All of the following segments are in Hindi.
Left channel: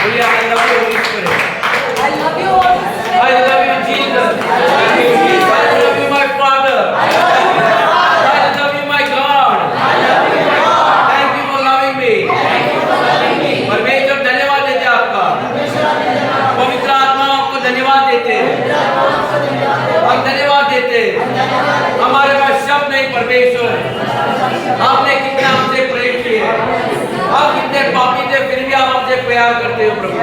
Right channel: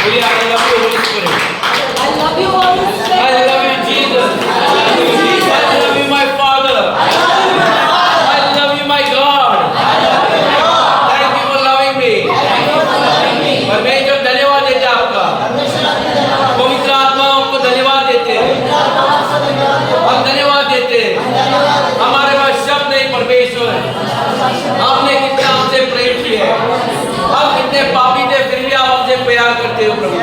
बोलिए I love you Holy Spirit. I love you, Holy Spirit. I love you Jesus. I love you my Father. I love you my God. Thank you for loving me. परमेश्वर धन्यवाद देते हैं आपका। पवित्र आत्मा आपको धन्यवाद देते हैं। हम धन्यवाद देते हैं। हमारे पास शब्द नहीं परमेश्वर, आपने कितना हमसे प्रेम किया है। हम कितने पापी थे फिर भी आप हमसे प्यार करते हो प्रभु।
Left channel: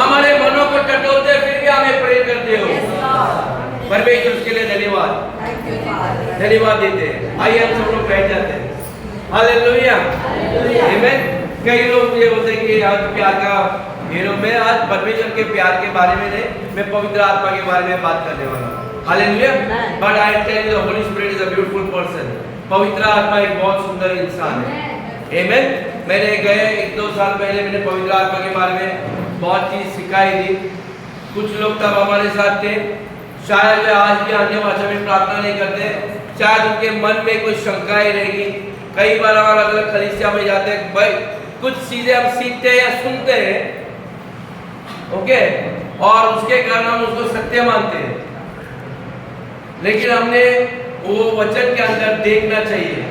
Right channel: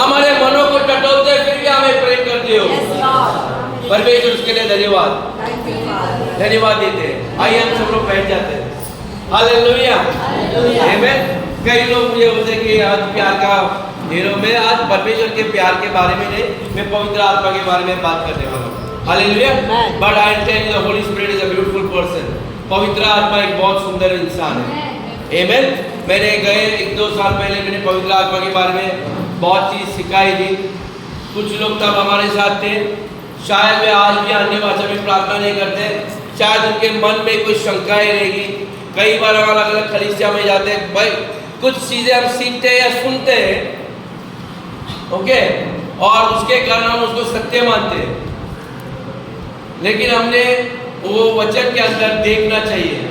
हमारे मनों को टटोलते फिर भी हमें प्रेम करते हो परमेश्वर, उसके लिए धन्यवाद धन्यवाद देते हैं। आइए हम सब लोग बैठ जाते हैं। हालेलुया आमीन। कई लोग मुझे बोलते हैं कि आज प्यार का हीरो, मैं आज परमेश्वर के प्यार के बारे में नहीं, मैं पवित्र आत्मा के बारे में बात करने वाला हूँ। Hallelujah. But I tell you the holy spirit is a beautiful person. पवित्र आत्मा एक बहुत सुंदर इंसान है। आमीन। मैंने गए 1-2 साल पहले मैंने पवित्र आत्मा के बारे में बहुत चीज़ सिखाई थी। कुछ लोग तब हमारे साथ थे, शायद वे आज भी अन्य भाषा में प्रार्थना नहीं करते, शायद उनके मन में कुछ शंकाएं रहेगी। कई बार हम अलग अलग कलीसिया में जाते हैं, भाई कुछ चीज़ें हम सीखते हैं या सुनते हैं, ओके, और उसके कारण हम उसको सत्य मानते हैं, लेकिन हमने वो वचन के अंदर देखना चाहिए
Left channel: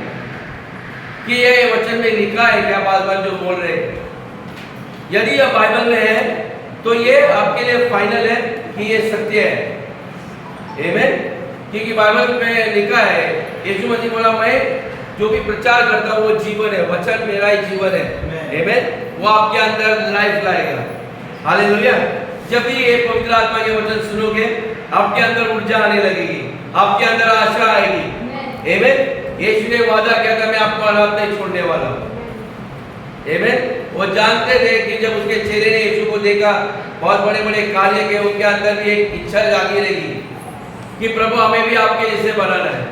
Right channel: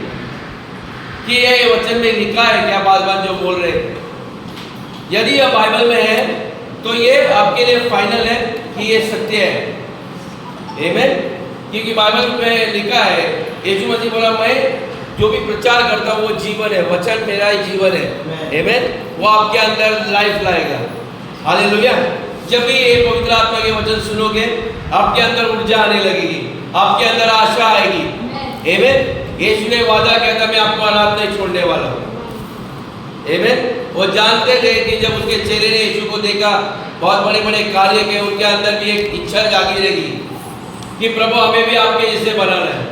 कि ये वचन में लिखा है क्या, बाल जो बोल रहे हैं। यदि यह बाइबल में है तो ये आपके लिए फाइनल है कि ये सत्य है। आमीन। क्योंकि बाइबल में लिखा है, यीशु मसीह बोला मैं जो भी प्रचार करता हूँ वो जीवन है, वचन मेरा ही जीवन है। आमीन। वो आपके अंदर लाइफ लाएगा। हालेलुया। जब भी ये पवित्र आत्मा के वचन सुनोगे आपके अंदर ऊर्जा आने लगेगी, आपके अंदर आशा आएगी। आमीन। यीशु ने वादा किया था मैं आपको अनाथ नहीं छोड़ने वाला हूँ। आमीन। वो जानते थे कि जब उसके चेले ने यीशु को देखा, बहुत बड़े बड़े कार्य किए, उनके अंदर भी एक इच्छा जागी रहेगी कि प्रभु हमें भी आपके जैसे बनाना है।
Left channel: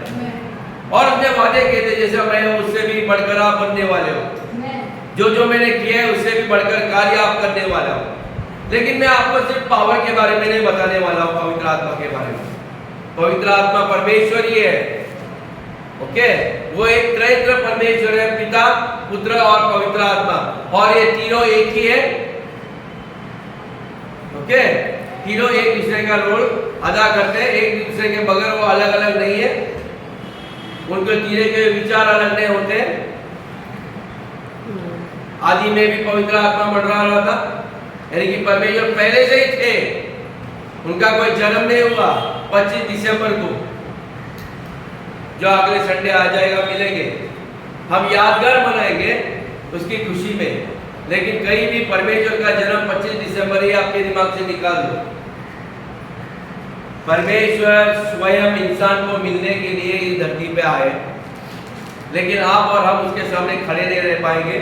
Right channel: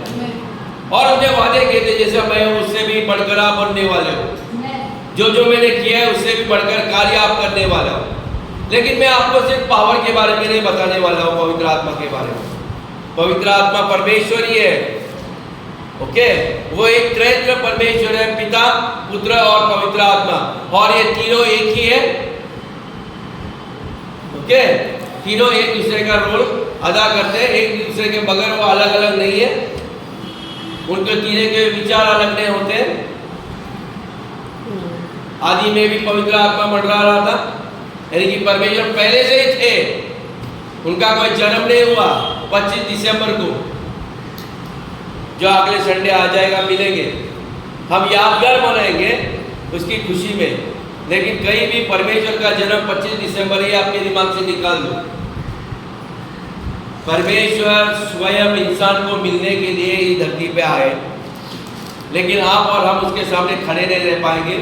और उनने वादे किए थे जैसे मैं उससे भी बढ़कर आप बनने वाले हो, जो जो मैंने किया है उससे भी बढ़कर कार्य आप करने वाला हो। लेकिन मैं आपको सिर्फ पावर के बारे में नहीं बताने वाला हूँ, पवित्र आत्मा के बारे में। पवित्र आत्मा परमेश्वर ही है, ओके। वो एक त्रैत्र परमेश्वर है, पिता पुत्र और पवित्र आत्मा, और ये तीनों एक ही है, ओके। तीनों एक दूसरे का रोल अदा करते हैं, एक दूसरे के बगैर वो अलग अलग नहीं है, उनके तीनों के विचार अलग नहीं होते। आदि में भी पवित्र आत्मा मंडरा रहा था, यानी कि परमेश्वर पहले से ही थे, उनका कोई जन्म नहीं हुआ। 25 दिसंबर को जो अगले संडे आ जाएगा मिलेंगे, हम यादगार मनाएंगे उसकी खुशी में, लेकिन कहीं भी परमेश्वर का जन्म 25 दिसंबर ही आपके दिमाग से निकाल दो। परमेश्वर स्वयं इंसान को मिलने के लिए इस धरती पे आए, लेकिन आप और हम उसके सामने खड़े नहीं रह पाएंगे,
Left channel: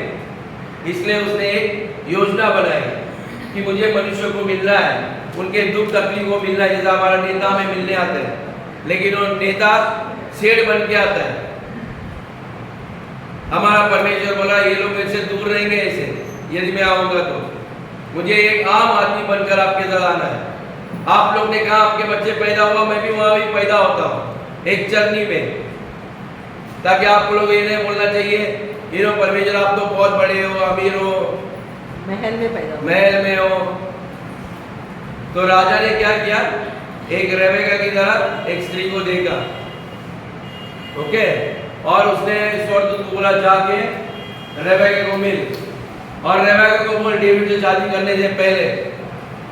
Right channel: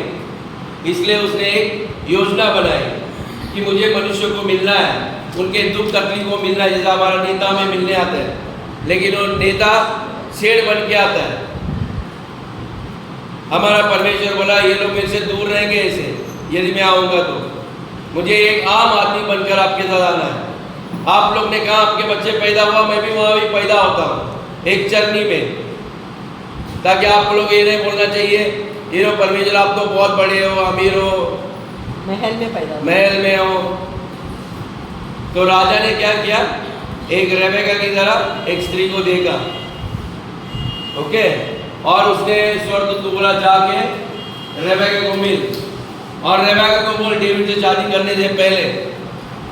इसलिए उसने एक योजना बनाई कि मुझे मनुष्य को मिलना है, उनके दुख तकलीफ को मिलना है। जैसा हमारा नेता हमें मिलने आता है, लेकिन वो नेता शेर बन के आता है। हमारा परमेश्वर बोला ये लोग मेरे से दूर रहेंगे ऐसे, यदि मैं आऊँगा तो मुझे एक आम आदमी बनकर आपके साथ आना है। आप लोग ने कहा आपके बच्चे पैदा हुआ, मैं भी वहाँ भी पैदा होता हूँ एक चरनी में, ताकि आप लोग ये नहीं बोलना चाहिए ये लो परमेश्वर आप तो बहुत बड़े हो, अमीर हो, महल में हो। तो राजा ने क्या किया, एक रेबेका की तरह एक स्त्री को देखा, ओके, और उसने स्वर्गदूत को बोला जाके रेबेका को मिल, और रेबेका को बोल डेविड से शादी करने से पहले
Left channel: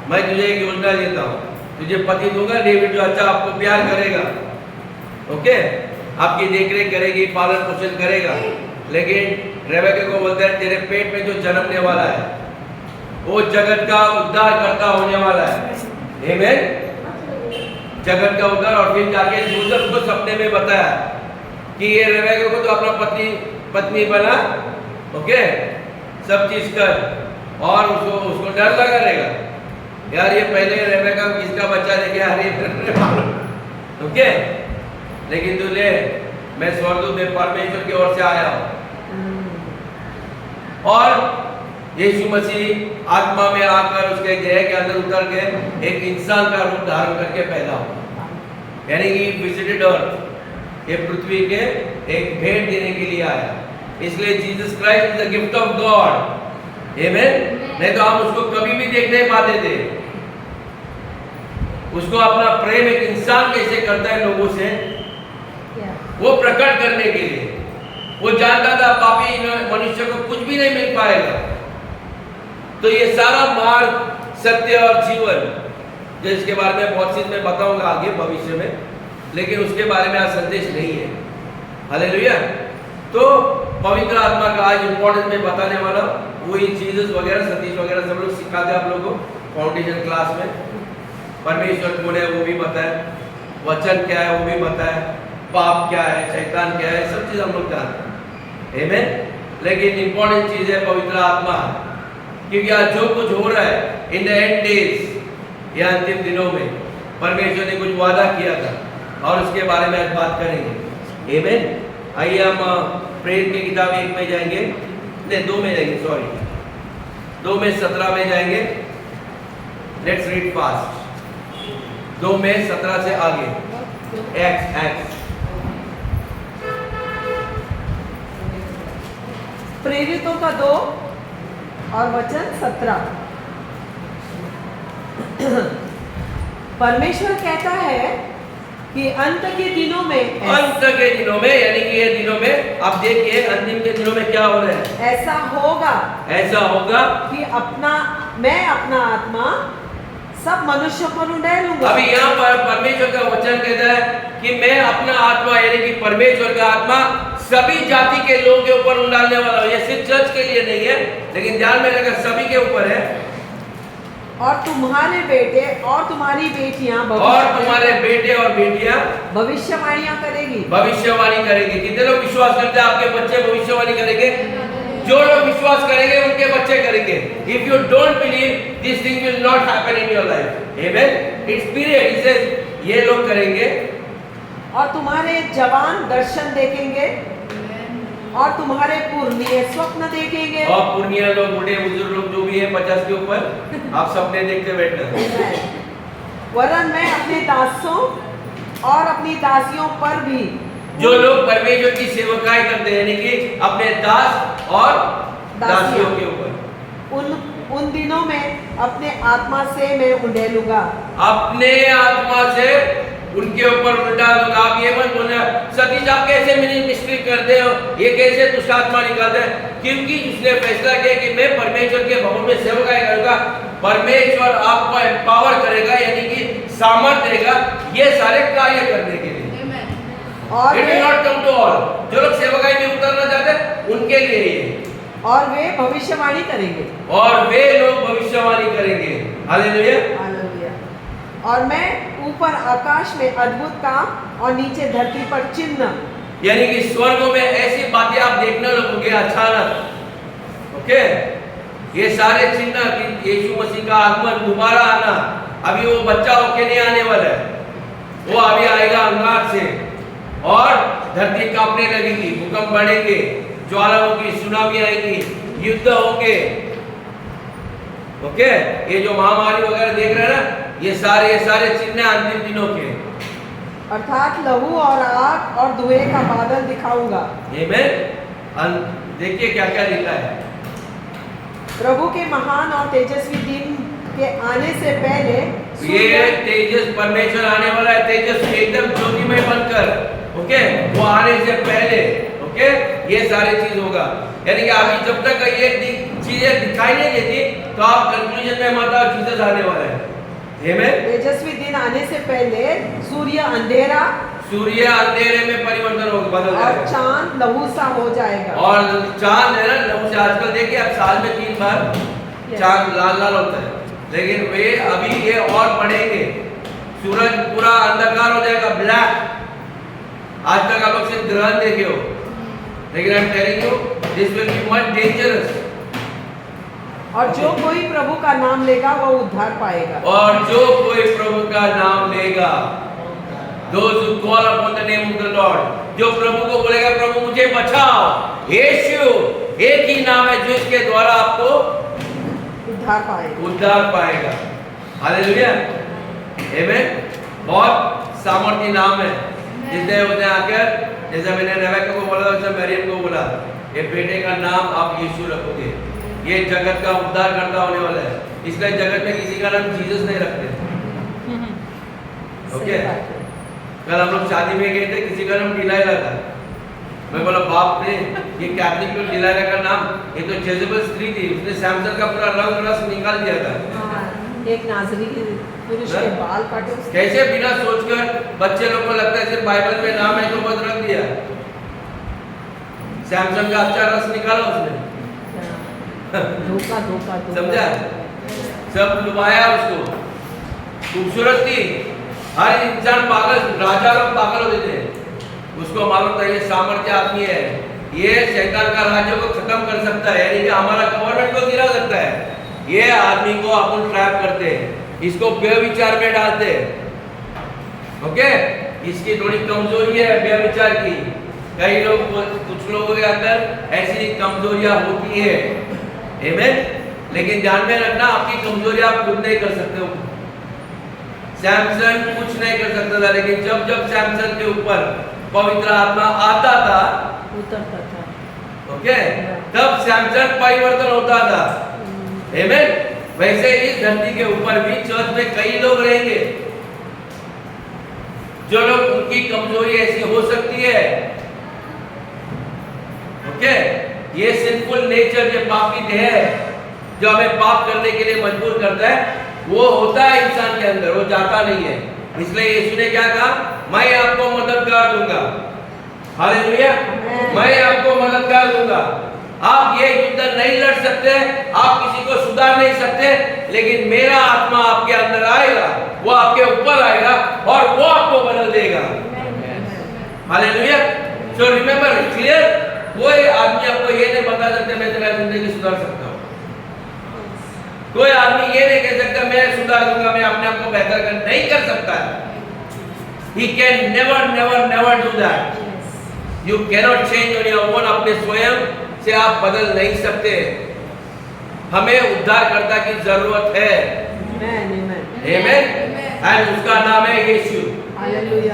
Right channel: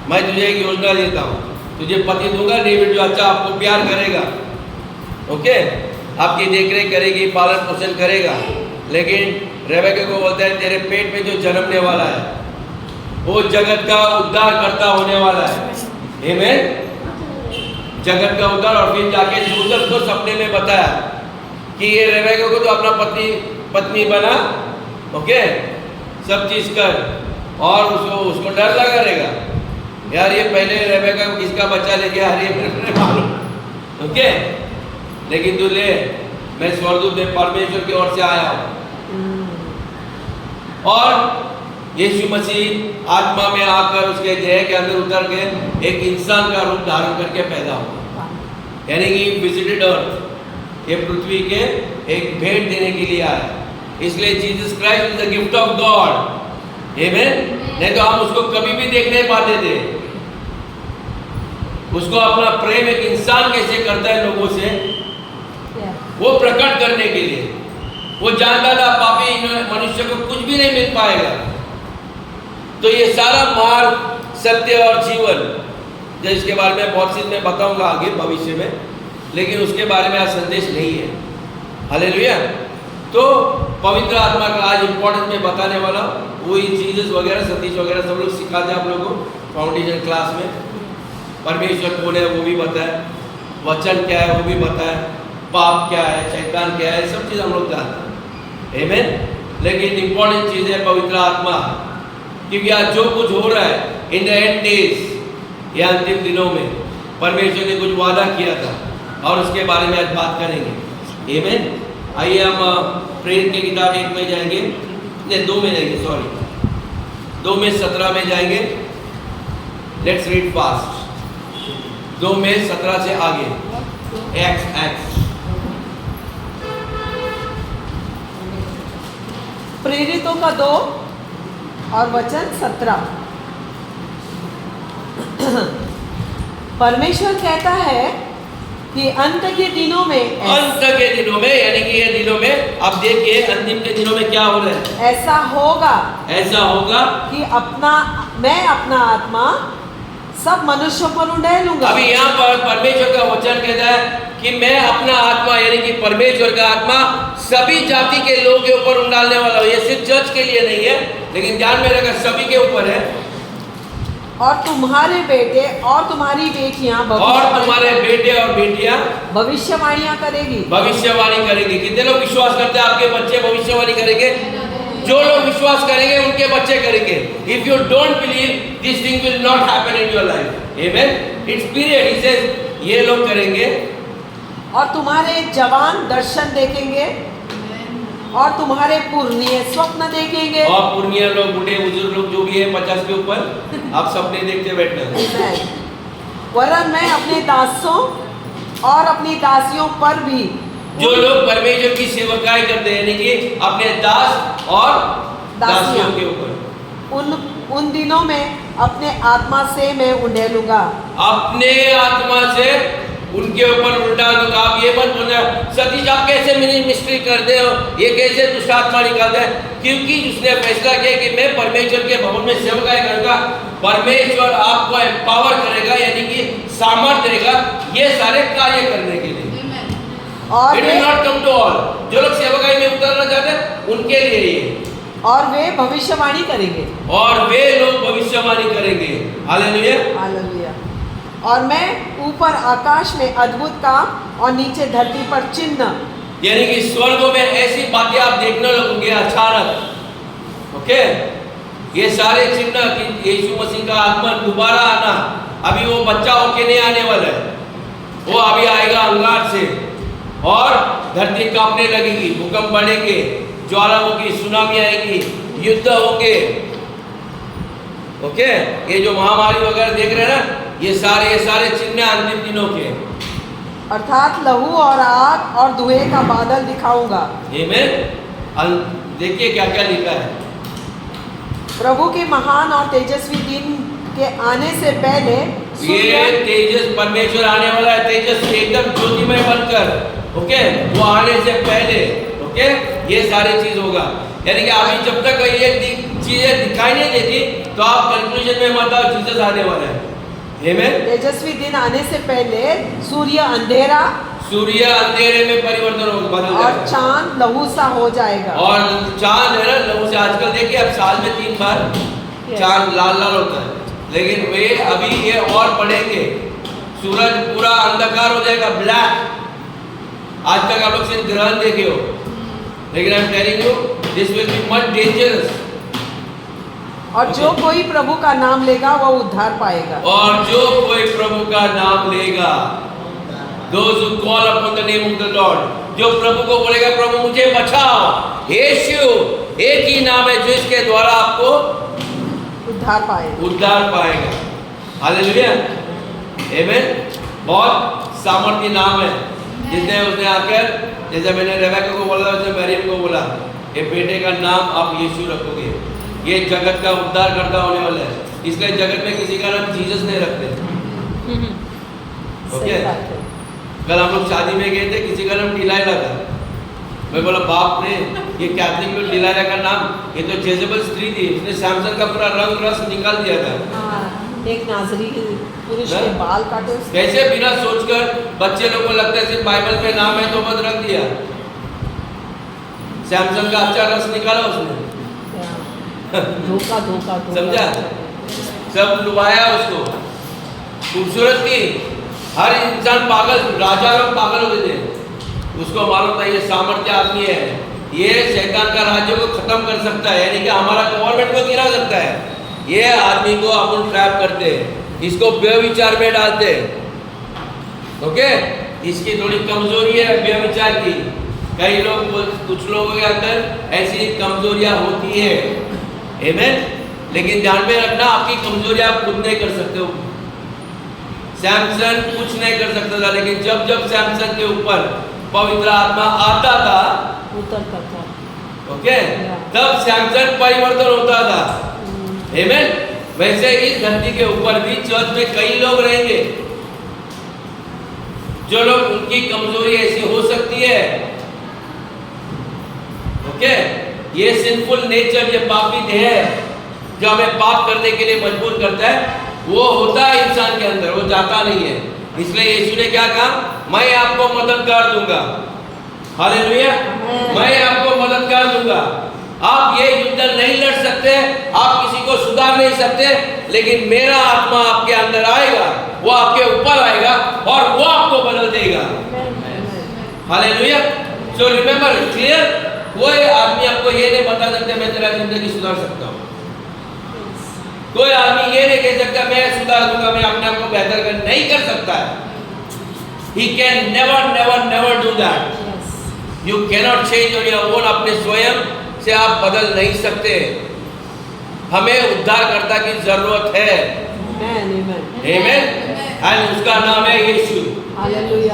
मैं तुझे एक योजना देता हूँ, तुझे पति दूंगा डेविड जो अच्छा आपको प्यार करेगा, ओके, आपकी देखरेख करेगी, पालन पोषण करेगा। लेकिन रेबेका को बोलता है तेरे पेट में जो जन्मने वाला है वो जगत का उद्धार करता होने वाला है। आमीन। जगत का उद्धार। और फिर जाके यूसुफ को सपने में बताया कि ये रेबेका को तो अपना पत्नी बना, ओके, सब चीज कर, और उसको डर लगा रहेगा यार ये पहले रेबेका किसका बच्चा लेके आ रही है मालूम, ओके, लेकिन तू ले, मैं स्वर्गदूत में परमेश्वर की ओर से आया हूँ। और यीशु मसीह आत्मा में आकर उसके देह के अंदर उतर के एक इंसान का रूप धारण करके पैदा हुआ, यानी कि विजिटेड अर्थ, ये पृथ्वी के एक भेंट देने के लिए आया। इसलिए Jesus Christ is the gift of God, amen. नहीं तो हम उसको कभी भी देख नहीं पाते थे। उसको अपना प्रेम एक इंसान कैसे करता है लोगों से, वो प्रकट करने के लिए। वो जानता था पापी मनुष्य को कुछ भी नहीं मिल पाएगा। तो ये सारा मार्ग, सत्य और जीवन, जिसके बारे में बहुत चीज मैं बताऊंगा आगे भविष्य में, लेकिन उसके बारे में आज संदेश नहीं है। हालेलुया। तो पवित्र आत्मा का आज इंपॉर्टेंस में बताने वाला, वही जीसस वगैरह, सतीश वगैरह सब लोग सिखाते हैं आप लोगों को फाउंडेशन क्लास में। परमेश्वर कौन है वो भी बताया, वचन क्या है वो भी बताया, पाप क्या है, शैतान क्या है, सब चीज हम लोग जानते हैं, आमेन। लेकिन इंपॉर्टेंट चीज है पवित्र आत्मा, क्योंकि आज जो कुछ हो रहा है इन द एंड डेज, या अंतिम दिनों में परमेश्वर ने कुछ वादा किया था और उसके बारे में आज बात करेंगे, आमेन। आइए हम प्रेरित की किताब 1 में जाएंगे, नहीं 2 में जाएंगे, सॉरी 2 में 17 में जाएंगे। Let's read fast. 2 में 17 से आगे, एक्स प्रेरितों का 2 और वचन 17। परमेश्वर कहता है कि अंत के दिनों में, यानी कि ये दिनों में, आप देखिए अंतिम के दिनों में क्या हो रहा है, ऐसा होगा कि मैं अपना आत्मा सब मनुष्यों पर उंडेलूंगा। अभी यहाँ पर परमेश्वर का वचन कहता है कि मैं अपना आत्मा, यानी कि परमेश्वर का आत्मा सभी जाति के लोगों के ऊपर उंडालने वाला हूँ। ये सिर्फ चर्च के लिए नहीं है, लेकिन ध्यान में रखना सभी के ऊपर है। और तुम्हारे बेटे और तुम्हारी बेटियां, भविष्यवाणियां करेगी। कितने लोग विश्वास करते हैं आपके बच्चे भविष्यवाणी करेंगे? जो लोग विश्वास करेंगे उनके बच्चे करेंगे। If you don't believe, this thing will not happen in your life, amen. It's period, he says ये लोग करेंगे। और तुम्हारे जवान दर्शन देखेंगे और तुम्हारे पुरनिये स्वप्न देखेंगे। और पुरनिया लोग, बूढ़े बुजुर्ग लोग जो भी है 50 के ऊपर, आप सपने देखते बैठना। वरन मैं अपने दासों और अपनी दासियों पर भी, जो लोग परमेश्वर की सेवकाई करते हैं, यानी कि अपने दास और दासियों के ऊपर, उन दिनों में अपने आत्मा से मैं उंडेलूंगा। अपने आत्मा से उनके ऊपर उल्टा दूंगा। आप ये मत बोलना सतीश आप कैसे मिनिस्ट्री करते हो, ये कैसे दुष्ट आत्मा निकालते हैं? क्योंकि उसने फैसला किया कि मैं परमेश्वर के भवन में सेवकाई करूंगा। परमेश्वर आपको एम्पावर करेगा, यानी कि सामर्थ्य देगा ये सारे कार्य करने के लिए। और it will not come to all. जो लोग सेवकाई में उतरना चाहते हैं उनके लिए ये, और वे भविष्यवाणी करेंगे, और वे लोग भविष्यवाणी करेंगे। Hallelujah, hallelujah. और मैं ऊपर आकाश में अद्भुत काम और नीचे धरती पर चिन्ह, यानी कि स्वर्गों में ऐसी बातें आप देखने लगोगे अचानक, ओके। ये सारे चिन्ह कि यीशु मसीह का आगमन, दोबारा आना, अभी वो बच्चा होके नहीं आने वाला है, वो अभी आएगा अंगार से, और धरती कांपने लगेगी, भूकंप बढ़ेंगे, ज्वालामुखी, सुनामी आएगी, युद्ध होंगे, ओके। ये जो महामारी वगैरह देख रहे हैं ना, ये सारे चिन्ह अंतिम दिनों के, अर्थात लहू और आग और धुएं का बादल दिखाऊंगा। आमेन। देखिए क्या क्या लिखा है। प्रभु के महान और तेजस्वी दिन के आने से पहले, ये तेजस परमेश्वर आने वाला है, तेजस एकदम ज्योतिमय बनकर, ओके, वो आने से पहले, ओके, ये सारे चीज होगा। यानी कि अभी जब तक ये चीजें दिखाई नहीं देती तो आप कंक्लूजन में मत आओ, जीसस आने वाला है। आमेन। तेजस्वी दिन आने से पहले सूर्य अंधेरे में परिवर्तन होगा, बदल जाएगा, और चांद लहू सा हो जाएगा। और चांद है ना लहू से, आजकल देखिए अब साल में 3 बार चांद लाल लाल होता है, लेकिन वे अभी ये और बढ़ेंगे, सूरज पूरा अंधकार हो जाएगा, ब्लैक। आज तक आप लोग सिर्फ ग्रहण देखे हो, लेकिन I am telling you this will be much dangerous. और जो कोई प्रभु का नाम लेगा वो उद्धार पाएगा। और जो कोई प्रभु का नाम लेगा, those who call upon the name of the Lord, जो प्रभु को बोलेगा प्रभु मुझे बचाओ, यीशु एक ही नाम है जिसके द्वारा आपको उद्धार पाएगा। हालेलुया, आमेन। बहुत सामर्थी नाम है, जिसने उसने आकर जैसे मैंने रेबेका को बोला था, वैसे मरियम को बोला, ये बेटे का नाम आप यीशु रखोगे, ये जगत का उद्धार करता होने वाला है। इसलिए जगत में किसी का नाम जीसस नहीं रखते। ओके, कल हम लोग शादी में गए थे, किसी का नाम डिलाइला था। मैं बोला बाप रे, ये कैथलिक लोग डिलाइला का नाम, ये तो जेजेबल स्त्री थी, उसने सैमसन का पूरा रंग रस निकाल दिया था। एक नाजरी पुरुष के बाल काटे उसने। कैसे बिना सोचकर बच्चे लोग को लगता है सिर्फ बाइबल में नाम है तो बस रख दिया। सैमसन का अच्छा रस निकाला उसने। धोखा धोखा धोखा समझा? सब लुभाया उसको, खूबसूरत की। हर इंसान पागल, राजा लोग पागल होते थे। उसको मालूम था ये सामर्थ्य आदमी है, ये शैतान का राज्य को खत्म कर सकता है, यानी कि हमारा गवर्नमेंट को गिरा सकता है। ये आदमी को अपन ट्रैप करते हैं, इसको व्यभिचार में डालते हैं। ओके, इसकी थोड़ी कमजोरी है व्यभिचार की। कई लोग, कुछ लोगों के अंदर ऐसी कमजोरियां होती है। आमीन। लेकिन ध्यान में रखना, आपकी कमजोरियां आप खुद नहीं कर सकते हो। सैमसन कुछ नहीं कर सकता था, लेकिन जब जब सैमसन के ऊपर पवित्र आत्मा आता था, उतरता था, ओके, तब सैमसन परिवर्तन होता था। आमीन। वैसे इस धरती के ऊपर भी चर्च में कई लोग रहेंगे जो लोग, उनकी कमजोरी ऐसी हो सकती है। ओके, ये सिंफुल नेचर, ये पापी देह है जो हमें पाप करने के लिए मजबूर करता है, वो होता है इंसान के अंदर, वो जाता नहीं है। इसलिए यीशु ने क्या कहा, मैं आपको मददगार दूंगा। हालेलुया, मैं आपको मददगार दूंगा। आप ये युद्ध नहीं लड़ सकते, आप किसी को सुधार नहीं सकते, लेकिन मेरा आत्मा आपके अंदर आएगा, वो आपके ऊपर आएगा और वो आपको बदल देगा। हालेलुया। सो रिमेंबर, क्लियर, कोई आदमी आपको ये नहीं बता सकते मैं तेरा जिंदगी सुधार सकता हूँ। कोई आदमी ये नहीं कह सकता मैं सुधार दूंगा, मैं अपने आप को बेहतर कर नहीं कर सकता। He can never never never do that. You cannot change on your own. अपने स्वयं से आप बदल नहीं सकते। हमें उद्धारकर्ता की जरूरत है। आमीन। और उसका नाम है यीशु,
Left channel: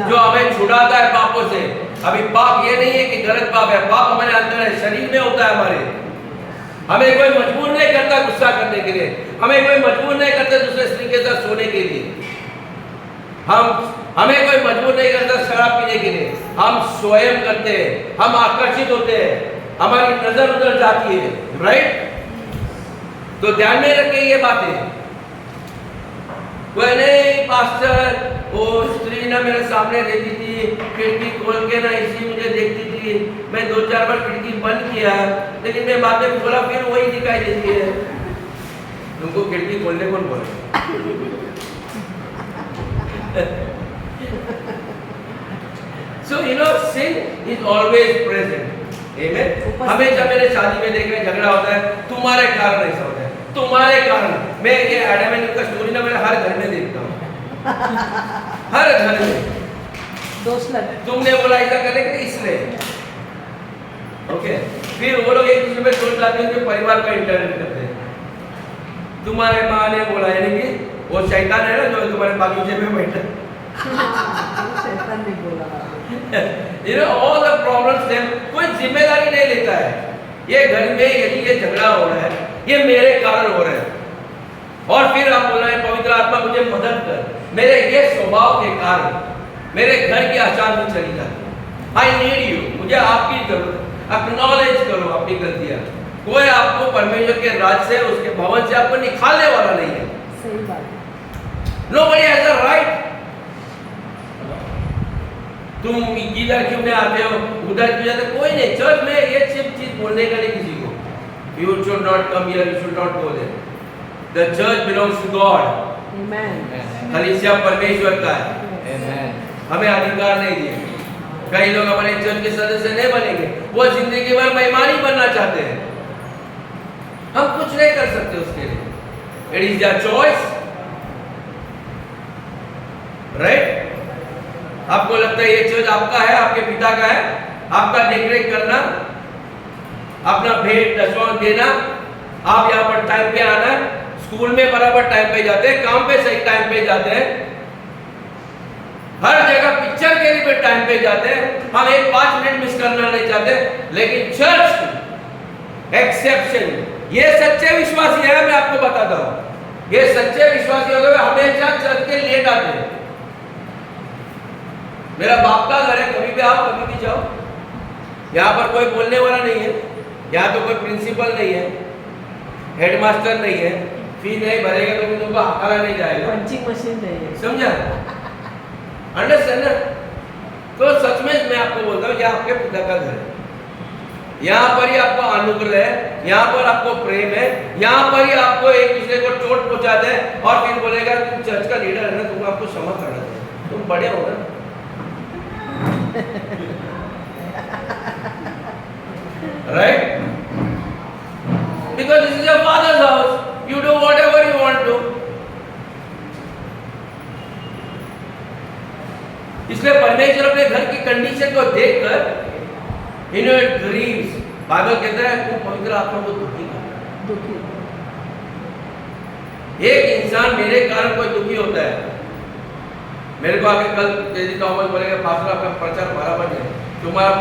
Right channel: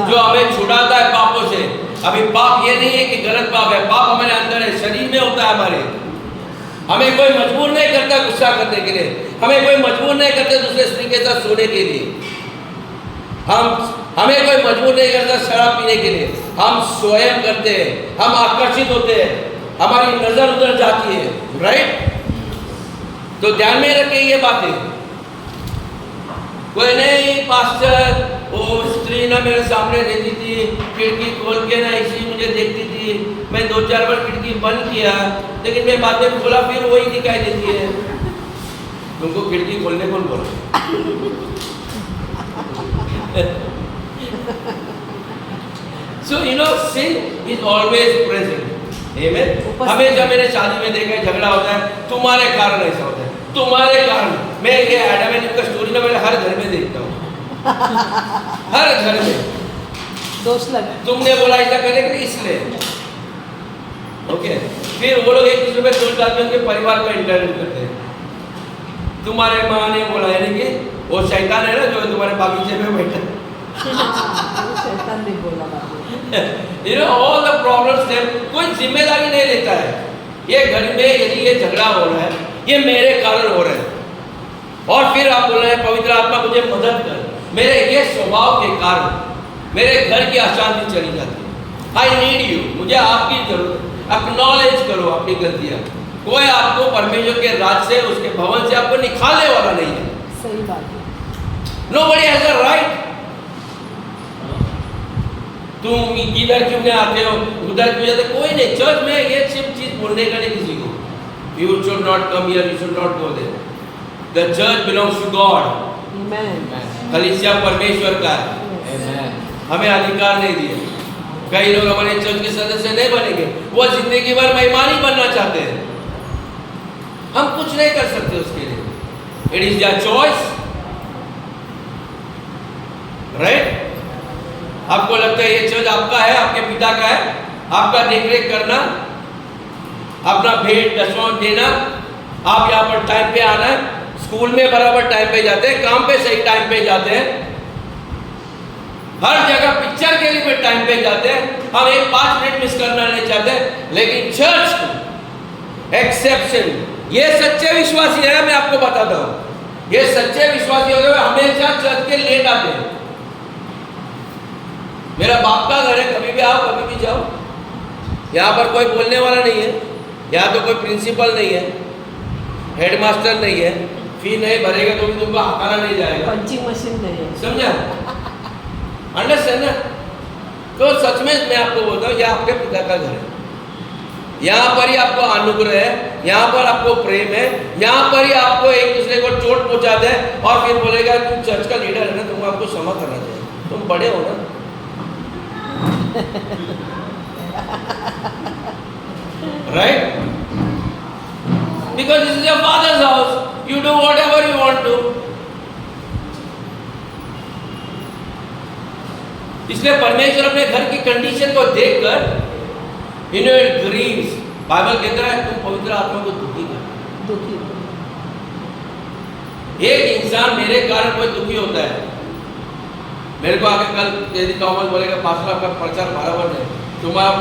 जो हमें छुड़ाता है पापों से। अभी पाप ये नहीं है कि गलत पाप है, पाप हमारे अंदर है, शरीर में होता है हमारे। हमें कोई मजबूर नहीं करता गुस्सा करने के लिए, हमें कोई मजबूर नहीं करता दूसरे स्त्री के साथ सोने के लिए, हमें कोई मजबूर नहीं करता शराब पीने के लिए। हम स्वयं करते हैं, हम आकर्षित होते हैं, हमारी नजर उधर जाती है। राइट? तो ध्यान में रखिए ये बातें। कोई नहीं पास्टर, वो स्त्री ना मेरे सामने रहती थी, खिड़की खोल के ना इसी मुझे देखती थी, मैं 2-4 बार खिड़की बंद किया, लेकिन मैं बाद में खोला फिर वही दिखाई देती है। तुमको खिड़की खोलने कौन बोला? So you know sin is always present. Amen. हमेशा मैंने शादी में देखा है झगड़ा होता है, तुम्हारे कारण ऐसा होता है, तुम्हारे कारण। मैं ये एडम एंड ईव का स्टोरी ना मेरे हर घर में देखता हूँ, हर घर में दोष लगा, तुमने बोला ऐसा करने के लिए इसलिए। ओके, फिर वो लोग एक दूसरे पे दोष डालते हैं, उनके परिवार का इंटरनेट करते हैं। तुम्हारे माँ ने बोला, यानी कि वो शैतान है ना जो तुम्हारे बागीचे में बैठा। शैतान ने बोला। You know all the problems them, कोई जिम्मेदारी नहीं लेता है। ये घर में यदि ये झगड़ा हो रहा है, ये मेरे कारण हो रहा है। और फिर आप बोल रहे हैं पवित्र आत्मा मुझे मदद कर, मेरे ये स्वभाव के कारण मेरे घर की अशांति चली जाती है। I need you, मुझे आपकी जरूरत है। एक्नॉलेज करो अपनी गलतियाँ। कोई आपको परमेश्वर के राज से, उसके भवन से आपको निकालने वाला नहीं है। सही बात है। Nobody has the right। तुम इधर क्यों नहीं आते हो, उधर क्यों जाते, कोई नहीं। चर्च में ये सिर्फ चीज बोलने का नहीं किसी को। You should not come here, you should not go there. The church belongs to God. कलीसिया परमेश्वर का है, हमें अधिकार नहीं दिए। कई लोग हमारे चर्च के सदस्य नहीं बनेंगे, वो जिंदगी भर मेहमान ही बनना चाहते हैं। हम कुछ नहीं कर सकते उसके लिए। It is their choice, right? आपको लगता है ये चर्च आपका है, आपके पिता का है, आपका देखरेख करना, अपना भेंट दशवां देना, आप यहाँ पर टाइम पे आना, स्कूल में बराबर टाइम पे जाते हैं, काम पे सही टाइम पे जाते हैं, हर जगह पिक्चर के लिए टाइम पे जाते हैं, हम एक 5 मिनट मिस करना नहीं चाहते, लेकिन चर्च एक्सेप्शन, ये सच्चे विश्वासी है, मैं आपको बताता हूं, ये सच्चे विश्वासी होते हुए हमेशा चर्च के लेट आते हैं। मेरा बाप का घर है, कभी भी आओ कभी भी जाओ, यहाँ पर कोई बोलने वाला नहीं है, यहाँ तो कोई प्रिंसिपल नहीं है, हेडमास्टर नहीं है, फी नहीं भरेगा तो भी तुमको हकारा नहीं जाएगा, पंचिंग मशीन नहीं है। समझा? अंडरस्टैंड ना? तो सच में मैं आपको बोलता हूँ, यह आपके पिता का घर है, यहाँ पर ही आपको अनुग्रह है, यहाँ पर आपको प्रेम है, यहाँ पर ही आपको एक दूसरे को चोट पहुंचा दे और फिर बोलेगा तुम चर्च का लीडर है ना, तुम आपको क्षमा करना चाहिए, तुम बड़े हो ना। Right? Because this is your father's house, you do whatever you want to. इसलिए परमेश्वर अपने घर की कंडीशन को देखकर इन ग्रीव्स, बाइबल कहता है तुम पवित्र आत्मा को दुखी कर। दुखी एक इंसान मेरे कारण कोई दुखी होता है, मेरे को आके कल यदि तोमल बोलेगा पास्टर आपका प्रचार बराबर नहीं, तुम्हारा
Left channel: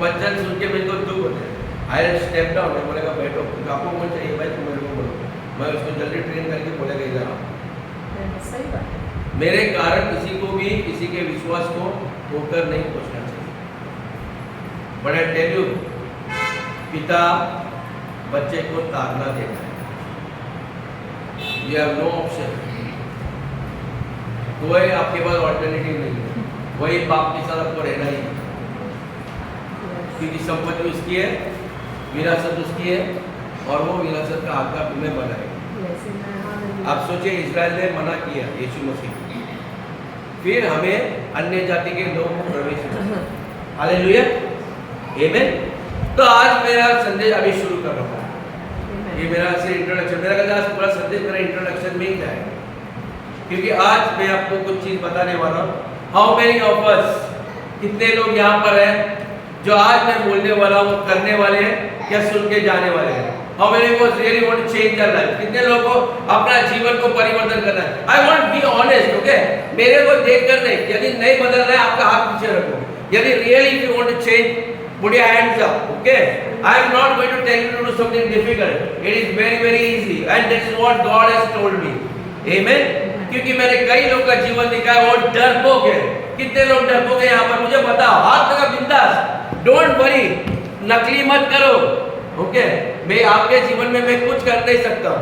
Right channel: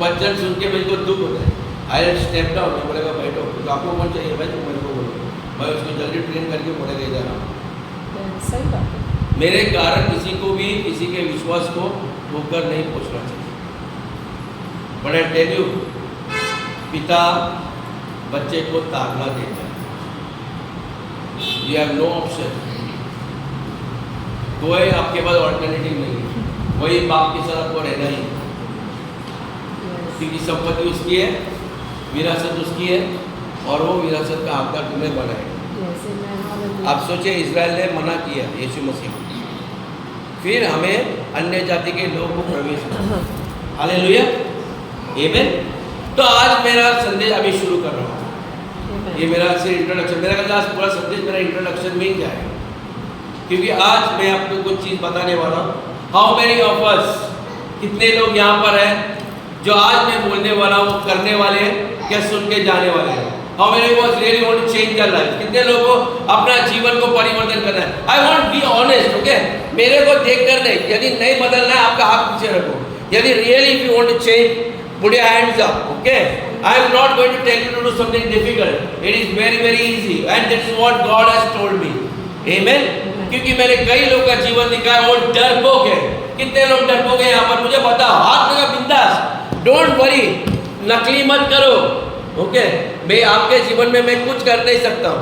वचन सुन के मेरे को दुख होता है, आई स्टेप डाउन, मैं बोलेगा बैठो, तो आपको कौन चाहिए भाई, तुम मेरे को बोलो, मैं उसको जल्दी ट्रेन करके बोलेगा इधर आओ। सही बात है। मेरे कारण किसी को भी किसी के विश्वास को ठोकर नहीं पहुंचना चाहिए। बट आई टेल यू, पिता बच्चे को ताड़ना देता है, यू हैव नो ऑप्शन, कोई आपके पास ऑल्टरनेटिव नहीं है, वही बाप के साथ आपको रहना ही, क्योंकि संपत्ति उसकी है, विरासत उसकी है, और वो विरासत का हकदार तुम्हें बनाएगा। आप सोचिए, इजराइल ने मना किया यीशु मसीह को, फिर हमें अन्य जाति के लोगों को प्रवेश मिला। हालेलुया, आमीन। तो आज मेरा संदेश अभी शुरू कर रहा हूँ, ये मेरा सिर्फ इंट्रोडक्शन, मेरा कहता आज पूरा संदेश मेरा इंट्रोडक्शन में ही जाएगा, क्योंकि आज मैं आपको कुछ चीज़ बताने वाला हूँ। हाउ मेनी ऑफ अस, कितने लोग यहाँ पर हैं जो आज मैं बोलने वाला हूँ करने वाले हैं या सुन के जाने वाले हैं? How many of us really want to change their life? कितने लोगों को अपना जीवन को परिवर्तन करना है? I want to be honest, okay? मेरे को देखकर नहीं, यदि नहीं बदलना है आपका हाथ पीछे रखो। यदि really if you want to change, put your hands up, okay? I am not going to tell you to do something difficult. It is very very easy, and that is what God has told me. Amen? क्योंकि मैंने कई लोगों का जीवन देखा है और डरपोक है। कितने लोग डरपोक हैं यहाँ पर? मुझे बता, हाथ लगा बिंदास, डोंट वरी, नकली मत करो, ओके? मैं आपके जीवन में मैं कुछ कर नहीं सकता हूँ,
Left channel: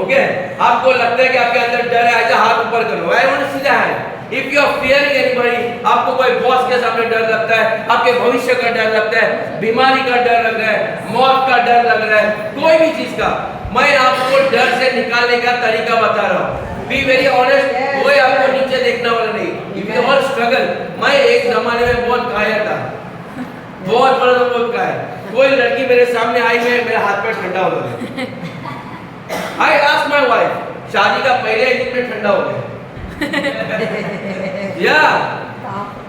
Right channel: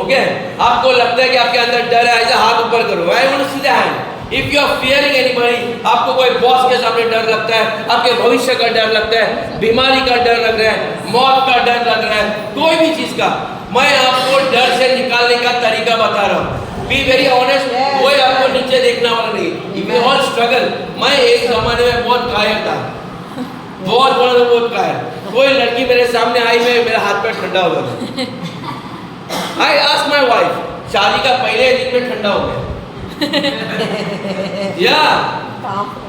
ओके? आपको लगता है कि आपके अंदर डर है, ऐसा हाथ ऊपर करो। I want to see the hand. If you are fearing anybody, आपको कोई बॉस के सामने डर लगता है, आपके भविष्य का डर लगता है, बीमारी का डर लग रहा है, मौत का डर लग रहा है, कोई भी चीज का, मैं आपको डर से निकालने का तरीका बता रहा हूँ। बी वेरी ऑनेस्ट, कोई आपको नीचे देखने वाला नहीं। इफ यू ऑल स्ट्रगल, मैं एक जमाने में बहुत कायर था, बहुत बड़ा तो बहुत कायर। कोई लड़की मेरे सामने आई, में मेरा हाथ पैर ठंडा हो गया। आई आस्क माय वाइफ, शादी का पहले दिन में ठंडा हो गया। या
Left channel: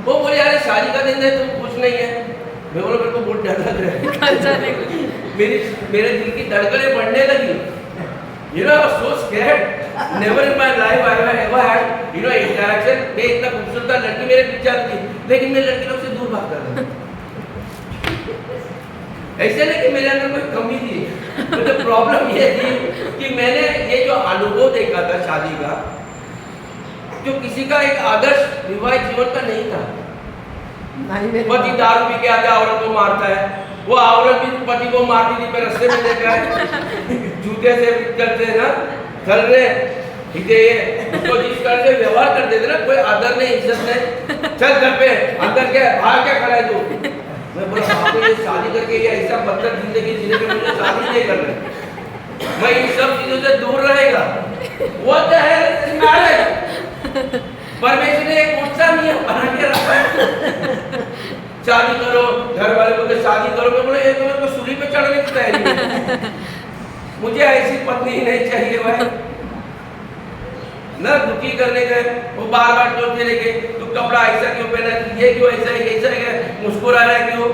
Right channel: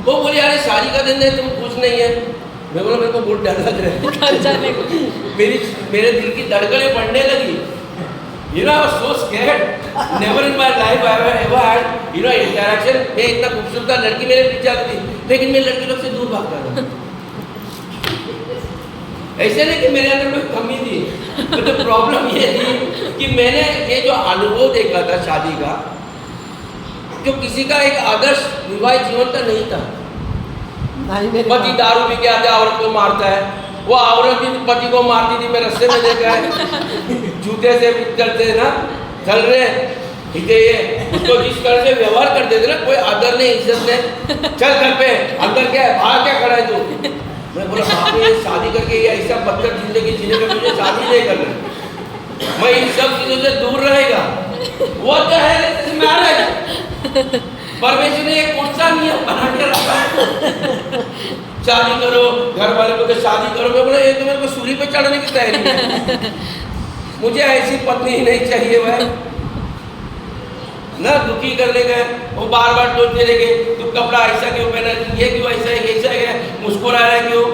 वो बोले यार शादी का दिन है, तुम कुछ नहीं है। मैं बोला मेरे को बहुत डर लग रहा है, मेरे दिल की धड़कनें बढ़ने लगी। You know, I was so scared. Never in my life I have ever had, you know, interaction. मैं इतना खूबसूरत था, लड़की मेरे पीछे आती थी, लेकिन मैं लड़की लोग से दूर भागता था। ऐसे नहीं कि मेरे अंदर कोई कमी थी, तो प्रॉब्लम ये थी कि मैंने ये जो अनुभव देखा था शादी का, जो किसी का एक आदर्श विवाहित जीवन का नहीं था। पति दारू पी के आते औरत को मारता है, वो औरत भी पति को मारती थी, मैं रास्ते में देखा है, जूते से करते ना, चल रहे ये उसको जिस तरह से व्यवहार कर देते ना, कोई आदर नहीं, इज्जत नहीं, चल घर पे, अंदर क्या है, बाहर क्या खड़ा है तू? मैं बोला बाप रे, ये शादी करके ये ऐसा बदतर जिंदगी जीने पे मुझे शादी नहीं कर रहे, मैं इन सब चीजों से दूर रहेगा। What the hell is marriage? परमेश्वर ने एक कौन-सा नियम बना के रखा है? शादी करो, घर वाले बोलते शादी करो, मैं बोला ये तो मेरे को सूली पे चढ़ने की तैयारी है, मुझे ऐसी पत्नी ही नहीं चाहिए भाई। ना दुखी करने का, वो बार बार टोकते रहेंगे, तू कपड़ा ऐसा क्यों पहना, ये क्यों ऐसा है, ऐसा है, मुस्कुरा रहा है क्यों?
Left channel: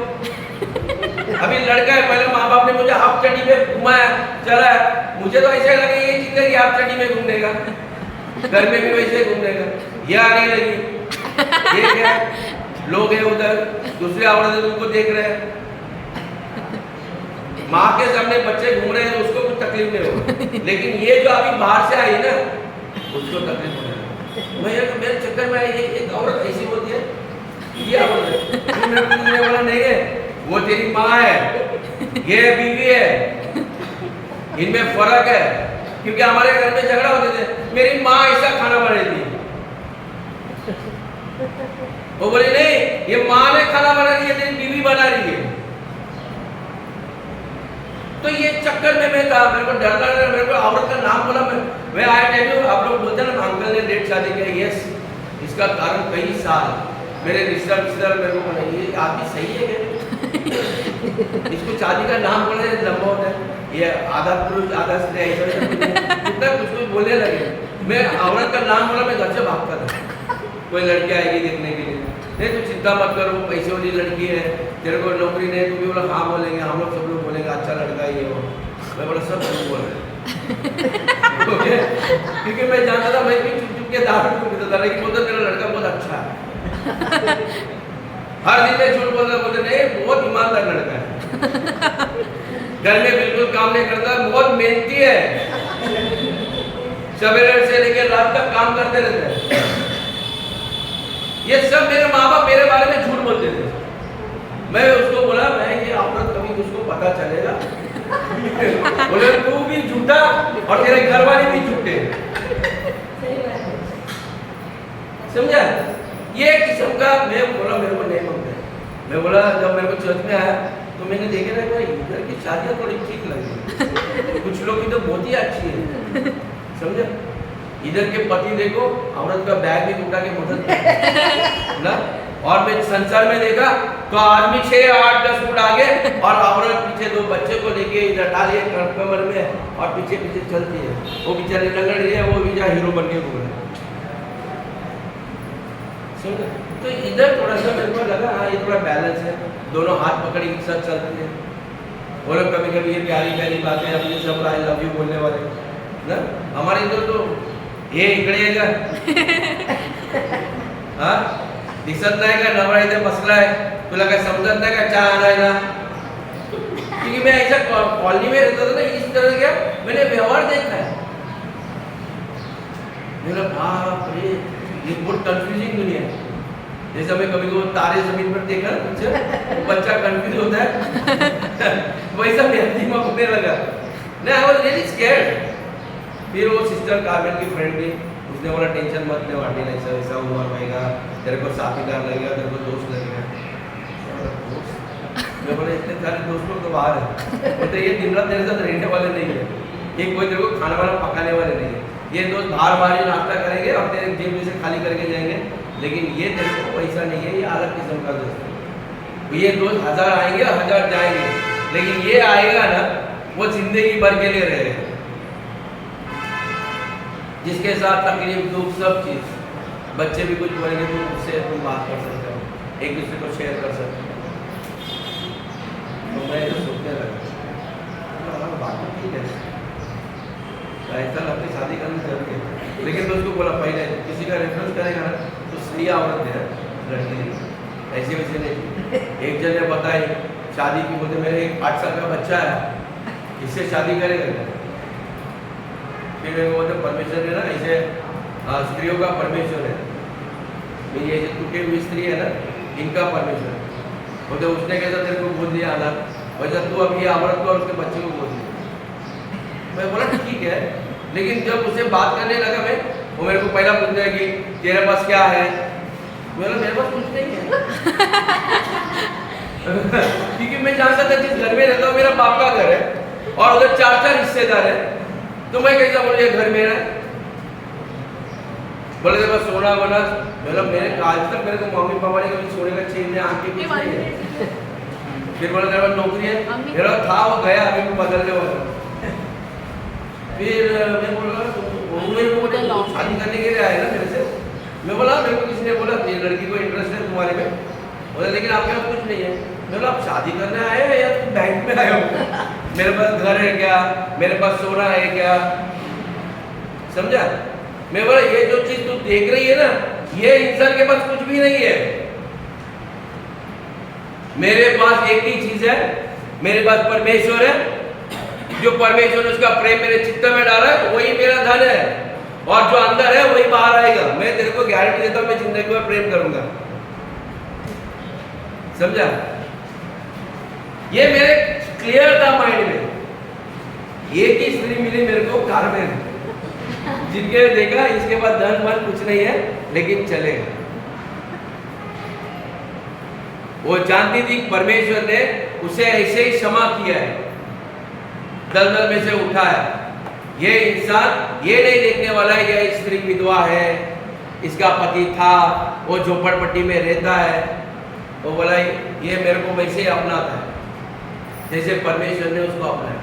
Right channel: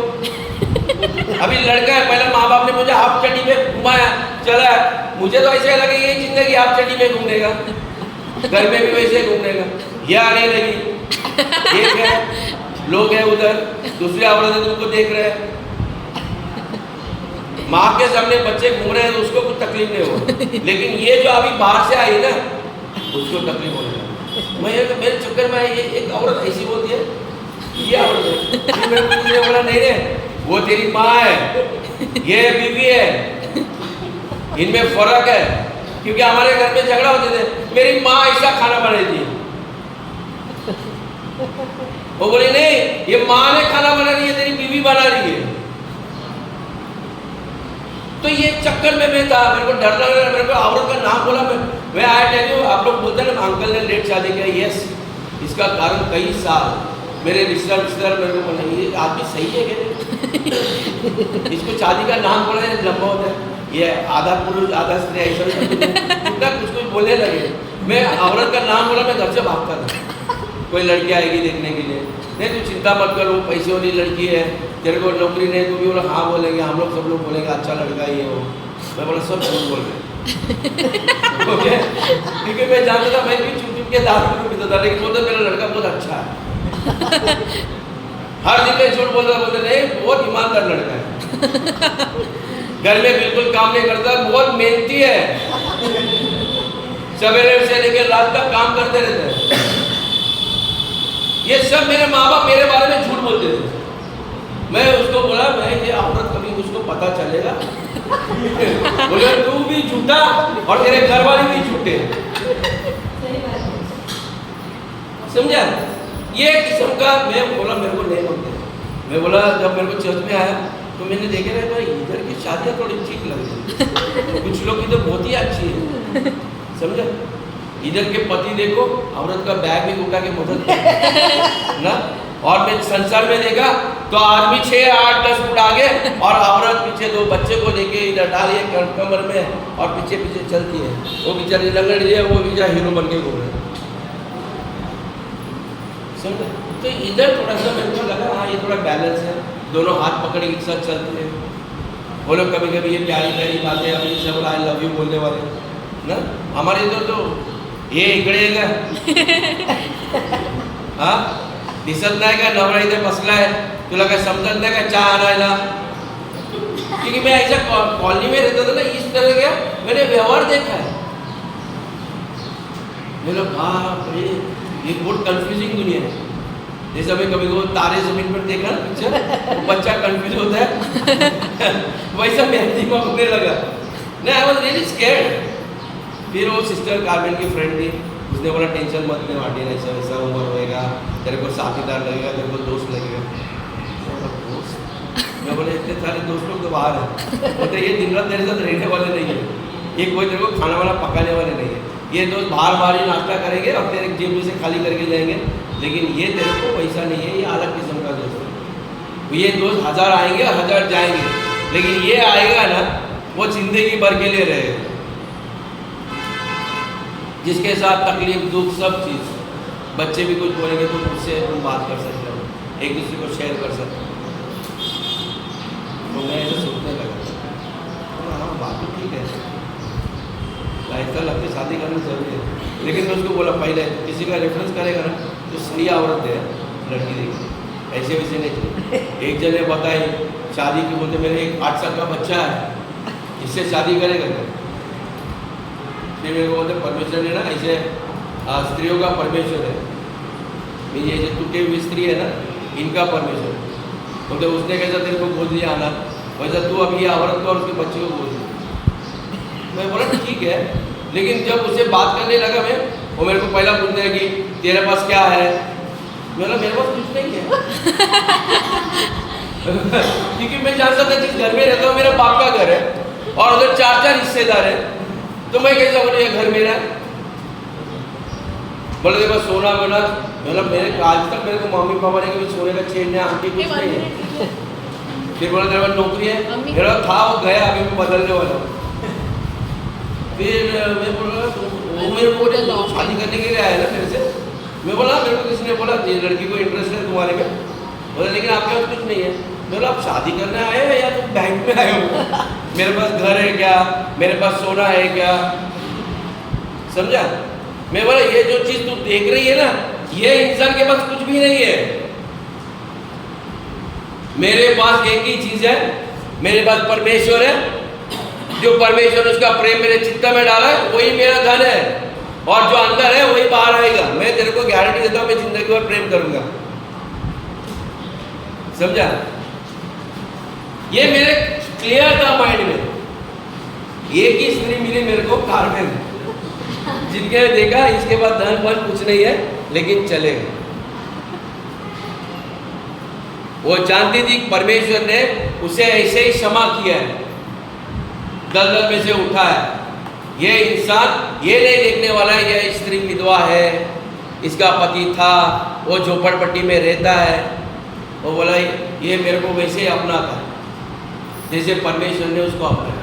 अभी लड़का है, पहले माँ बाप ने मुझे हाफ चड्डी में घुमाया, चला, मुझे तो ऐसा लगा ये जिंदगी हाफ चड्डी में घूमने का, घर में भी वैसे घूमने का, ये आने लगी एक है लोग है उधर, दूसरी औरत है तुमको देख रहे हैं, माँ के सामने बच्चे घूम रहे हैं तो उसको कुछ तकलीफ नहीं हो, लेकिन ये जो अभी बाहर से आई ना उसको तकलीफ होने लगी। मेरे चक्कर में ये एक औरत ऐसी बोलती है, ये औरत है, फिर मेरे को ये बोला नहीं रे वो तेरी माँ है, ये बीवी है, इनमें फर्क है। क्योंकि हमारे घर में झगड़ा होते थे, मेरी माँ ऐसा खाना बना रही थी, वो बोली नहीं ये माँ ने खाना बना रही है, तेरी बीवी बना रही है। तो ये चक्कर में मैं था, मेरे को डर लग रहा, मेरे को औरत का नाम बोला, मैं आया टेल यू, आप लोग बोलते हैं ना अंकल ने लेट शादी किया, यस इसका कारण कई साल मेरे रिश्तेदार मेरे को बोला ये आदमी सही है क्या, इसको शादी का नाम बोला है लंबा होता है, ये आधा पुरुष आधा स्त्री ऐसा कितना कुछ बोलने लगे। मैं औरत का नाम बोला, मैं घर से भागता था, कोई लड़की आएगी देखने के लिए, नहीं तू चिंता मत कर, वो पैसे वाली लड़की है, तेरे को नौकरी नहीं, तो भी बोला हाँ बोलेंगे, हम लोग सब लोग बोलेंगे अच्छा लड़का ये हो। मैं बोला सब झूठ बोल रहे ओके, क्योंकि मैं जानता था मैं भी चुप चुप के दारू को पीता था, लेकिन बोलता मेरा लड़का बहुत अच्छा है, हर दिन में झूठ बोलता, बोलते नहीं बहुत ईमानदार लड़का है, घर में बिल्कुल काम नहीं करता, बहुत मेहनती है, सवेरे से लेकर रात तक काम करते रहते हैं। ये सब मेरे माँ बाप मेरे बारे में झूठ बोलते थे। मैं उसको बोला मैं ये औरत कभी उसको पता चलेगा बोले तू भी झूठा और तेरे घर वाले भी झूठे, समझा। ये किस्म का मैं बोला मेरे को नहीं मानते। मैं बोला जब मेरे को चर्च में आया तो मैंने देखे ना इधर की शादियाँ थोड़ी ठीक लगी, कुछ लोग इधर बहुत ही अच्छी है, समझा। इधर के पति देखो औरत का बैग भी उठा के मदद ना, और मैं संसार में देखा तो आदमी 6, 8, 10 फुट आगे और औरत पीछे 2 बच्चे को लेके इधर डालिए कमर में और पीछे पीछे चलती है, वो बेचारी लंगड़ी है, वो बेचारा हीरो बन के घूम रहा है, समझे। तो इधर थोड़ा सा मेरे को लगा हाँ ये थोड़ा बैलेंस है, दोनों हाथ पकड़ के साथ चलते हैं, वो लोग कभी कभी ये प्यारी प्यारी बातें हम ये सब आई लव यू बोलने वाले ना, हमारे इधर तो ये इकडे का हाँ दिसत नाही का नवरा इथे बसला है, तुला काय समजत नाही का चहा आणायला, क्योंकि मैं ऐसा कॉलोनी में रहता था ना, इस तरह का मैंने व्यवहार देखा है। बोला बाप रे ये बहुत कंफ्यूजिंग दुनिया है। जैसे हमें कभी कभी तारे जमीन पर देखा ना पिक्चर, तो बच्चा कंफ्यूज होता है वैसा मेरा दिमाग होने लगा ना, आई वाज रियली स्कैर्ड। फिर वो सिस्टर कार्मेन की फ्रेंड थी, उसने बोला टेंशन मत ले मार्टिन, ऐसा वैसा उम्र रहेगा, तेरे को साथीदार लगेगा, तेरे को दोस्त लगेगा। मैं बोला इतने सारे दोस्त लोग तो बाहर है, बोलते ये दिन रात तेरे साथ रहने वाले नहीं है, ये कोई तेरे को खाना वाना पकाने वाले नहीं है, ये दोस्त बाहर ही नाश्ता करेंगे और तेरे जेब में से खाली करके जाएंगे, लेकिन ये तेरे को पैसा नहीं है, ये अलग किस्म का दोस्त है। ये दोस्त 1000 आएंगे और 1000 जाएंगे, लेकिन ये आएगा ना वो जिंदगी भर के लिए रहेगा, जिसके साथ तकलीफ दुख सब चीज़, बच्चे भी कुछ बोलेंगे तो उससे तुम बात कर सकते हो, एक दूसरे को शेयर कर सकते हो। तो मैं ऐसे सोचने लगा हाँ बात तो ठीक है, ऐसा लगता है शादी करना जरूरी है, लेकिन मैं उसको बोला पहले किसी का रेफरेंस करेगा ना तो सही औरत दे लड़की देगी, ऐसे वैसे नहीं। एक जन ने बताई शादी की, बोलते मेरे एक 8 साल का बच्चा है, इससे शादी करेगा क्या? फिर मेरे को बोलते परमेश्वर है ना ऐसे स्त्रियों का परमेश्वर है, मेरी ऐसे टूटे हुई स्त्री है ना इनका परमेश्वर, बोलते उसने कैसा तेरे को गोद लिया अनाथ, वैसा तू अब ये औरत को और उसके बच्चे को गोद लिया। मैं बोला ठीक है, लेकिन जब उससे बात करने लगा मैं, वो मेरे को पहला पूछने लगी तेरे पास क्या है, मैं बोला मेरे पास कुछ नहीं है क्योंकि मैं जानता था जिस घर में रहता हूँ मेरा बाप का घर है और उधर 4 रिश्तेदार है, तो मैं कैसा बोलूँ ये घर मेरा है। बोले देखो सोना बना, मतलब मेरे आज तक मेरे को मम्मी पापा ने कभी सोने का चेन ने आंटी कुछ नहीं है। फिर बोला तेरे पास नौकरी है, मेरा था वो गया, अभी मैं बदलने वाला हूँ। फिर मैं बोला वो मेरे को शादी करने के लिए आया ना मेरे से, मैं बोला मेरे को किसी ने बोला ये लड़की को इंटरेस्ट है तुम्हारे में, बोला लेकिन आपके पास कुछ नहीं है। मैं बोला आप शादी करने आए हो या तुम बैंक में आए हो, मेरे पास घर है क्या, मेरे पास सोना है क्या, समझा। मैं बोला ये जो चीज़ तू देख रही है ना ये इंसान के पास कुछ भी नहीं है। मेरे पास एक ही चीज है, मेरे पास परमेश्वर है। जो परमेश्वर ने उसका प्रेम मेरे चित्त में डाला है वही मेरा धन है, और जो अंदर है वही बाहर आएगा। मैं तेरे को गारंटी देता हूं, मैं जिंदगी भर प्रेम करूंगा। समझा? ये मेरे क्लियर था माइंड में। एक ही स्त्री मिली मेरे को, कार्मेन, जिनके देखा इसके बाद धन वन कुछ नहीं है, लेकिन चलेगा। वो जानती थी परमेश्वर ने उसे ऐसे ही क्षमा किया है, दलदल में से उठा है। ये इंसान ये नहीं देखने वाला है ये स्त्री विधवा है, इसका पति था, वो झोपड़पट्टी में रहता है। वो बोला ये मेरे को वैसे ही अपनाता है जैसे परमेश्वर ने उसको अपनाया।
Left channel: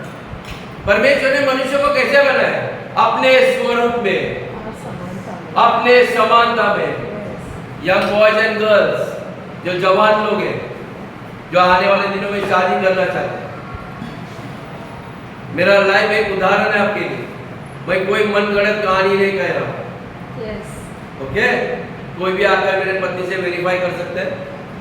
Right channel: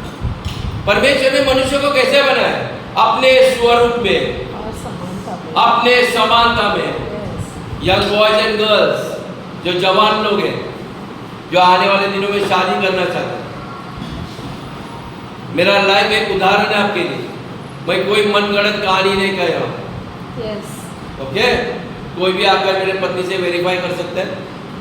परमेश्वर ने मनुष्य को कैसे बनाया? अपने स्वरूप में, और समानता में। अपने समानता में। Yes. Young boys and girls, जो जवान लोग हैं, जो आने वाले दिनों में शादी करना चाहते हैं, मेरा लाइफ एक उदाहरण है आपके लिए। मैं कोई मनगढ़ंत कहानी नहीं कह रहा हूँ। Yes. ओके? कोई भी आकर मेरे पत्नी से वेरीफाई कर सकता है,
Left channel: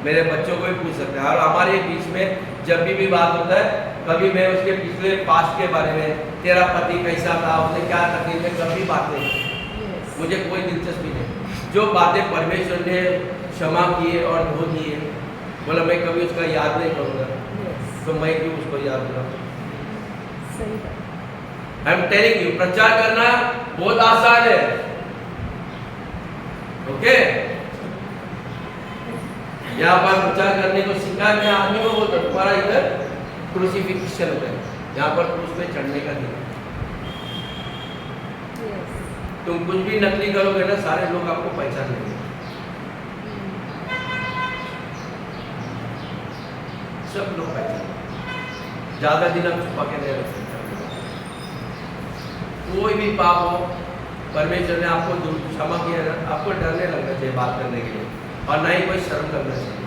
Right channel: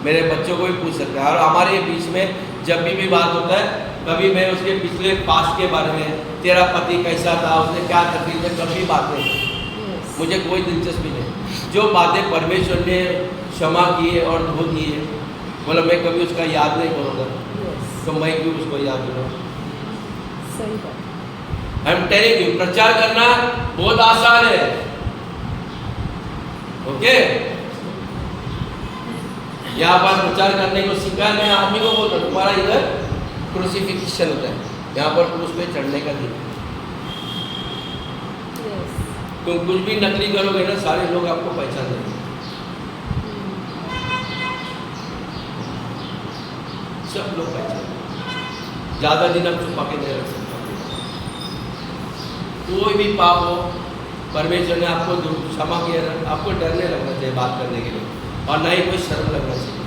मेरे बच्चों को भी पूछ सकता है। और हमारे बीच में जब भी बात होता है, कभी मैं उसके पिछले पास्ट के बारे में, तेरा पति कैसा था, उसने क्या तकलीफ है, कभी बात नहीं की। Yes. मुझे कोई दिलचस्पी नहीं। जो बातें परमेश्वर ने क्षमा की है और धो दी है, बोला मैं कभी उसका याद नहीं करूँगा, Yes. तो मैं क्यों उसको याद दिलाऊँ? सही बात। आई एम टेलिंग यू, प्रचार करना बहुत आसान है। ओके? यहाँ पर प्रचार करने को सीखा, मैं आदमी को बोलता हूँ तुम्हारा इधर क्रूसिफिक्शन होता है, यहाँ पर क्रूस पे चढ़ने का दिन। Yes. तुम कुछ भी नकली करोगे ना, सारे लोग आपको पहचान लेंगे। सब लोग पहचान लेंगे। ज्यादा दिन आप छुपा के नहीं रख सकते। कोई भी पाप हो, परमेश्वर ने आपको क्षमा किया ना, आपको डरने लगना चाहिए बात करने के लिए, और ना ही कोई शर्म लगना चाहिए।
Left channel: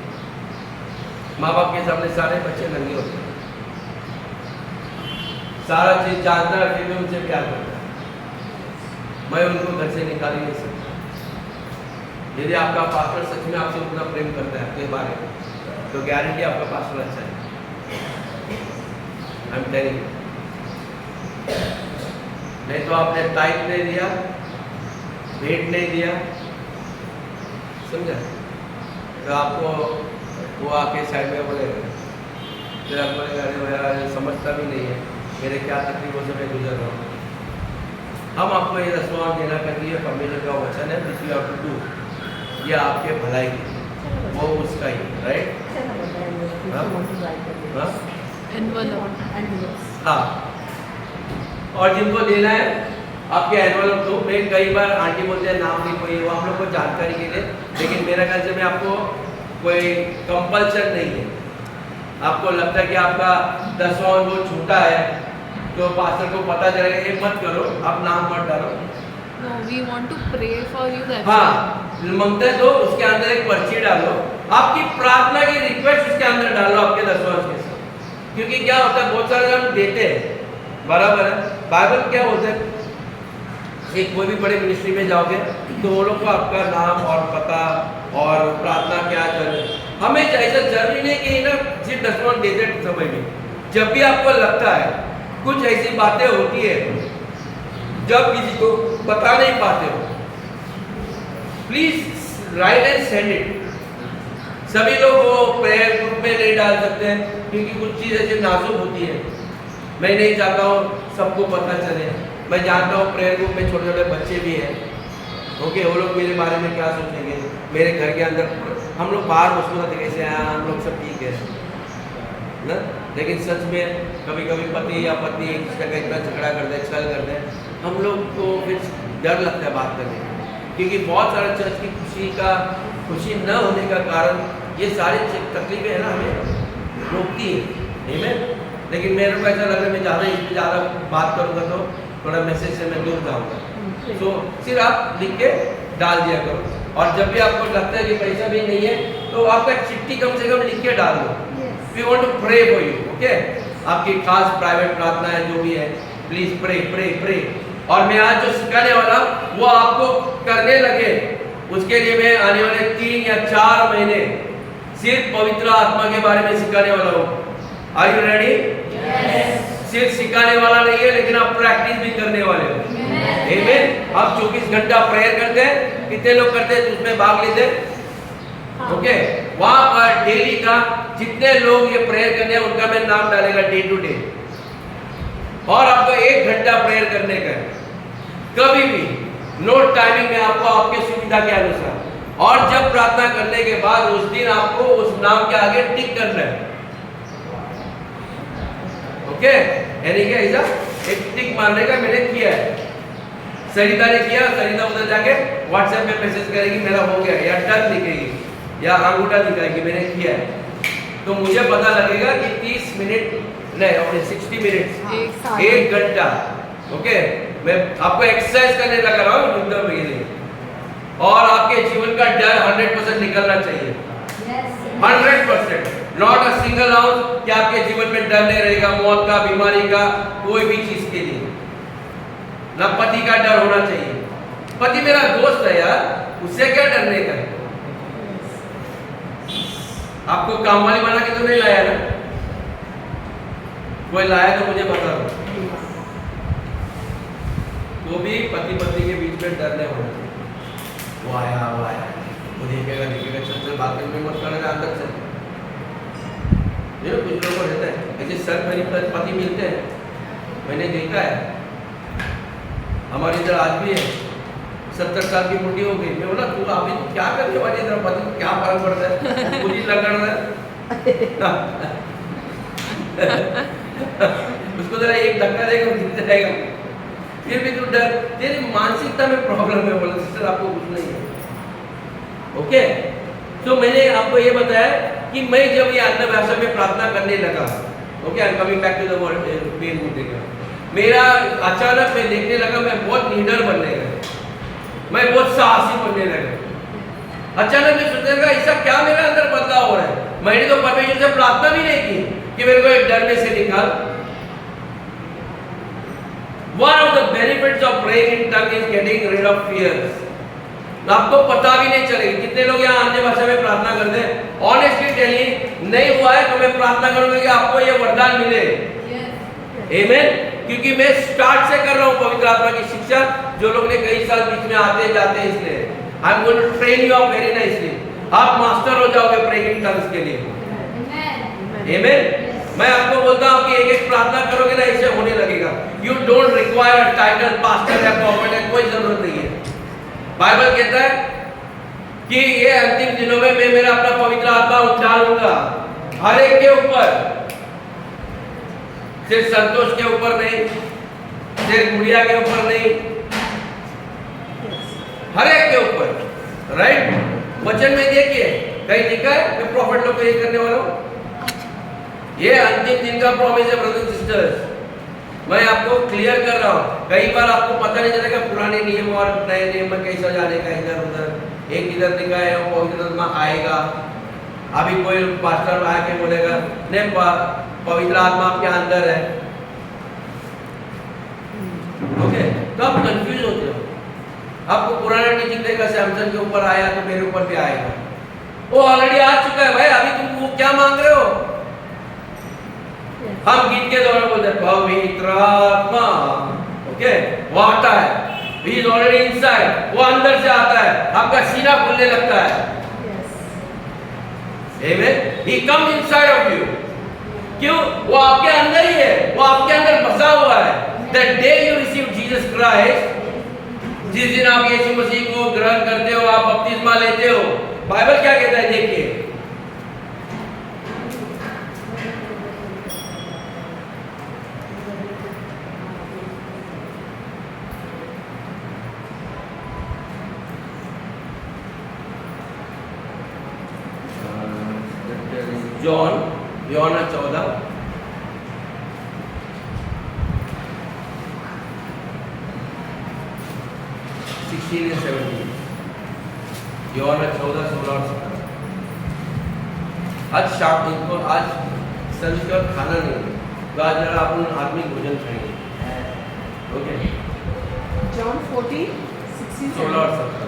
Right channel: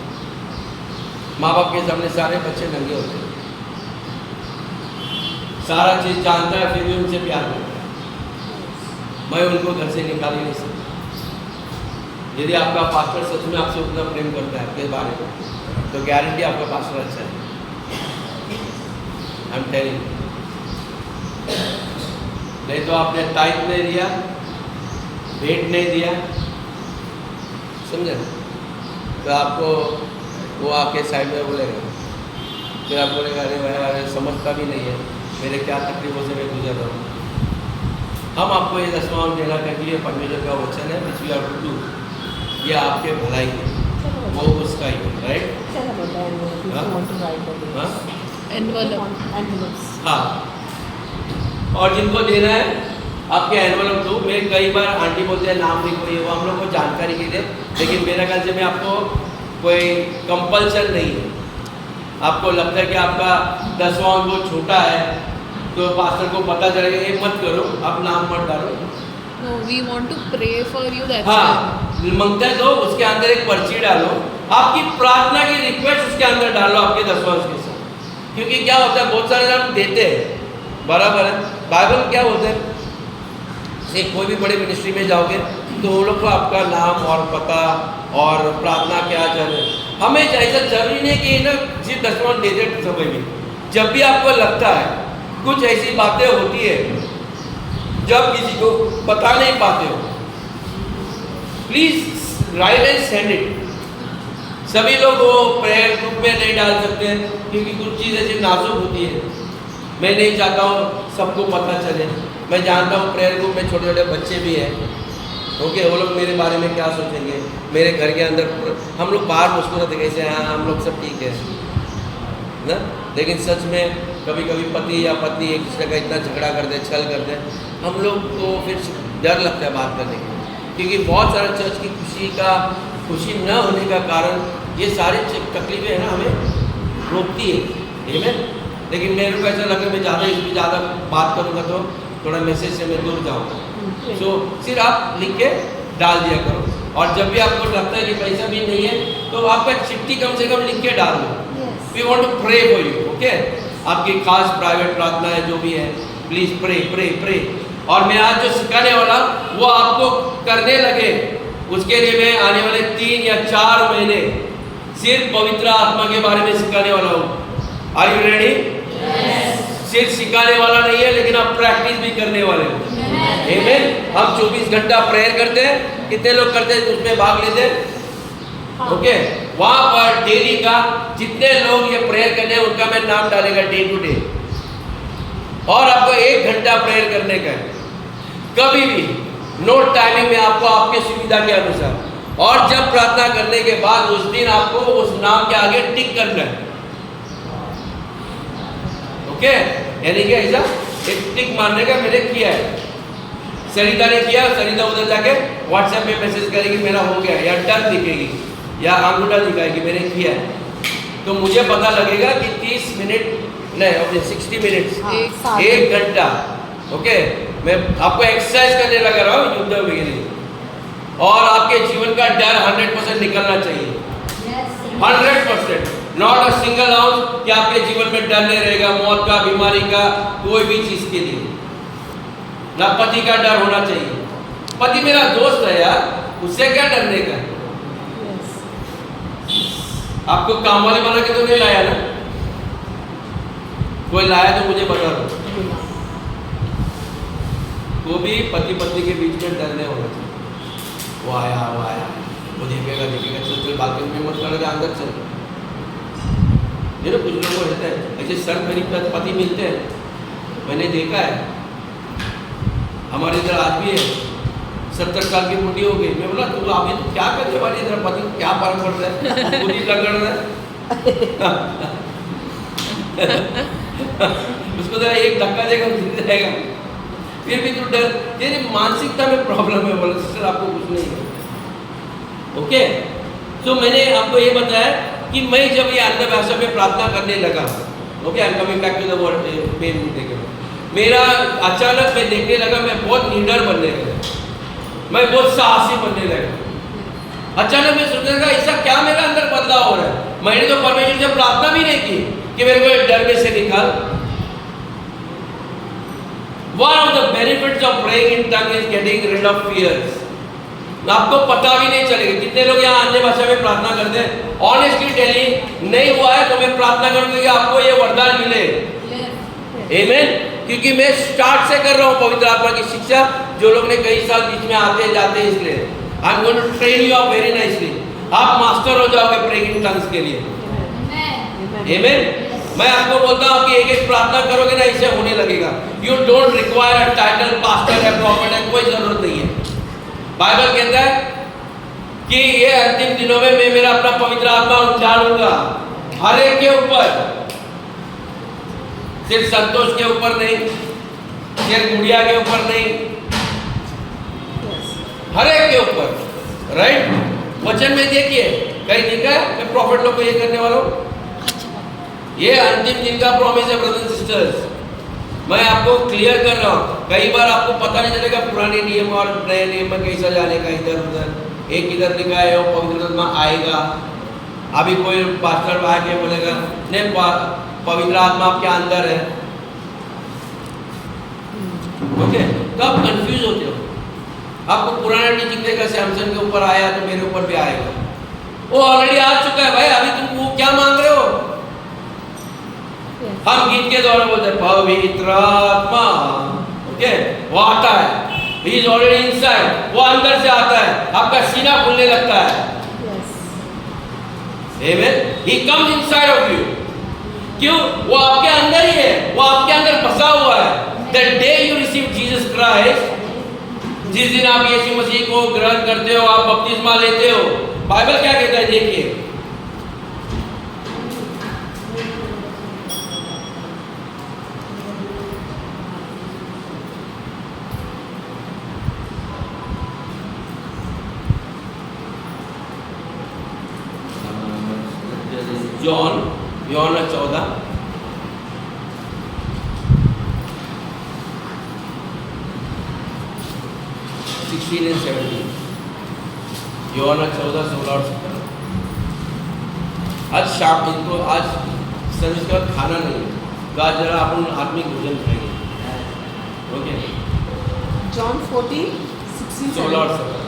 माँ बाप के सामने सारे बच्चे नंगे होते हैं, सारा चीज जानता है, फिर भी उनसे प्यार करता है। मैं उनको घर से निकाल ही नहीं सकता। यदि आपका पास्टर सच में आपसे उतना प्रेम करता है आपके बारे में, तो गारंटी आपका पास्टर अच्छा है। I am telling. नहीं तो आपने टाइट नहीं दिया, भेंट नहीं दिया, समझे, तो आपको वो आके साइड में बोलेगा, फिर आप बोलेगा अरे भाई अरे समझता भी नहीं है मेरे क्या तकलीफों से मैं गुजर रहा हूँ। हम आपको ये दसवां देना क्योंकि ये परमेश्वर का वचन है, which we have to do, ये आपके भलाई के, वो उसका ही है, राइट? चलो बताएंगे। हाँ? Want to write the names. हाँ? Envelope Envelopes. हाँ, और जिनको देना है आपके एनवलप दो। मैं कई बार आंटी बोलते हैं नाम लिखो, ये वो हम लोग को जानकारी के लिए, लेकिन मेरा ख्याल से मैं आपको कोई कंपल्सन नहीं है। आपको लगता है कि आपका 10वां वो छूटा है तो पास्टर को पता चलेगा, ये मत करो, आप नाम मत डालो। No we want to pray for you, that's हाँ, मंगते तो उसके अंदर एक पर्ची डालो, आपकी प्रार्थना की रिक्वेस्ट उसके अंदर डालो आपके 10वां के साथ। क्योंकि क्या होता है, बहुत सारे लोग देते हैं, बराबर है। बाइबल क्या बोलते हैं, एक कोई भी बड़े मिनिस्ट्री में जाओगे तो वो लोग को आपका नाम और पता और प्रार्थना क्या चले, हमें ऐसा जरूरी नहीं कि ना सिर्फ 10वां देते समय में। जब भी आपको लगता है कुछ ऐसी बातें होती है जब किसी को बता नहीं पाते हो, please right and send it. सभी लोग वो प्रेयर ग्रुप में नहीं डाल सकते हैं क्योंकि कुछ चीज़ ऐसी नाजुक होती है। मैं नहीं चाहता हूँ सबको पता चले। मैं जानता हूँ प्रेयर ग्रुप में छोटे छोटे बच्चे भी हैं, ओके, वो लोग मेरे बारे में क्या सोचेंगे। मेरे घर के अंदर हम लोग बाहर मुस्कुराते कैसे, हाँ हम लोग सब ठीक है ना, लेकिन सच में कभी कभी पति या पत्नी एक दूसरे का इतना झगड़ा करते हैं, छल करते हैं, हम लोग को फिर डर लगता है बात करने के लिए। क्योंकि बहुत सारा चर्च की खुशी न होने का कारण ये सारी तकलीफें हैं ना, हमें रोकती है। आमीन। लेकिन मेरे को ऐसा लग रहा है मैं ज़्यादा इसमें ज़्यादा बात करूँगा तो थोड़ा मैसेज से मैं दूर जाऊँगा। सो सिर्फ आप लिख के डाल दिया करो, और जब भी आपको लगता है कि पैसा भी नहीं है तो आपका चिट्ठी कम से कम लिख के डाल दो। Yes. We want to pray for you, okay. आपकी खास प्राइवेट प्रार्थना है जो भी है, प्लीज प्रे प्रे प्रे। और मैं आज जो सिखाने वाला वो आपको करने लगे, उसके लिए मैं आने वाले 3 या 4 महीने सिर्फ पवित्र आत्मा के बारे में सिखाने वाला हूँ। Are you ready? सिर्फ सिखाने वाला नहीं है, लेकिन आप प्रैक्टिस भी करने वाले हो। आमीन। हम 24 घंटा प्रेयर करते हैं। कितने लोग करते हैं? उसमें भाग लेते हैं। ओके, वहां पर डेली का जितने लोग ये प्रेयर करने हैं उनका मैं नाम डालेगा डे टू डे, और आपको 1 घंटा प्रेयर करने का है। कभी भी नोट टाइमिंग में आपको आपके सुविधा के अनुसार, और जब प्रार्थना करने के बाद उस दिन आपको उस नाम के आगे टिक करना है। ओके, यानी कि ऐसा एक टिक मारने का मैंने किया है। सरिता ने किया, सरिता उधर जाके व्हाट्सएप में मैसेज करेगी मेरा हो गया, या डन दिखेगी या अंगूठा दिखाएगी मैंने किया है। तो मुझे पता लगेगा कि 30 मिनट नहीं, अपने 60 मिनट्स, 1 घंटा। ओके, मैं आपको एक्सरसाइज करने लगा रहा हूँ युद्ध वगैरह, और आपके जीवन का डर 100% निकलना चाहिए। 100%, नॉट अ सिंगल आउंस कि आपके जीवन में डर नहीं रहेगा, मौत का, बीमारी का, कोई भी चीज के लिए ना पति का डर होना चाहिए। पति मेरा दोस्त है यार, उससे क्या डरने का है? आपको काम वाली बना के तो नहीं लाया ना? कोई लाया तो मुझे बता दो। वो भी पति पत्नी के बीच में डर नहीं होना चाहिए। वो आया, वो देखेगा, चल चल बात में मत करना, अंदर चल। कुछ लोगों को रहता है ऐसे सर खरीद पति मिलते हैं, मैंने देखा है। हमारे इधर आज भी है, 70 साल की बुढ़ी हो गई। मैं बोला तू अभी तो क्या करने वाली, इधर पति को क्या फर्क पड़ता है, खुद ही लग रहा है। उसको जरा एक धक्का देगा गिर जाएगा, फिर भी तू डर, तेरी मानसिकता में प्रॉब्लम है। बोला सिस्टर आपको कुछ नहीं है। ओके, तो मैंने आपको ये बताया कि मैं जब ये अन्य भाषा में प्रार्थना करने लगा, okay, I am coming back to the word main मुद्दे के बाद, मेरा अचानक मैं देखने लगा मैं बहुत निडर बनने लगा, मैं बहुत साहसी बनने लगा। अचानक मैं सोचने लगा ऐसा क्या मेरा अंदर बदलाव हो रहा है। मैंने तो परमेश्वर से प्रार्थना भी नहीं की कि मेरे को डर में से निकाल। One of the benefits of praying in tongue is getting rid of fears. आपको पता भी नहीं चलेगा। कितने लोग यहाँ अन्य भाषा में प्रार्थना करते हैं? ऑनेस्टली टेलिंग, नहीं हुआ है तो मैं प्रार्थना करूंगा कि आपको ये वरदान मिले। आमीन। क्योंकि मैं स्टार्ट से कर रहा हूँ पवित्र आत्मा की शिक्षा। जो लोग ने कई साल बीच में आते जाते हैं, इसलिए I am going to train you up very nicely. आप मास्टर हो जाओगे प्रेइंग इन टंग्स के लिए। आमीन। मैं आपको बोलता हूँ कि एक प्रार्थना करोगे ना, ऐसे होने लगेगा। You don't require a title, pastor या प्रॉफिट है, कोई जरूरत नहीं है। बाइबल कहता है कि ये अंतिम दिनों में मैं मेरा अपना पवित्र आत्मा डालूंगा हर एक के ऊपर, सिर्फ संतोष के ऊपर नहीं, सिर्फ गुड़िया के ऊपर नहीं, हर एक के ऊपर। राइट, वचन में देखिए कहीं लिखा है मैं प्रॉफिट लोग को ये करने वाला हूँ। ये अंतिम दिन का प्रॉमिस है ब्रदर्स सिस्टर्स। मैं आपको क्लियर कर रहा हूँ। कई बार आपको पता नहीं चलेगा पुराने नियम और नए नियम में कैसा जाने का, इधर उधर। एक इधर लिखा है वो पवित्र आत्मा आएगा, अभी कोई पास्टर आके बोलेगा नहीं पवित्र आत्मा आपके अंदर है। ओके, तो आप कंफ्यूज होते हो। आपको पुराना टीचिंग देखा, सैमसन के ऊपर आया तो मेरे ऊपर भी आएगा। वो ऑलरेडी आ चुका है भाई, अभी तुम वो क्या मांग रहे हो? हम गीत के द्वारा बोलते हैं पवित्र आत्मा। ओके, वो आता है, he is already inside, वो अंदर से आता है, आपका सीना खुलने लगता है। Amen, he comes inside of you। क्यों? वो आपके अंदर ही है, वो आपके अंदर बसा हुआ है। The day you receive Jesus Christ, जिस दिन आप यीशु मसीह को ग्रहण करते हो, आप बपतिस्मा लेते हो, बाइबल क्या कहता है देखिए, जॉन 14 16 and 17। यूहन्ना 14, 16 और 17। आज शाम इनको आज सर्विस का खाना नहीं है, तो आज जरा अपन आत्मिक भोजन खाएंगे। ओके, जॉन 14, 16, 16 और 17।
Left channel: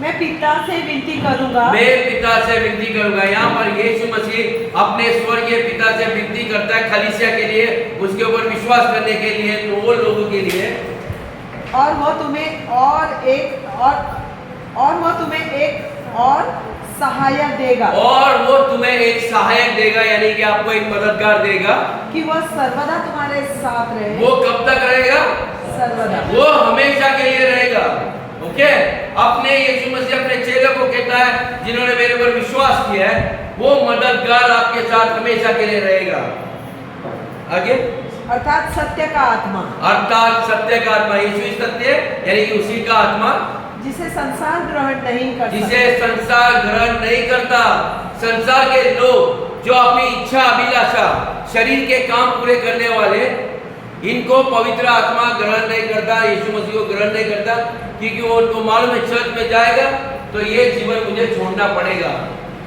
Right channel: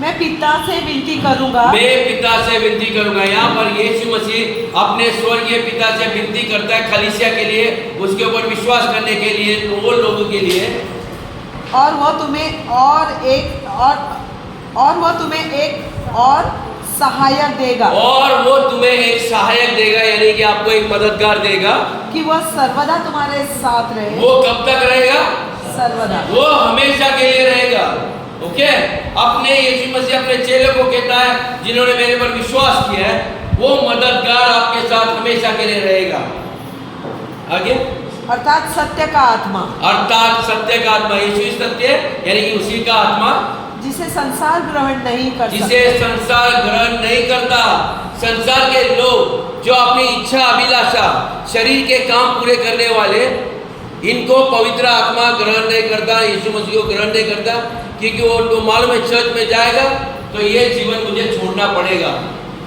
मैं पिता से विनती करूंगा, मैं पिता से विनती करूंगा। यहाँ पर यीशु मसीह अपने स्वर्गीय पिता से विनती करता है कलीसिया के लिए, उसके ऊपर विश्वास करने के लिए, तो वो लोगों के लिए। और वह तुम्हें और सहायक देगा, और वो तुम्हें एक सहायक देगा, यानी कि आपको एक मददगार देगा कि वह सर्वदा तुम्हारे साथ रहे। वो कब तक रहेगा? सर्वदा। वो हमेशा के लिए रहेगा। ओके, अपने यीशु मसीह अपने चेलों को कहता है जिन्होंने मेरे पर विश्वास किया है, वो मददगार आपके साथ हमेशा के लिए रहेगा। आगे, अर्थात सत्य का आत्मा, अर्थात सत्य का आत्मा, यीशु सत्य यानी कि उसी का आत्मा जिसे संसार ग्रहण नहीं कर जिसे संसार ग्रहण नहीं करता। संसार के लोग जो अपनी इच्छा अभिलाषा शरीर के काम पूरे करने वाले, इनको पवित्र आत्मा ग्रहण नहीं करता, यीशु मसीह को ग्रहण नहीं करता, क्योंकि वो उनको मालूम है चर्च में जाएगा तो ये जीवन मुझे छोड़ना पड़ेगा,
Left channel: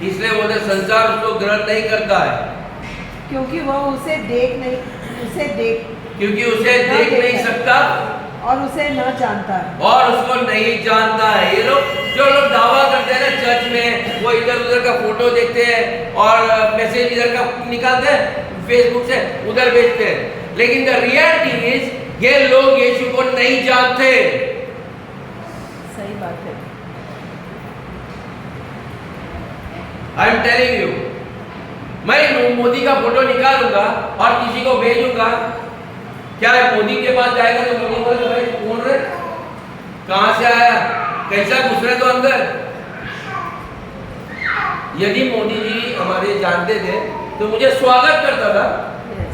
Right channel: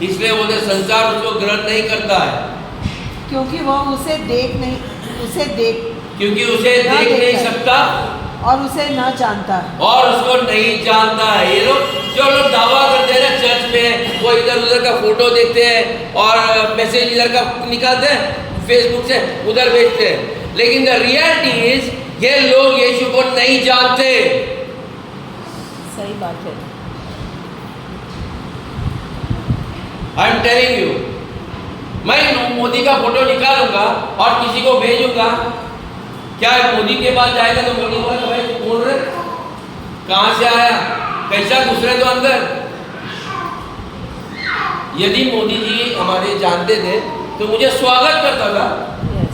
इसलिए बोलते संसार उसको ग्रहण नहीं करता है, क्योंकि वह उसे देख क्योंकि उसे देख नहीं सकता और उसे न जानता है। और उसको नहीं जानता है। ये लोग जो लोग दावा करते हैं ना चर्च में, वो इधर उधर का फोटो देखते हैं और मैसेज इधर का निकालते हैं फेसबुक से, उधर भेजते हैं, लेकिन द रियलिटी इज ये लोग यीशु को नहीं जानते। सही बात है। आई एम टेलिंग यू, मैं मोदी का फोटो निकालूंगा और किसी को भेजूंगा, क्या मोदी के पास जाएगा तो मोदी को भाई कौन रे, कहां से आया, कैसा घुस रहे तो अंदर। यदि मोदी जी हमारे जानते थे तो मुझे स्वागत करता था,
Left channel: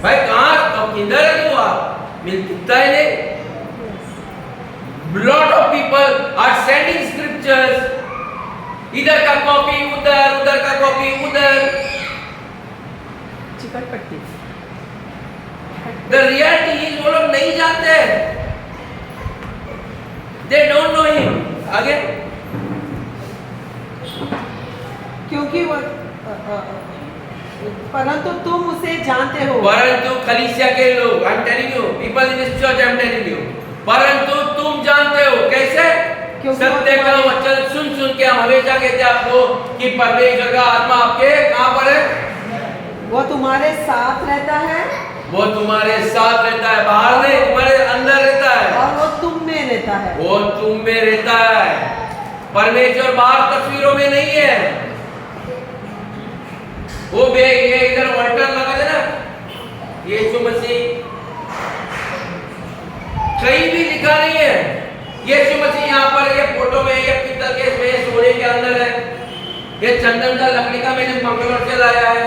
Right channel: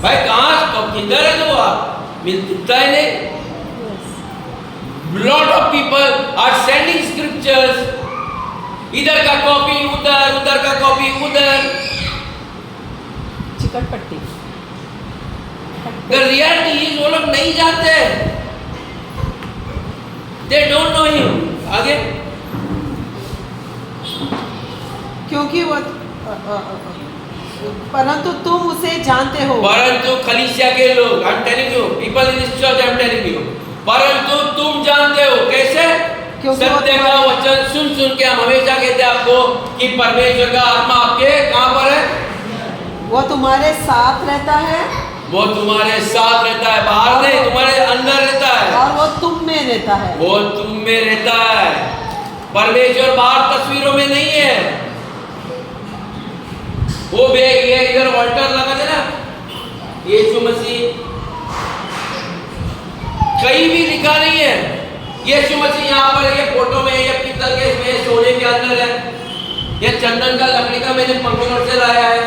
भाई कहां कब किधर है तो आप मिलता है नहीं। Lot of people are sending scriptures, इधर का कॉपी उधर, उधर का कॉपी उधर। चिकन पट्टी। The reality is वो लोग नहीं जानते, they don't know him। आगे, क्योंकि वो परंतु तुम उसे जानते हो, परंतु कलीसिया के लोग, I'm telling you, people in this church, I'm telling you, परंतु तुम जानते हो कैसे? सत्य का वचन सुन सुन के हम हमेशा कहते हैं आपको कि परमेश्वर का आत्मा आपके कहां पर है? वो तुम्हारे साथ रहता है, वो तुम्हारे साथ रहता है, बाहर नहीं, तुम्हारे अंदर रहता है, और वो तुम में रहता है। वो तुम में रहता है। परमेश्वर बाहर तस्वीरों में नहीं है। वो ये इधर ऑल्टर लगा था ना, यीशु मसीह, कहीं भी लिखा नहीं है यीशु मसीह यहाँ पर, ये फोटो में, ये पीतल के इसमें, सोने के अंदर है, ये चंदन का लकड़ी का मैंने पंखनौर से लाया है,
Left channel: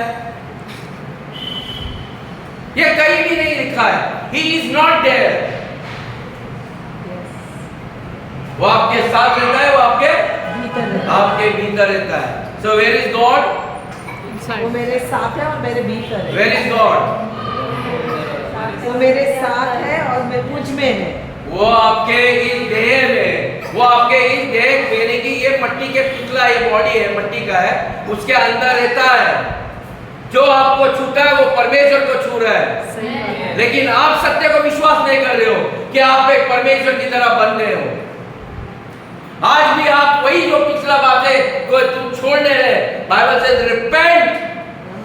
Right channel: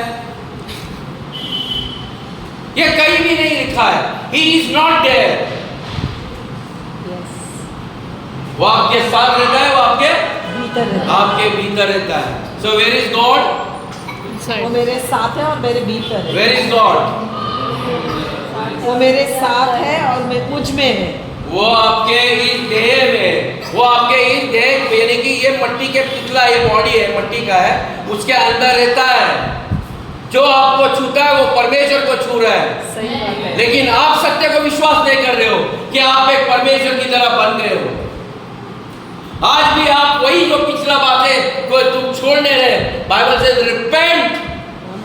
ये कहीं भी नहीं लिखा है। He is not there। वो आपके साथ रहता है, वो आपके भीतर रहता है। So where is God? वो मेरे साथ है और मेरे भीतर है। Where is God? वो मेरे साथ है और मैं मुझ में है। वो आपके इस देह में, वो आपके इस देह यानी कि ये मट्टी के पुतला, ये बॉडी है मट्टी का है, उसके अंदर रहता है। जो आपको छूता है वो परमेश्वर को छू रहा है। सही बात है। लेकिन आप सत्य को विश्वास नहीं कर रहे हो कि आप एक परमेश्वर की तरह बन गए हो। आज भी आप वही जो पिछला बातें को तुम छोड़ने रहे, बाइबल से रिपेंट,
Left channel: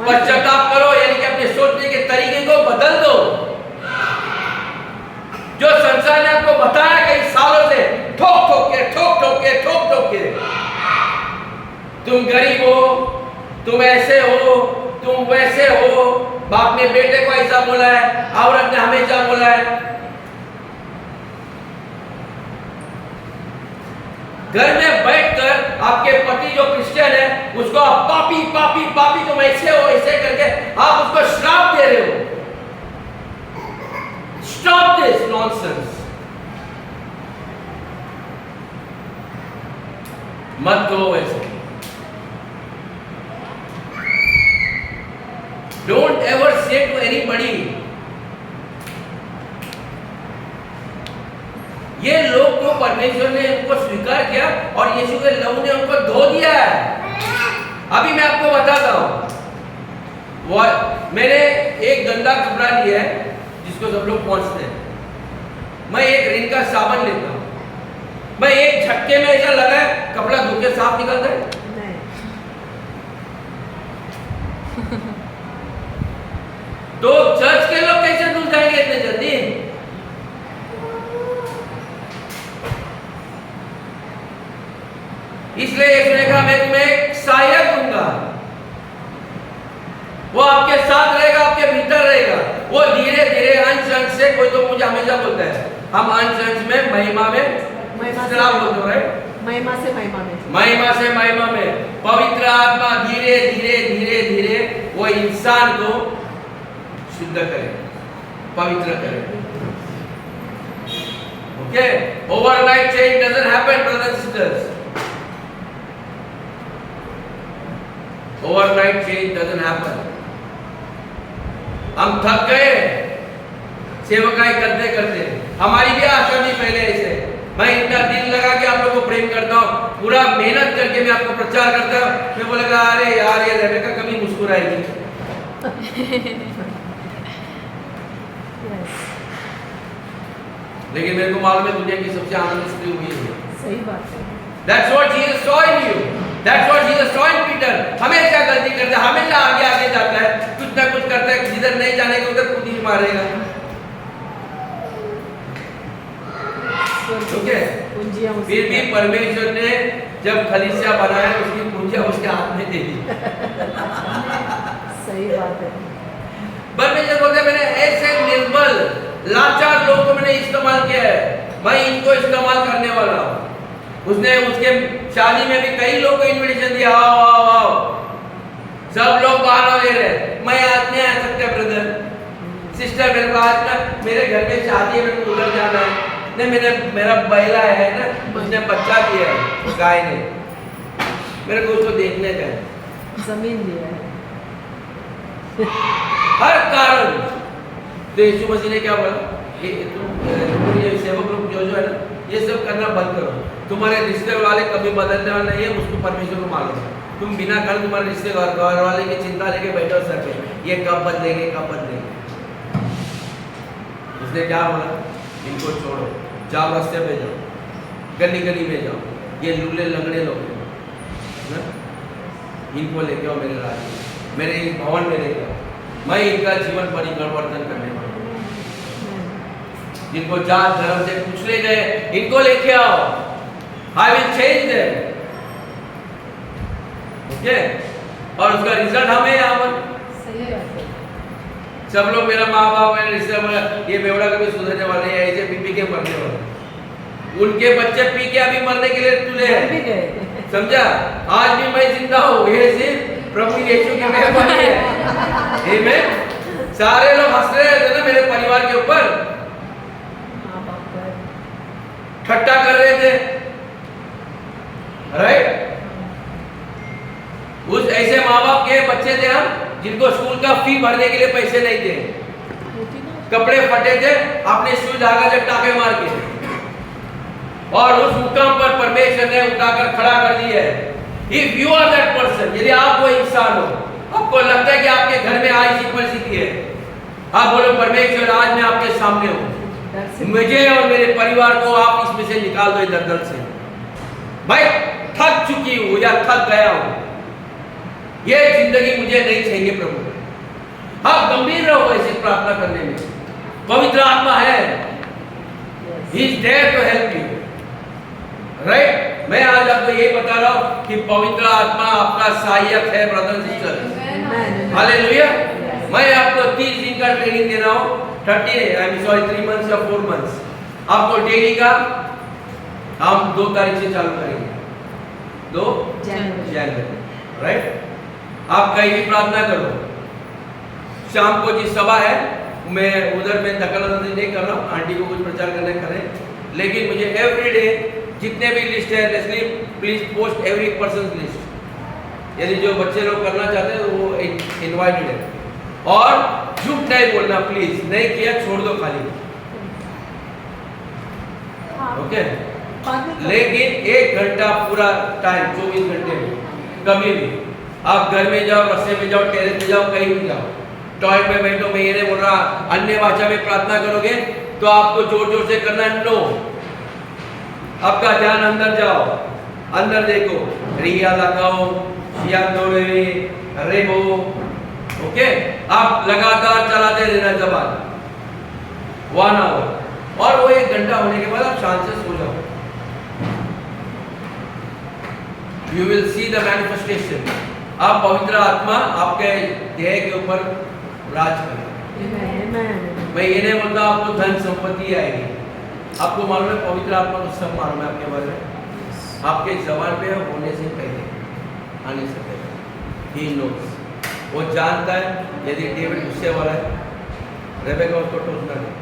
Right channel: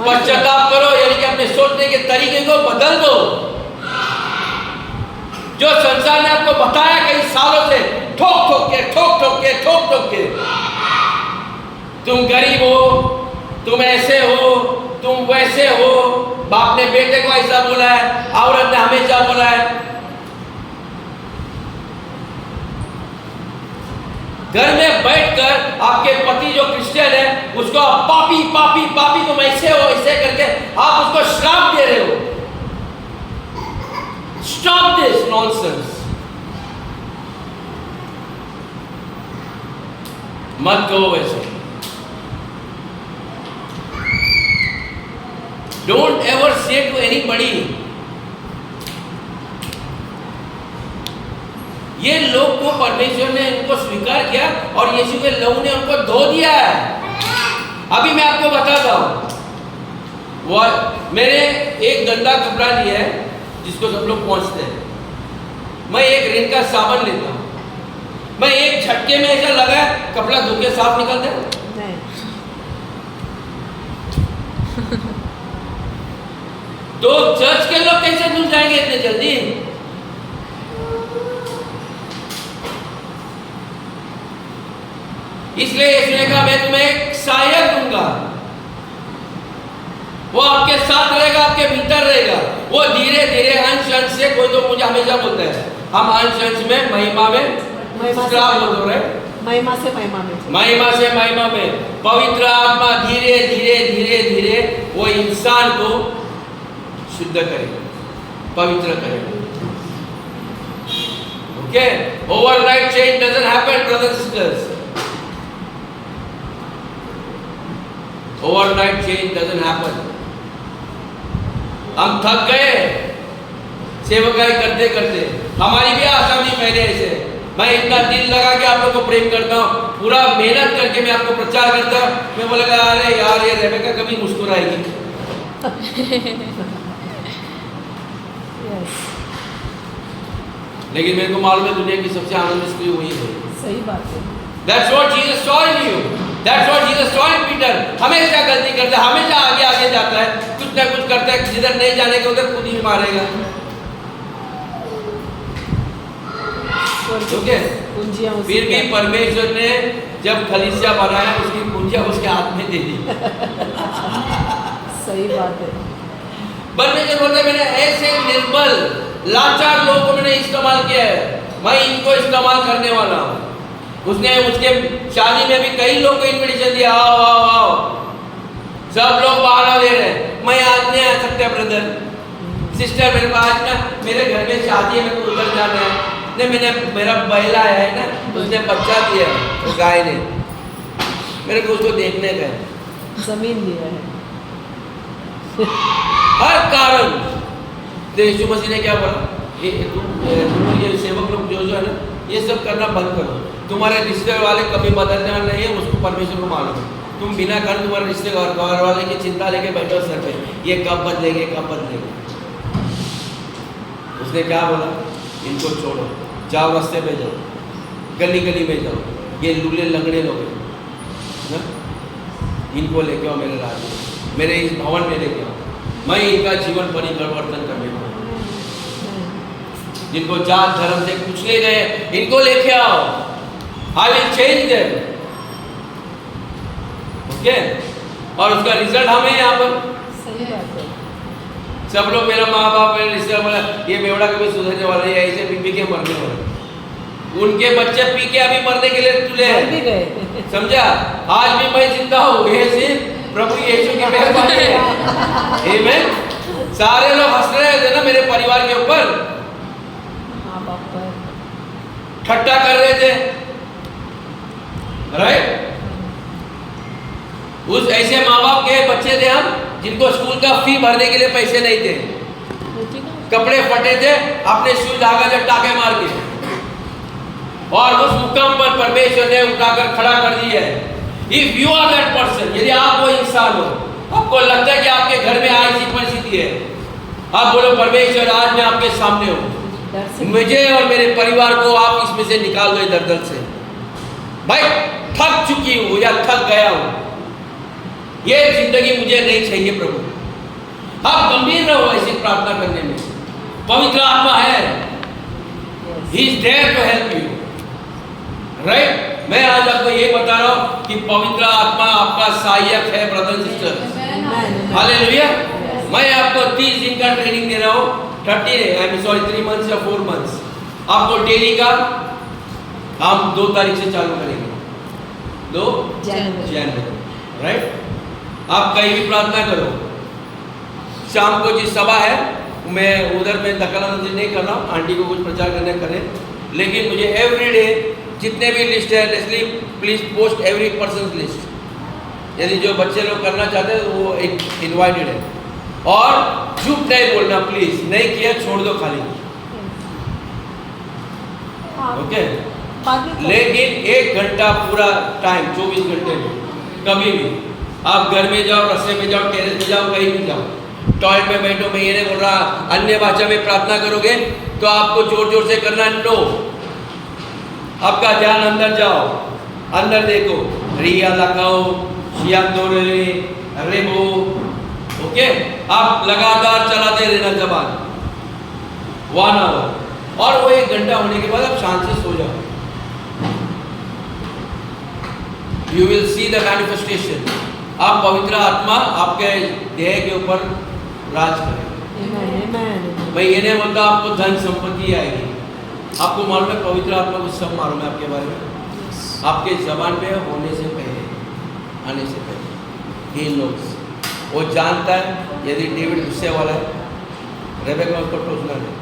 पश्चाताप करो, यानी कि अपने सोचने के तरीके को बदल दो। जो संसार ने आपको बताया कई सालों से, ठोक ठोक के तुम गरीब हो, तुम ऐसे हो, तुम वैसे हो, बाप ने बेटे को ऐसा बोला है, औरत ने हमेशा बोला है। घर में बैठकर आपके पति जो क्रिश्चियन है उसको आप पापी पापी पापी तुम ऐसे हो, ऐसे करके आप उसको श्राप दे रहे हो। Stop this nonsense. मत करो ऐसे। Don't ever say to anybody। ये लोग को परमेश्वर ने उनको स्वीकार किया और यीशु के लहू ने उनको धो दिया है। अभी मैं आपको बताता हूं, वो मैंने एक गंदा कपड़ा लिया है जिसको सब लोग पहुंचते हैं। मैं एक रिन का साबुन लेता हूं, मैं एक झटके में ऐसा लगा है कपड़ा धो के साफ निकल दे। नहीं। तो चर्च के लोग कैसे धुल जाएंगे इतने जल्दी? इसलिए यीशु ने कहा मैं तुम्हें एक सहायक दूंगा, वो आपके साथ रहेगा, आपके भीतर रहेगा। वो धीरे धीरे अंश अंश से, कोई तो मुझे हमेशा बोलता है हम अंश अंश में महिमा में श्राप बोलते रहे, महिमा से महिमा में, महिमा से महिमा में पवित्र आत्मा धीरे धीरे धीरे धीरे वो इंसान को शुद्ध करेगा, पवित्र करेगा। Okay, overnight change doesn't happen brothers sisters, overnight change doesn't happen. हम थक गए सेवकाई करते करते, हमारी भी आशा थी पहले ऐसे, मैं इतना दिल लगा के आप लोग को प्रेम करता हूँ, पूरा मेहनत करके मैं आपको प्रचार करता हूँ। मैं बोलेगा अरे यार ये रेबेका कभी मुस्कुराएगी। लेकिन मेरे को मालूम है दुनिया की सबसे आनंद स्त्री हुई है। सही बात है। That's what Jesus saw in you. That's what Jesus saw in Peter. हमेशा गलती करता है, हमेशा आगे आगे जाता है, कुछ ना कुछ करता है, जिधर नहीं जाने का उधर खुद ही मारेगा। ओके, फिर भी परमेश्वर ने जब खलीसिया बनाया उसकी कुंजियां उसके हाथ में दे दी। सही बात है। परमेश्वर बोलते मैंने ऐसे निर्बल लाचार लोगों को मैंने इस्तेमाल किया है, मैं इनको इस्तेमाल करने वाला हूँ। उसने उसके शादी में भी कई लोग को इनविटेशन दिया, आओ आओ आओ, सब लोग बहाना दे रहे हैं, मैं आज नहीं आ सकता ब्रदर सिस्टर, मेरे पास ना मेरे घर में शादी है, मेरे को उधर जाना है। नहीं मेरा बैला है ना, उसने बच्चा दिया है, वो गाय ने, मेरे को उसको देखने का है, जमीन दिया है, हर कारण। तो यीशु मसीह ने क्या बोला, ये सेवक लोग जो है ना ये सब करना बंद करो, तुम्हारे रिश्ते वाले कभी बदलने वाले नहीं है, उसको परमेश्वर को मालूम है। तुम बिना कारण तुम्हारे रिश्ते घर वाले की चिंता लेके बैठो सर पे, ये कब बदलेंगे कब बदलेंगे। उसने क्या बोला, इनको छोड़ो, जाओ रास्ते पे जाओ, गली गली में जाओ, ये लूले लंगड़े लोग हैं, इनको लेके आओ मेरे राज्य में, मेरे इस भवन में लेके आओ, मैं इनका जीवन परिवर्तन करने वाला हूँ। जिनको जात धर्म से कुचले गए इनको लेके आओ, I will change them. Okay, और उसका रिजल्ट हमें यहाँ पर। सही बात है। सब लोग मेरा माँ बाप मेरे रिश्तेदार बोला ये बेवड़ा कभी सुधरने वाला है, ऐसे पी के मरने वाले, उनके बच्चे पी के अभी मरने के लिए तुले हैं, समझा। आज भी मैं जिंदा हूँ, ये सिर्फ प्रभु यीशु की मेहरबानी है। आमीन। सारे लोग हंस रहे थे ना मेरे परिवार के ऊपर, माँ बाप पर ठट्टा कर रहे थे, राइट। उस ऐसे माँ बाप के बच्चे थे हम जिनको स्कूल का फी भरने के लिए पैसे नहीं थे, कपड़े फटे थे, अपने सुई धागा से टाके मार के, और उस मुकाम पर परमेश्वर ने उठाकर खड़ा कर दिया है। If you are that person, यदि आप वो इंसान हो, आपको लगता है कि आपके घर में आज ऐसी परिस्थिति है, आप बोलो परमेश्वर आज मैं आपके सामने हूँ, मुझे और मेरे परिवार को आप इसमें से निकाल दो दलदल से, भाई थक चुकी हूँ या थक गया हूँ, ये जिंदगी मुझे नहीं चाहिए प्रभु। आप गंभीर रहो ऐसी प्रार्थना करने में, पवित्र आत्मा है, he is there to help you, right. मैं आज आपको यही बता रहा हूँ कि पवित्र आत्मा आपका सहायक है ब्रदर सिस्टर, हालेलुया। मैं आपको 30 दिन का ट्रेनिंग दे रहा हूँ, 3 मंथ्स या 4 मंथ्स, आपको डेली का हम 2 तारीख से चालू करेंगे, 2 जनवरी, राइट। आप कहीं भी प्रार्थना करो, शाम को जिस सभा है मैं उधर में दखलंदाजी नहीं कर रहा हूँ, आंटी को कुछ प्रचार करना करें, लेकिन मुझे एवरी डे जितने भी लिस्ट है, lastly please post every person list, यदि जो बच्चे लोग करना चाहते हैं वो एक इनवाइटेड है, और झूठ नहीं बोलना प्लीज, नहीं किया छोड़ दो खाली, ओके। लेकिन 1 घंटा पूरा टाइम 24 घंटे में, कभी भी आप घर में जाओ, रास्ते में जाओ, टेरेस में जाओ, कहीं भी जाओ, टॉयलेट में बैठो, मैं ये नहीं बोल रहा अन्य भाषा में प्रार्थना करोगे तो आपको जोर जोर से करना, नो, आपका ध्यान अंदर जाओ, अंदर देखो, रिया लगाओ, शिया दोरे, रेबो, ओके। आप लगातार चलाते रहना जबान 1 आवर, और वो 1 घंटा होने के बाद आप शांत से सो जाओ। You will see the manifestation. आप पवित्र आत्मा आपके देह के ऊपर राज करेगा। मैं ये नहीं बोलता आपको धन संपत्ति आएगी। आपको मालूम है पवित्र आत्मा को सब मालूम है आपके बारे में, आपके जबान पे होने से पहले, आने से पहले। He knows, वो जानता है यदि डेविड गुस्से वाला है, रेबेका में उसको टोकना नहीं,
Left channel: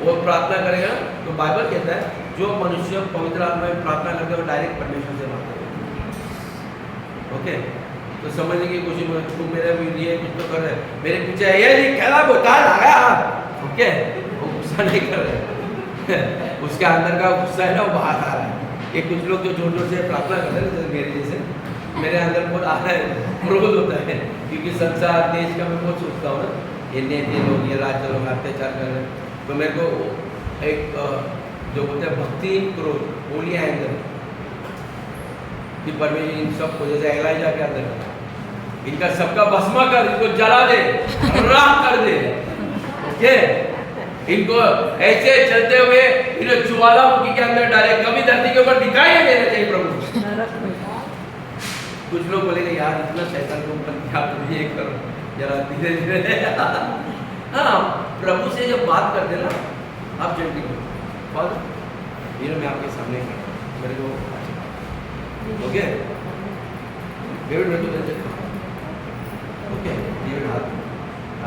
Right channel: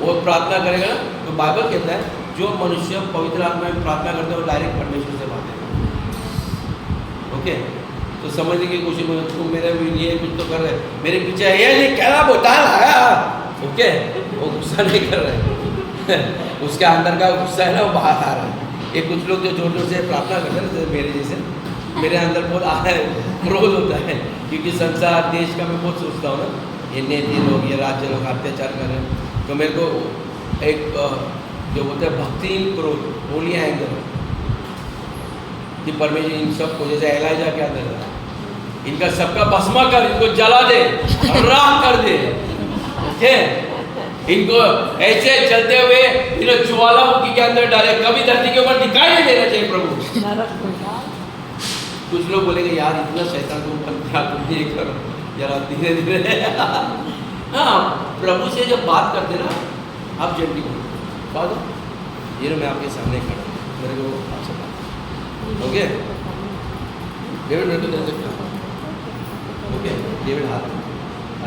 वो प्रार्थना करेगा ना, तो बाइबल कहता है जो मनुष्य पवित्र आत्मा में प्रार्थना करते हैं वो डायरेक्ट परमेश्वर से बात करेगा। ओके, तो समझने की कोशिश में तुम मेरे लिए कुछ तो कर रहे, मेरे पीछे ये नहीं कहना बोता आया, ओके, वो गुस्सा नहीं कर रहे उसके अंदर का गुस्सा है ना वो बाहर आ रहा है। ये कुछ लोग जो जोर जोर से प्रार्थना करते हैं ना, मेरे जैसे, मेरे अंदर बहुत आ रहा है, क्रोध होता है, क्योंकि संसार देश का मैं बहुत सोचता हूँ ना, ये नेता लोग, ये राज्य लोग अत्याचार कर रहे हैं, तो मेरे को एक जो बोलते हैं भक्तिहीन क्रोध बोलियाँ अंदर कि परमेश्वर इन सबको जैसे एलाइजा के अंदर इनका सबका भस्मा कर, इनको जला दे, राख कर दे, ओके, इनको ऐसे चलते हुए इन्हें ज्वालामुखी के अंदर डाले, कभी धरती के ऊपर दिखाई नहीं देना चाहिए प्रभु। कुछ लोग बोलेंगे यार इतना शैतान को ऊपर क्या ये करो जरा धीरे धीरे हाँ, प्रभु से जब बात करते ना आप जल्दी करो, फादर ये मैं आपके सामने खड़ा हूं, मेरे को आपसे बात, ओके, डेविड मैं तो दे सकता हूँ, ओके, डेविड हाथ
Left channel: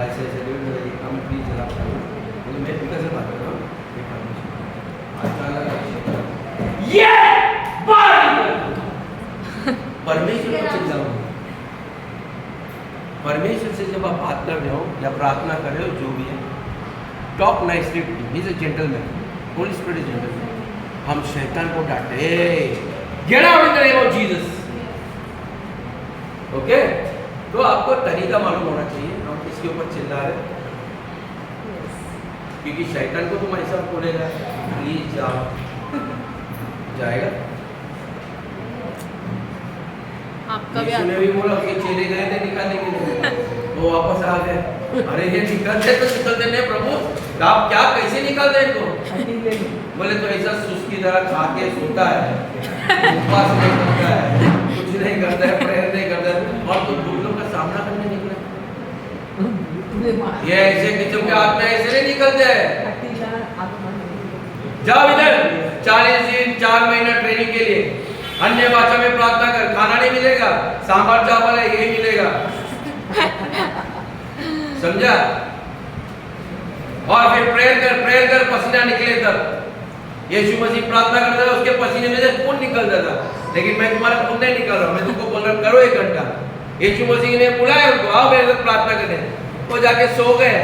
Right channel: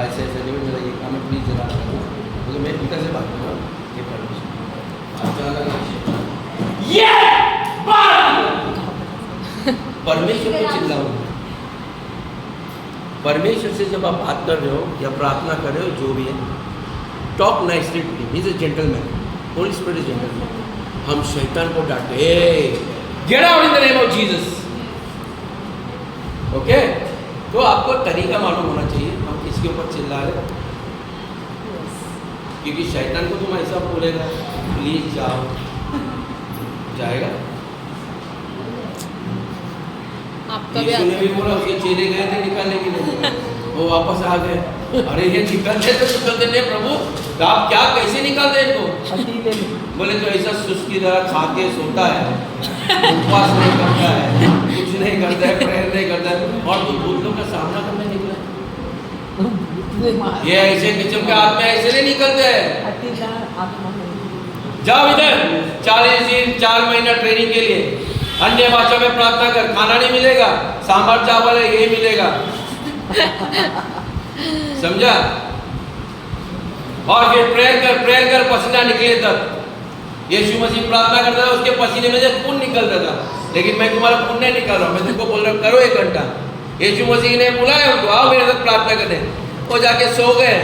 ऐसे ऐसे, डेविड मेरा ये काम है प्लीज जरा करो, क्योंकि मैं पिता से बात कर रहा हूँ, ये परमेश्वर को चिल्लाओ। परमेश्वर से जब आप बात कर रहे हो या प्रार्थना कर रहे हो, जो भी है, talk nicely to him, he is a gentleman, Holy spirit is gentleman. हम शैतान को डांटे, get out in the name of Jesus, okay. तो आपको तरीका मालूम होना चाहिए हम किसके ऊपर चिल्ला रहे हैं, क्योंकि शैतान को तुम ऐसा बोलेगा प्लीज जाओ, जाएगा। यीशु ने भी बोला, उसके चेले गए थे निकालने के लिए, वो वापस आ गए, अरे ये निकलते तो निकलते नहीं प्रभु, आप क्या कैसे निकालते इनको? बोले तो ऐसा सुस्ती तरह खा के सोता है, उपवास नहीं करता है, कुछ नहीं करता है, प्रेयर नहीं करता है, और तुम भूतों का सामना करने निकले। ये ऐसे किस्म के आत्मा ऐसे नहीं निकलते हैं। जाओ इधर 40 दिन 4 महीना ट्रेनिंग के लिए, अन्य भाषा में प्रार्थना कर, खाना नहीं मिलेगा, सांभर चावल है ये मिलेगा, समझा? और फिर प्रेयर कर पसीना निकले तक। यीशु मसीह प्रार्थना करता था, उसके पसीने में से खून निकलता था, लेकिन मैं तुम्हारा खून नहीं निकाल रहा हूं, मैं तुमको बोल रहा हूं करो 1 घंटा। यीशु मसीह ने बुलाया उनको, आओ मेरे साथ प्रार्थना करने, वो जाके सो गए।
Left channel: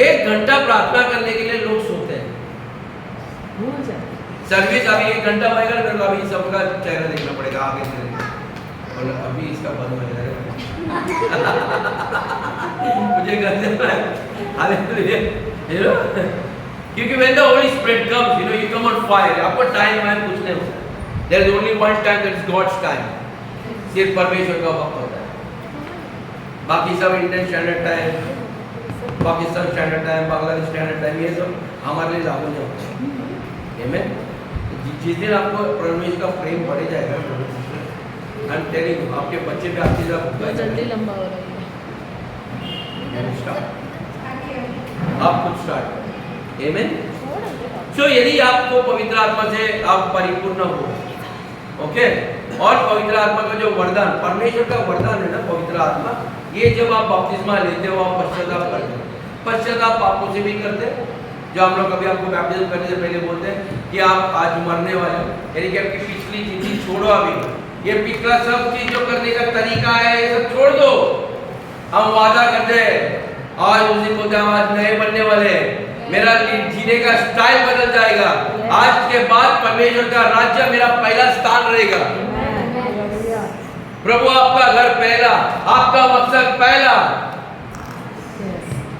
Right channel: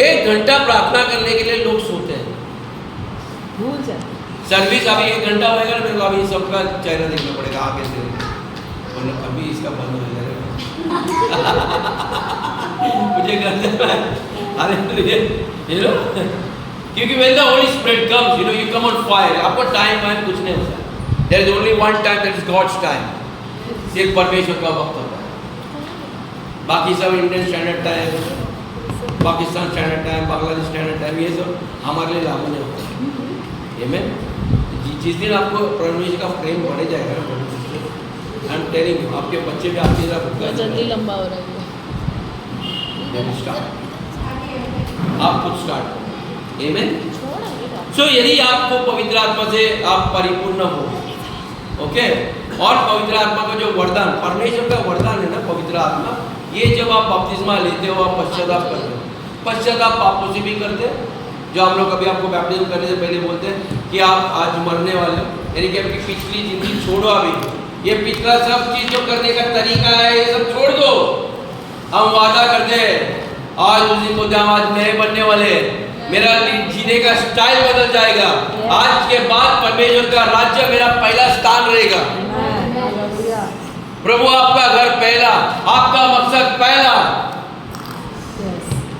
1 घंटा प्रार्थना करने के लिए लोग सोते हैं। सर्विस अभी 1 घंटा होएगा ना, मेरे को अभी सबका चेहरा देखना पड़ेगा आगे से, वरना अभी इसका बंद हो जाएगा मुझे करना है, हालेलुया, यू नो, क्योंकि when the Holy Spirit comes, you know, you come on fire, आपको टाइम है कुछ नहीं होता, there is only one time, that is God's time, सिर्फ परमेश्वर का वक्त होता है, बाकी सब Indian standard time, Pakistan standard time, Bangladesh standard time, ये सब हमारे लिए लागू नहीं होता है। Amen? जिस दिन आपको परमेश्वर का प्रेम बढ़े जाएगा, आई एम टेलिंग यू, आपके बच्चे भी आपकी तरफ जल्दी लंबा हो रहा है, आप खुद स्टार्ट। Amen? सो यदि आपको पवित्र आत्मा से आप परिपूर्ण हो, ओके, और पवित्र आत्मा का जो वरदान, परमेश्वर का वरदान है ना पवित्र आत्मा, ये जब आप बपतिस्मा लेते हो, आप पश्चाताप करते हो, पश्चाताप पापों से भी करते हो, जो हम लोग अभी आपको बैप्टिज्म करने से पहले बोलते हैं कि आप आज मरने वाले हो, यानी कि आपकी पिछली जिंदगी छोड़ो, अभी ये पिछला सब चीज जो करने का तरीका है ये सब छोड़ दो। हम वादा करते हैं आज उस दिन बोलते हम आज नए बनने वाले हैं, मेरा जीने का स्टाइल बदल जाएगा, आज के बाद परमेश्वर का राज्य मेरा पहला स्थान रहेगा। प्रभु आपका घर पहला, आपका मकसद पहला।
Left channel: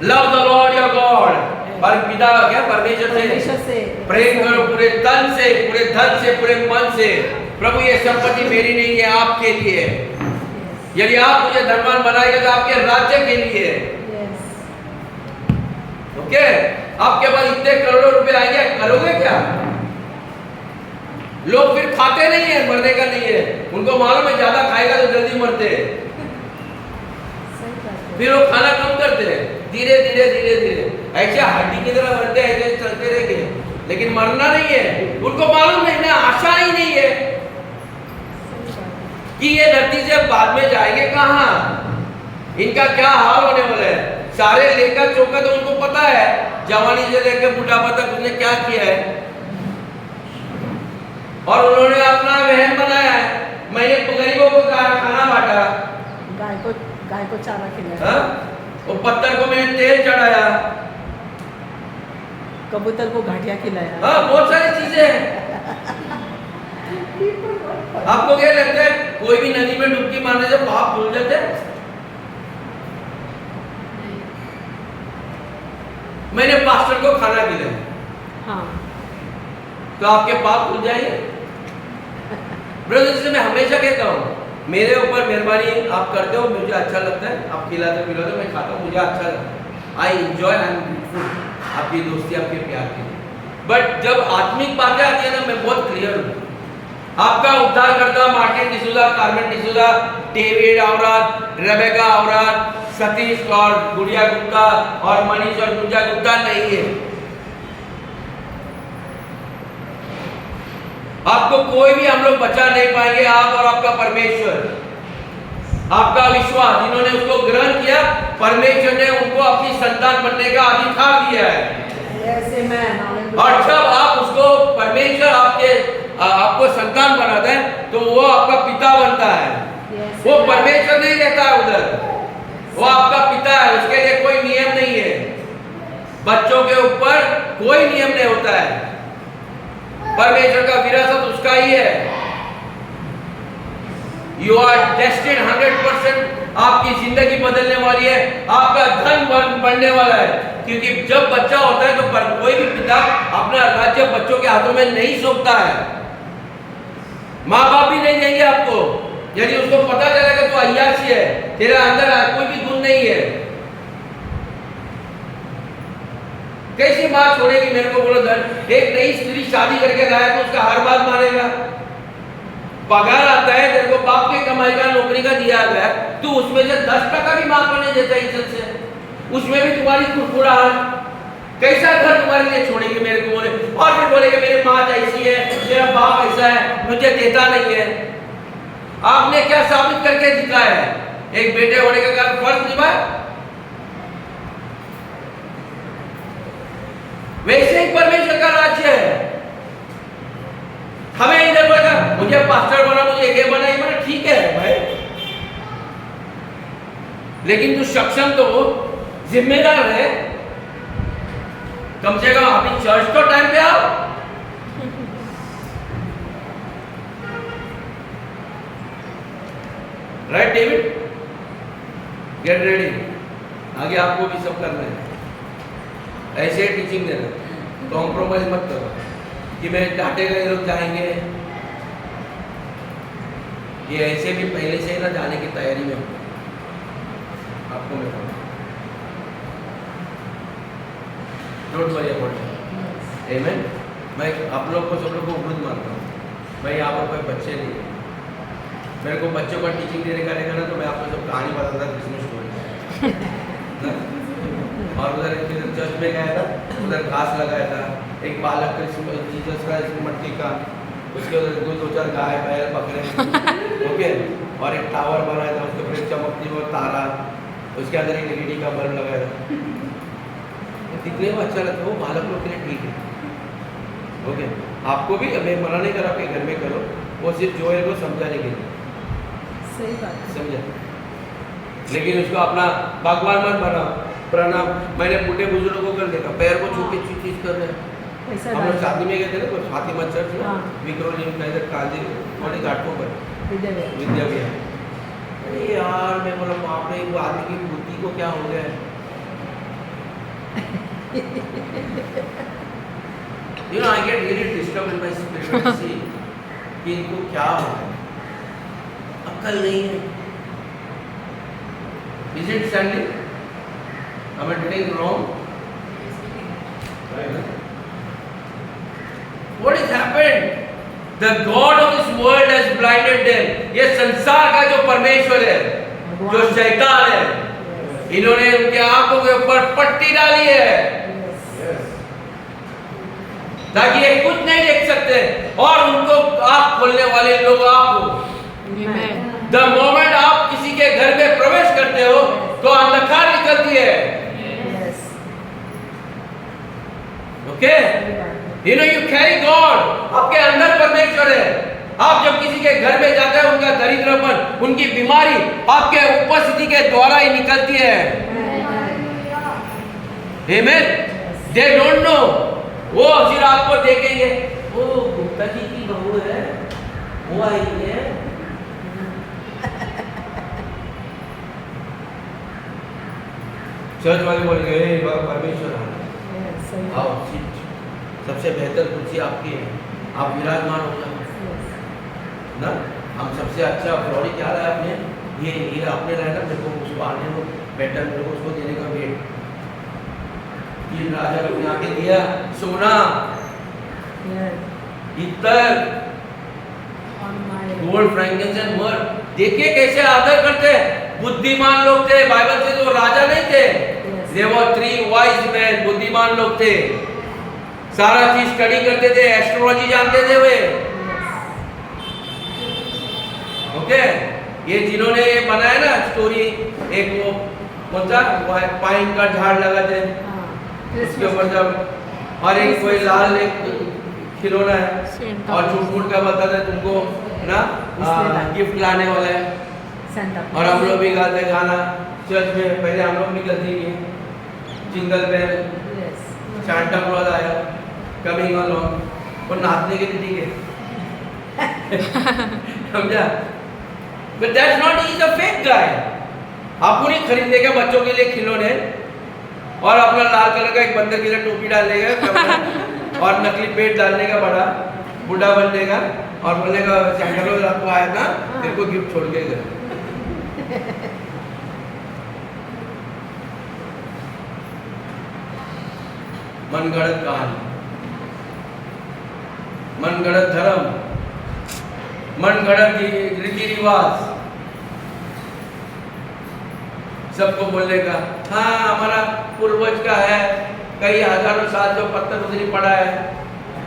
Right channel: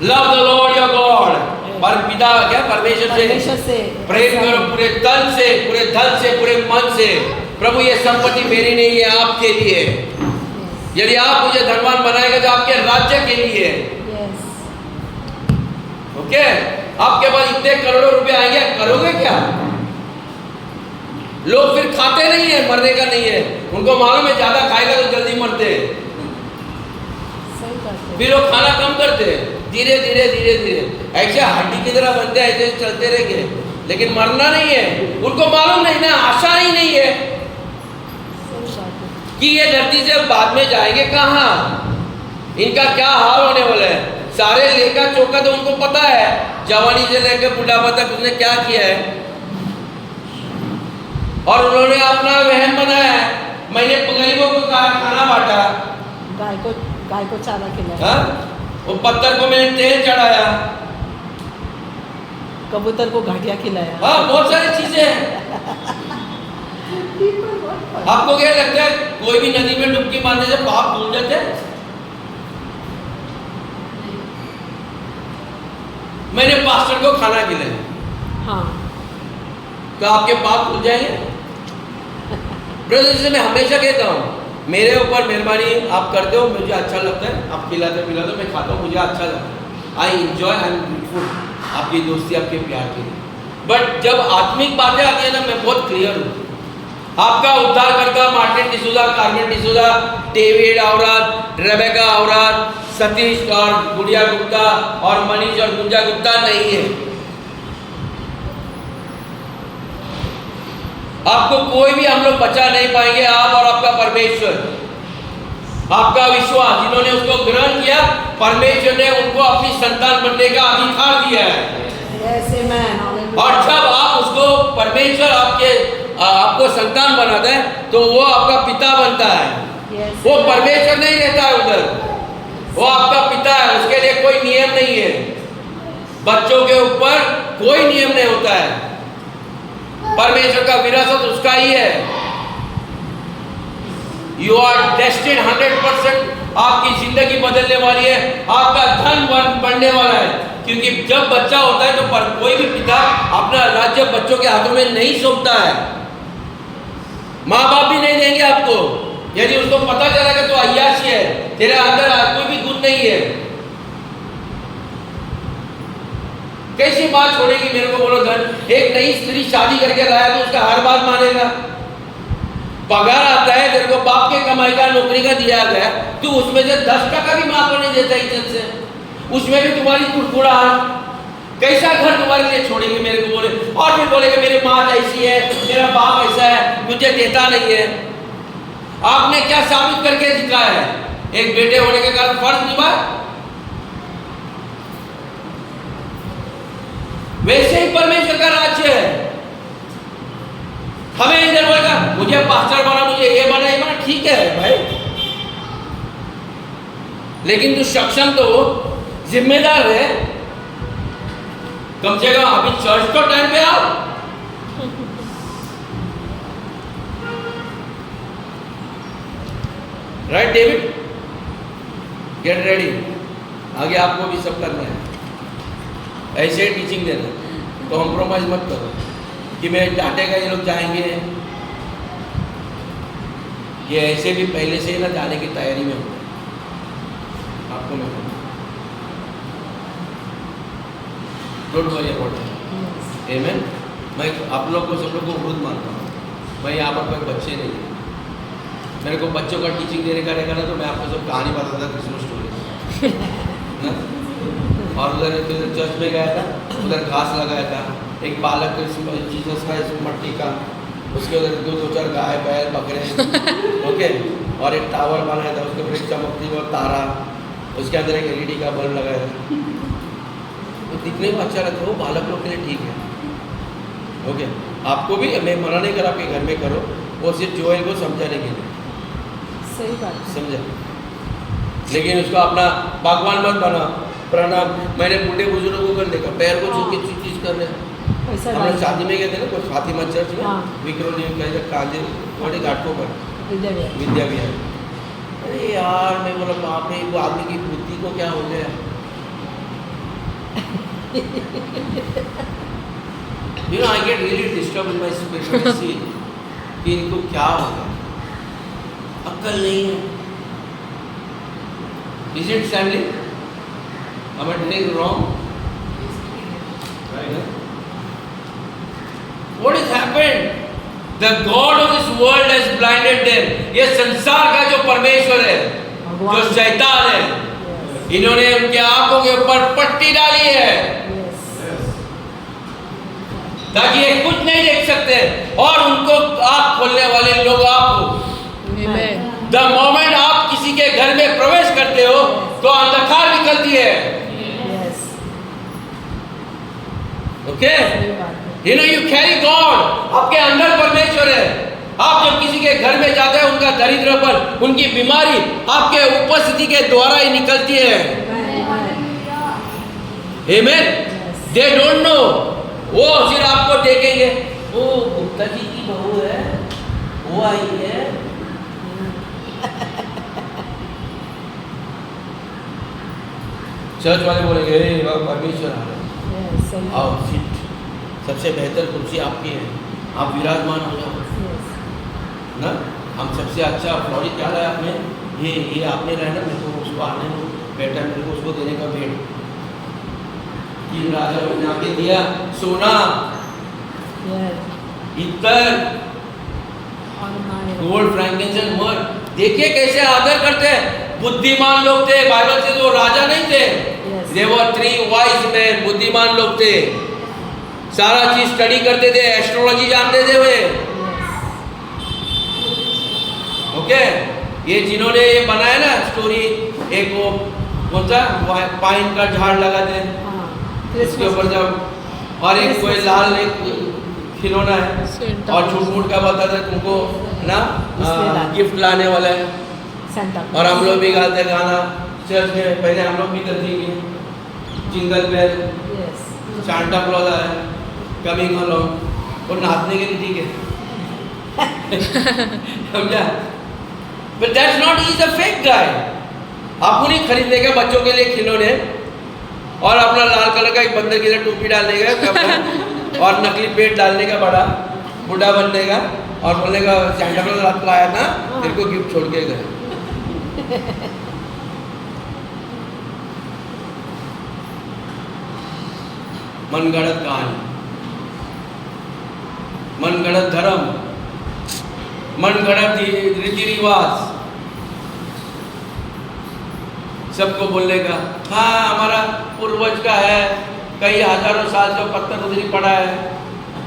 Love the Lord your God पर पिता क्या परमेश्वर परमेश्वर से से प्रेम करो पूरे तन से, पूरे धन से, पूरे मन से। प्रभु ये संपत्ति मेरी नहीं है, आपके लिए है। यदि आप मुझे धनवान बनाएंगे तो आपके राज्य के लिए है। यस ओके, आपके पास इतने करोड़ों रुपए आएंगे, करोगे क्या? लोग फिर खाते नहीं है, मरने का नहीं है, उनको मालूम है ज्यादा खाएगा तो जल्दी मरते हैं, सही बात है। फिर वो खाना कम करते हैं, धीरे धीरे धीरे धीरे ऐसे हड्डी की तरह बनते हैं, ऐसे चलते रहेंगे, लेकिन मरना नहीं है। उनको मालूम नहीं ना, आशा ही नहीं है सही बात है। कि ये धरती से बाद में जाएंगे कहाँ, इनका क्या हाल होने वाला है। सारे लेखा चौका तो उनको पता है, जवानी से लेकर बुढ़ापा तक उसने क्या किया है, और उन्होंने अपना वहन बनाया है। मैंने गरीबों को खाना बांटा, गाय को चारा खिलाया, हाँ? वो पत्थर को मैंने तेल चढ़ाया, कबूतर को घाटिया खिलाया। हाँ, बहुत सारी चीजें हैं। आपको क्या लगता है कोई भी नदी में डुबकी मारने से पाप धुल जाते हैं? मैंने पास्टर को खाना खिलाया, हाँ तो आपके पाप धुल जाएंगे? ब्रदर, जिसे मैं हमेशा कहता हूँ, मेरे ऊपर मेहरबानी आप करते हो, मुझे अच्छा लगता है, आप खिलाते पिलाते, मैं खाता हूँ, मुझे अच्छा लगता है। I enjoy, I am grateful आपकी दोस्ती, आपके प्यार के लिए। बट जब आत्मिक बातें आती है ना, मैं बहुत क्लियर हूँ। आपका उद्धार करता Martin D'Souza, Carmen D'Souza, David औरत, रेबेका औरत, सतीश और गुड़िया गुप्ता और मनीष और गुंजा गुप्ता नहीं है। आपको कोई भी हम लोग बचा नहीं पाएंगे, आप और आपका परमेश्वर। आपका विश्वास, जिन्होंने उसको ग्रहण किया, परमेश्वर ने उनको अपनी संतान बनने का अधिकार दिया है। Yes, amen. और जब आप उसको परमेश्वर आपको संतान बनाते हैं, तो वो आपका पिता बनता है। Yes. वो परमेश्वर नहीं रहता है उधर, वो आपका पिता है। उसके लिए कोई नियम नहीं है, बच्चों के ऊपर कोई नियम नहीं होता है। परमेश्वर का विरासत उसका ही है। यू आर डेस्टिन्ड 100%, आपकी जिंदगी बदलने वाली है, आपका धन बढ़ने वाला है। क्योंकि जब बच्चा होता है तो कोई भी पिता अपना राज्य बच्चों के हाथों में नहीं सौंपता है। माँ बाप भी नहीं देंगे आपको। यदि उसको पता चलेगा तो अय्याशी है, तेरे अंदर कोई भी गुण नहीं है। कैसी बात छोड़ेगी मेरे को, बोलो धन। एक नई स्त्री शादी करके लाया तो उसका हर बात मानेगा। पगार आता है, तेरे को बाप के कमाई का नौकरी का दिया गया, तू उसमें से 10% भी माँ को नहीं देता इज्जत से, उसमें भी तुम्हारी कुड़कुड़ाहट। कैसा घर तुम्हारे लिए छोड़ेगी मेरे को बोले, और फिर बोलेगे मेरी माँ ऐसी है, मेरा बाप ऐसा है, मुझे देता नहीं है। आपने क्या साबित करके दिखाया है? एक बेटे होने के कारण फर्ज निभाया। वैसे ही परमेश्वर का राज्य है। हमें इधर बोलेगा मुझे पास्टर बना, मुझे ये बना, ये बना, ठीक है भाई, लेकिन तू सक्षम तो हो, जिम्मेदार है। कम से कम अभी चर्च तो टाइम पे आओ। Right David, get ready. आगे आपको भी सब करना है, ऐसे ही टीचिंग देना, कॉम्प्रोमाइज मत करो कि मैं डांटेगा ये लोग जाएंगे। ये ऐसे भी पहले से ही ना जाने की तैयारी में होंगे, आपको मैं कहूँ। Don't worry about that. Amen. मैं आप लोग को, सब लोग को वृद्ध मानता हूँ। मैं यहाँ पर कोई बच्चे नहीं है। मेरे को बच्चों का टीचिंग देने का रहेगा ना, तो मैं आपको सब कहानी बताता था, क्रिसमस स्टोरी। और उधर चर्च में गया था, उधर घास लगाया था, एक बालक जीसस का मट्टी का, उसके उधर दो चार गाय बैल बकरे, ओके, और एक टावर बनाया था, उसके ऊपर एक चमकती हुआ तारा, उसके अंदर एक LED का बल्ब लगाया था। तो दिखने में अच्छा लगता है, वो बालक लोग के लिए ठीक है। ओके, आपको भी, मैं मना नहीं कर, आपके घर में करो, वो सिर्फ जोएल को समझाने के लिए, सही बात है। समझा, लेकिन उसको अपना भगवान मत बनाओ। प्रणाम, मैंने बूढ़े बुजुर्गों को कर देखा, पैर को छू के चीज कर रहे हैं। पैसा हम लोग शादी में गए थे ना, तो फातिमा चर्च में, हाँ। विक्रोली कहीं तक कांदे बड़े घाटों पर विद्या विद्या विहार। अरे यार, मैं बोला बाप रे, वो आदमी की बुद्धि को क्या हो गया। You know, I get really disturbed in my spirit when I see कि इनको क्या हो गया, अक्ल नहीं है. Is it Stanley? Am I doing wrong? What has happened? The God of this world has blinded them. ये संसार का जो परमेश्वर है, जो शैतान है, इन्होंने उनके आंखों के ऊपर पट्टी डाली है ताकि ये कुछ नहीं देख सकते और उनको आंख खोलने वाले लोग आप हो. Amen. The moment आप किसी के घर में प्रवेश करते हो तो अंधकार निकलती है. Yes. Okay? सही बात है. You know, you carry God. आपके अंदर परमेश्वर है. आप जब किसी के घर में जाते हैं उनका दरिद्रपन, उनकी बीमारी आपके उपस्थिति के द्वारा ही निकलती है. Amen. They don't know. वो सिर्फ आपको देखेंगे, ओ गुप्ता जी की बहू है, वो आई है. चर्च वाले बोलेंगे परमेश्वर आ रहा है, Yes, सही आओ बात. सीट, सबसे बेहतर कुर्सी आपकी है, आप विराजमान हो जाओ. Yes. ना हम सबसे अच्छा फ्लॉरी क्या लाया आपने, ये आपने लाया ना, मेरे को उसको आने को बेटा, मेरे को उसको देने का वेट. ये राजा को बना के दिया, सोना, Yes. इत्तर, और माय गोल्ड, फ्रैंकिंसेंस, मर. देखिए कैसे आदर करते हैं. बुद्धिमान लोग थे, बाइबल से तो राजा नहीं थे. Yes. They were 3 wise men, बुद्धिमान लोग थे. सारा चीज स्टडी करते थे, एस्ट्रोलॉजी जानते थे वे. ओके, ये जिन्होंने ये बनाया ना स्टोरी, एक वो कौन सा पाइन का झाड़ लगाते हैं उसके ऊपर जब, और एक कोई लाल एक खिलौना है Santa और झूठ मूठ का बताते हैं तुमको ना गिफ्ट लाने वाला है. सेंटा और हम लोग भी गाते गाना चर्च में, पहले हम लोग भी करते हैं jingle bell, yes Santa Claus आया, कमिंग अलोंग, और नाचने के लिए ठीक है. समझा? But that's not, he is a fake guy. आपको नहीं खरीदने का बच्चों के लिए खिलौने और अपना लाल कलर का एक बंदर की तरह टोपी डालने का और नकली पेट डालने का, बड़ा बूढ़ा बनने का और बोलने का सांता क्लॉज रात को आया था तेरे को गिफ्ट छोड़ के गए. मनगढ़ंत कहानी, मनगढ़ंत धर्म, मनगढ़ंत रीति रिवाज, सबको बोलने का हाँ हमारा पूर्वज का है, कई हजारों साल जो पत्थर पत्थरी पड़ा है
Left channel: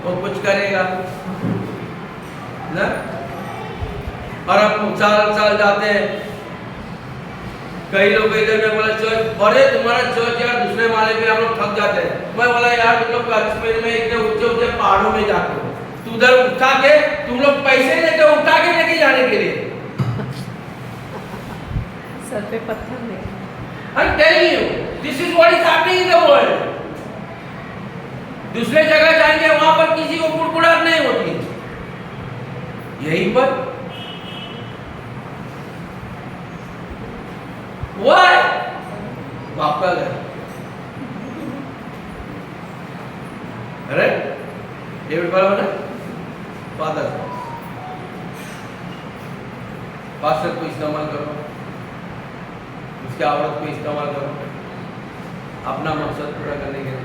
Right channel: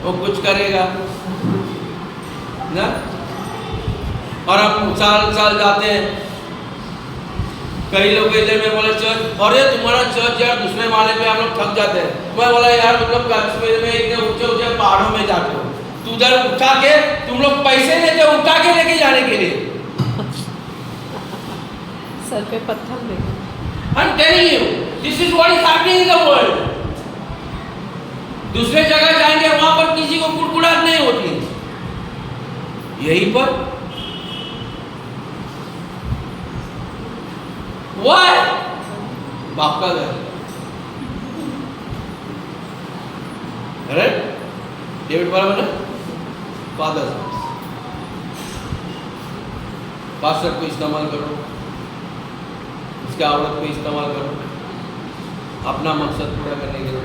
वो कुछ करेगा ना. और हम साल साल जाते हैं, कई लोग इधर में बोले चर्च, अरे तुम्हारा चर्च यार दूसरे माले पे हम लोग थक जाते हैं. मैं बोला यार तुम लोग कश्मीर में इतने ऊंचे ऊंचे पहाड़ों में जाते हो, तू उधर उठा के तुम लोग पैसे लेते हो उठा के लेके जाने के लिए. सर पे पत्थर ले. I'm telling you, this is what is happening in the world. दूसरे जगह जाएंगे वहां पर किसी को कुड़कुड़ाहट नहीं होती, यहीं पर Why? बाप का घर. Right? डेविड बराबर है, फादर. पास्टर को इस्तेमाल करो, उसके औरत को इस्तेमाल करो अपना मकसद पूरा करने के लिए.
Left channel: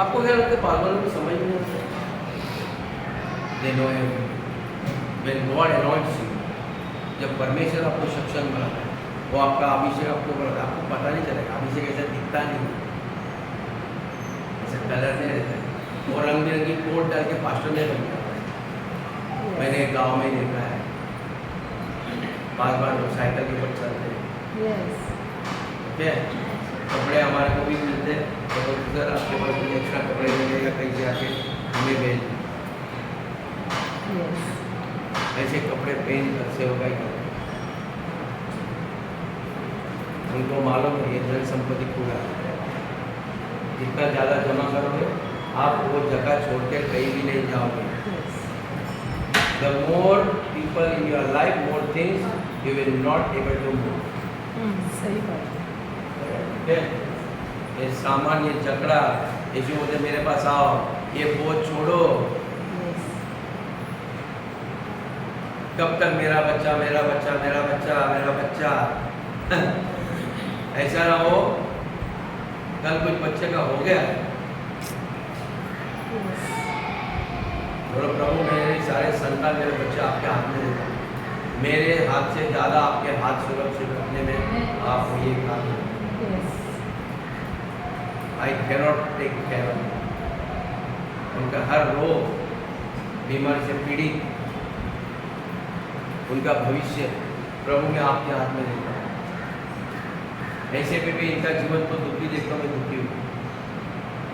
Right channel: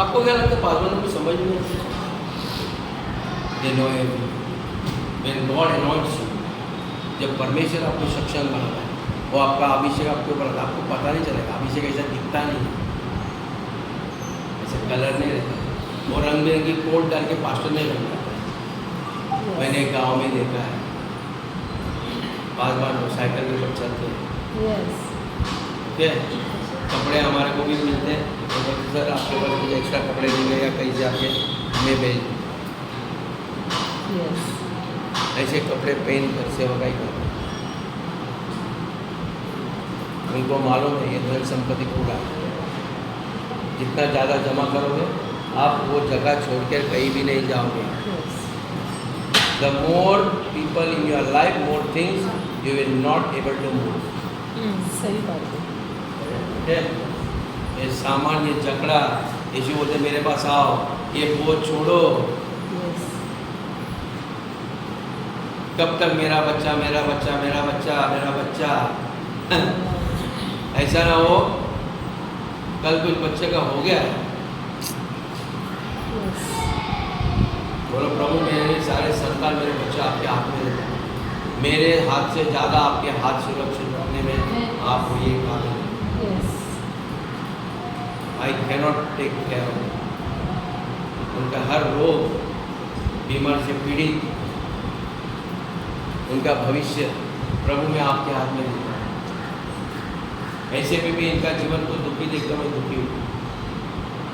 आपको क्या लगता है पागलों को समझ नहीं आता? They know everything. When God anoints you, जब परमेश्वर आपको सक्षम बनाता है, वो आपका अभिषेक आपके ऊपर आता है, आपको पता नहीं चलेगा. अभिषेक ऐसा दिखता नहीं है, ऐसा कलर नहीं रहता है, और रंग बिरंगी कोट डाल के पास्टर नहीं बन जाता है. मैंने गांव में देखा है, बार बार साइकिल के ऊपर चलते हैं. यस ठीक है, कपड़े हमारे को भी मिलते हैं, तो बोलते सर आपके पास कुछ एक्स्ट्रा कपड़े देंगे या कहीं से आके हमें भेज. यस ऐसे कपड़े पहन कर सेवकाई करते हैं. उनको मालूम है ये धन संपत्ति कूड़ा है, जितना ज़्यादा जमा करोगे आप वो जगह छोड़ कर कहीं भी नहीं जाओगे. Yes The more people in your life, more things you will not able to move. सही बात है. Okay? ये सामान्य झगड़ा, यीशु बोलते मेरे पास आओ, ये बोझ छोड़ो। Yes. कब तक मेरा बच्चा मेरा बच्चा मेरा बच्चा मेरा बच्चा ऐसा ना हो कल कुछ बच्चे का हो गया, Yes. बोलो प्रभु मेरे सारे संतान मेरे बच्चे आपके हाथ में देता हूं। मेरे हाथ से ज़्यादा आपके हाथ सुरक्षित रखने में आप ये काम Yes. I cannot take care of उनका हर रोग बीमारी से पीड़ित, उनका भविष्य प्रभु मैं आपके हाथ में देता हूँ। ऐसे में भी इनका जीवन को दुखी देखकर मैं दुखी हूँ।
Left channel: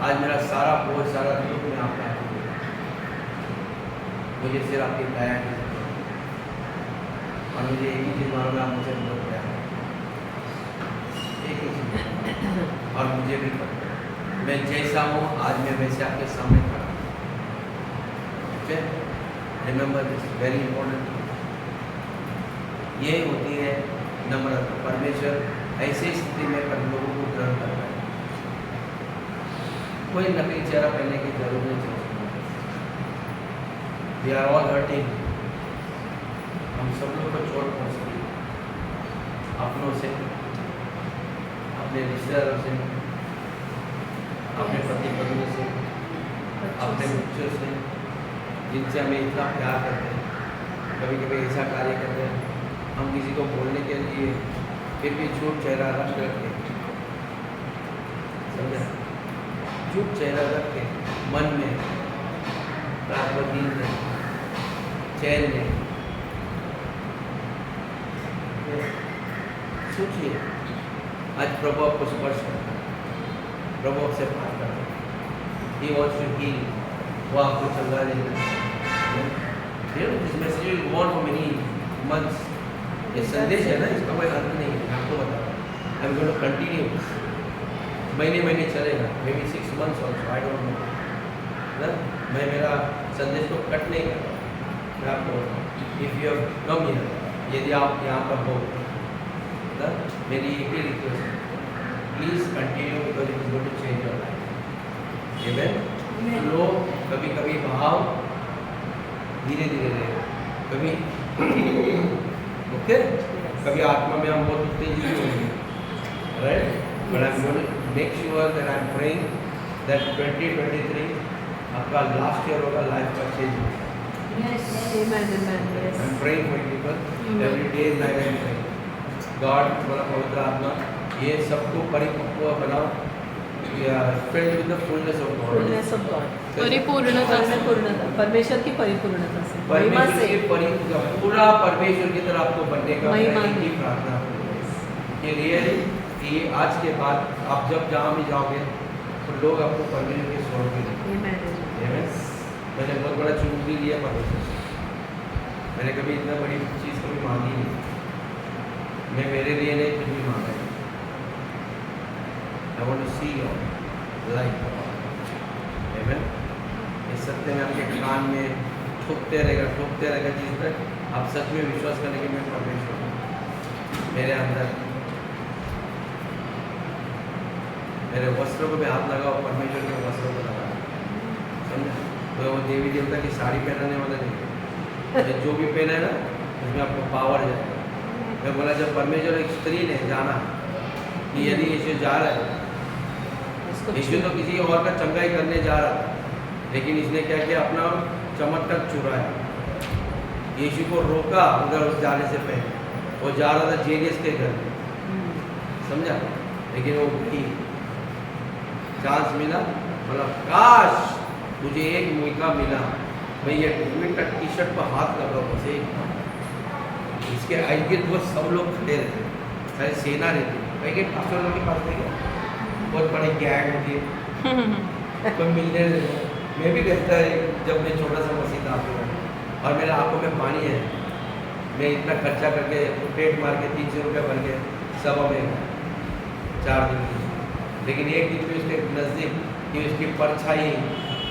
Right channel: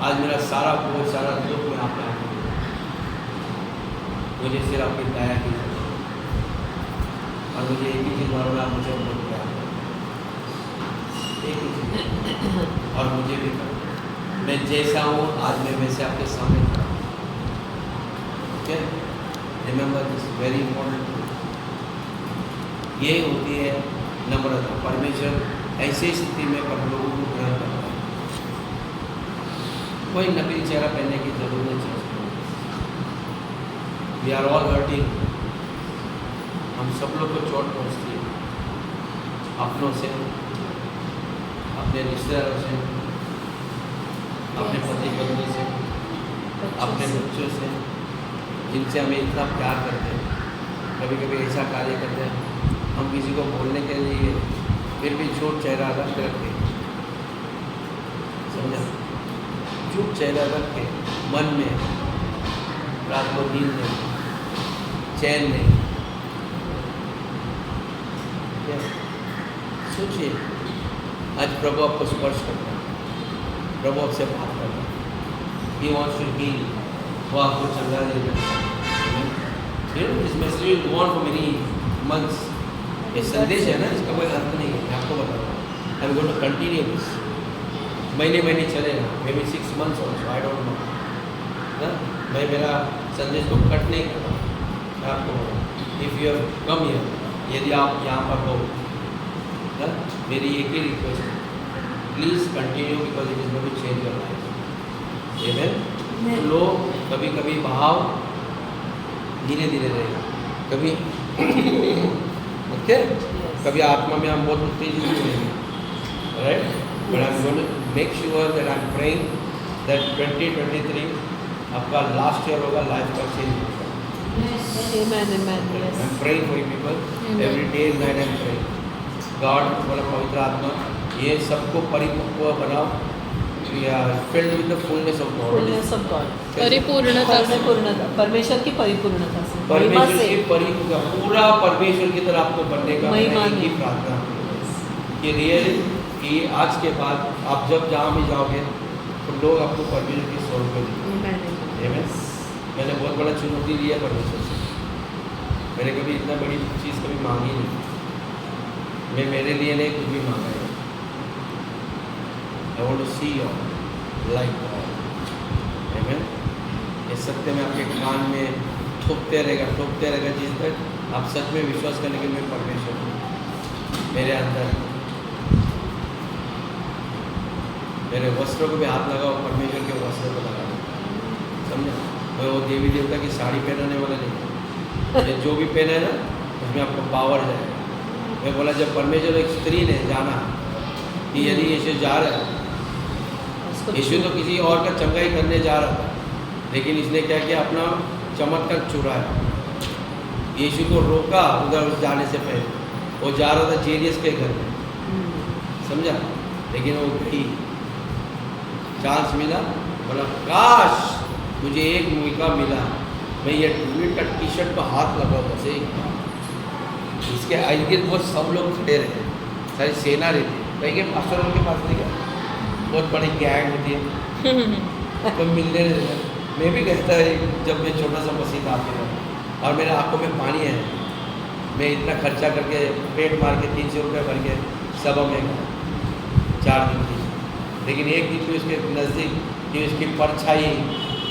आज मेरा सारा बोझ सारा दुख मैं आपके हाथ में देता हूँ। मुझे सिर्फ आपकी दया की जरूरत है और मुझे एक ही चीज़ मालूम है, आप मुझे बहुत प्यार करते हैं। एक ही चीज़, और मुझे भी करो। मैं जैसा हूँ आज मैं वैसे आपके सामने खड़ा हूँ। Okay, remember this very important. ये होती है नम्रता। परमेश्वर ऐसी स्थिति में पर लोगों को ग्रहण करता है। कोई नकली चेहरा पहनने की जरूरत नहीं चाहिए। We are all hurting. हम सब लोग को चोट पहुँचती है, अपनों से, अपने रिश्तेदारों से, अपने पति पत्नी से, अपने बच्चों से, जिनसे हमें इतना प्यार करते हैं। कभी कभी ऐसा कार्य करते हैं हम किसी को बोलने के लिए फिर भी झूठ चेहरा रख के, समझा, झूठ चेहरा रख के मन में रात को नींद नहीं, चैन नहीं। सोचिए आज प्रभु आपको स्पर्श करता है, प्रभु आपसे बात करता है। He wants to heal, वो आपको चंगा देगा। You know, this message will go on for many months. ये संदेश है ना, इसका कोई अर्थ नहीं है, मैं आपको बता रहा हूँ। I'm going to continue this. महीने महीने चलेगा, maybe 6 months also, I don't know. ना, मैं मेरा संदेश को कट नहीं कर रहा हूँ। मैं आपको बता रहा हूँ, if you have come here, यदि आप यहाँ पर हो, ना, मेरी एक ही रिक्वेस्ट है, please continue because it is going to change your life. Amen. Flow कभी कभी भाव धीरे धीरे रहेगा, कभी ओके, कभी आत्मा में हम बहुत उत्तेजित होंगे, right, but I am going to make sure that I am praying that 2023 आपका लास्ट ईयर होगा, लाइफ का चेंज होगा। Amen, amen. I Yes. Am praying for people every day night. I am praying God, बोला पवित्र आत्मा ये सबको परिपक्व बनाओ, filled with the fullness of God. Fullness of God. परिपूर्णता से। परिपूर्णता, परमेश्वर की परिपूर्णता से, महिमा परमेश्वर से। की पूरा परमेश्वर की तरह आपको बनने का महिमा मैं एक ही में। प्रार्थना करूँ कि रियली कि आज के बाद आप जब जहाँ भी जाओगे तो लोग आपको परमेश्वर के स्वरूप में देखेंगे। Amen, amen. Amen? मैंने बहुत बड़ा चुनौती लिया परमेश्वर से। मैंने कभी इतना बड़ी चीज़ कभी मांगी नहीं। मैं मेरे लिए नहीं कुछ भी मांगा है। I want to see your life. Amen? ये सत्य में आपके कान में ठोकते रहेगा जिस तक आप सच में विश्वास करने के मैं परमेश्वर हूँ। मेरे अंदर मेरे वस्त्रों को भी हाथ लगाओ, परमेश्वर के वस्त्रों को लगाओ, समझा? मैं वो देवी देवता की साड़ी पहनाने वाला नहीं है। ये जो भी पहना है ना उसमें आपको पावर जाएगा। मैं बोला जब परमेश्वर एक स्त्री ने जाना कि यदि यीशु जा रहा है, उसको यीशु तो किसी और का चंगाई करने जा रहा था, लेकिन इसने क्या किया, अपना चमत्कार चुराया। यीशु को रोका उधर जाने से पहले। वो जा रहा था जेरियस के घर में, समझा, लेकिन वो गई, चांस मिला, बोला काश मुझे एक मौका मिला, मैं ये ट्वीट का टी शर्ट पर हाथ लगाओ बस एक बार। इसके इर्द गिर्द वो सब लोग खड़े रहते, सारी सेना रहती। कहीं के पास्टरों के पास नहीं गया, बहुत बड़ी गैंग होती है, कोई मिलने नहीं देता। मैं भी कहता है जब मैं छोटा सा मसीह था आपके घर, और मेरे आंखों में पानी है, मैं इतना खर्चा करके पेट मार के 300 रुपये भर के सभा में 4 दिन की, लेकिन एक दिन भी उसके नज़दीक कि उसकी परछाई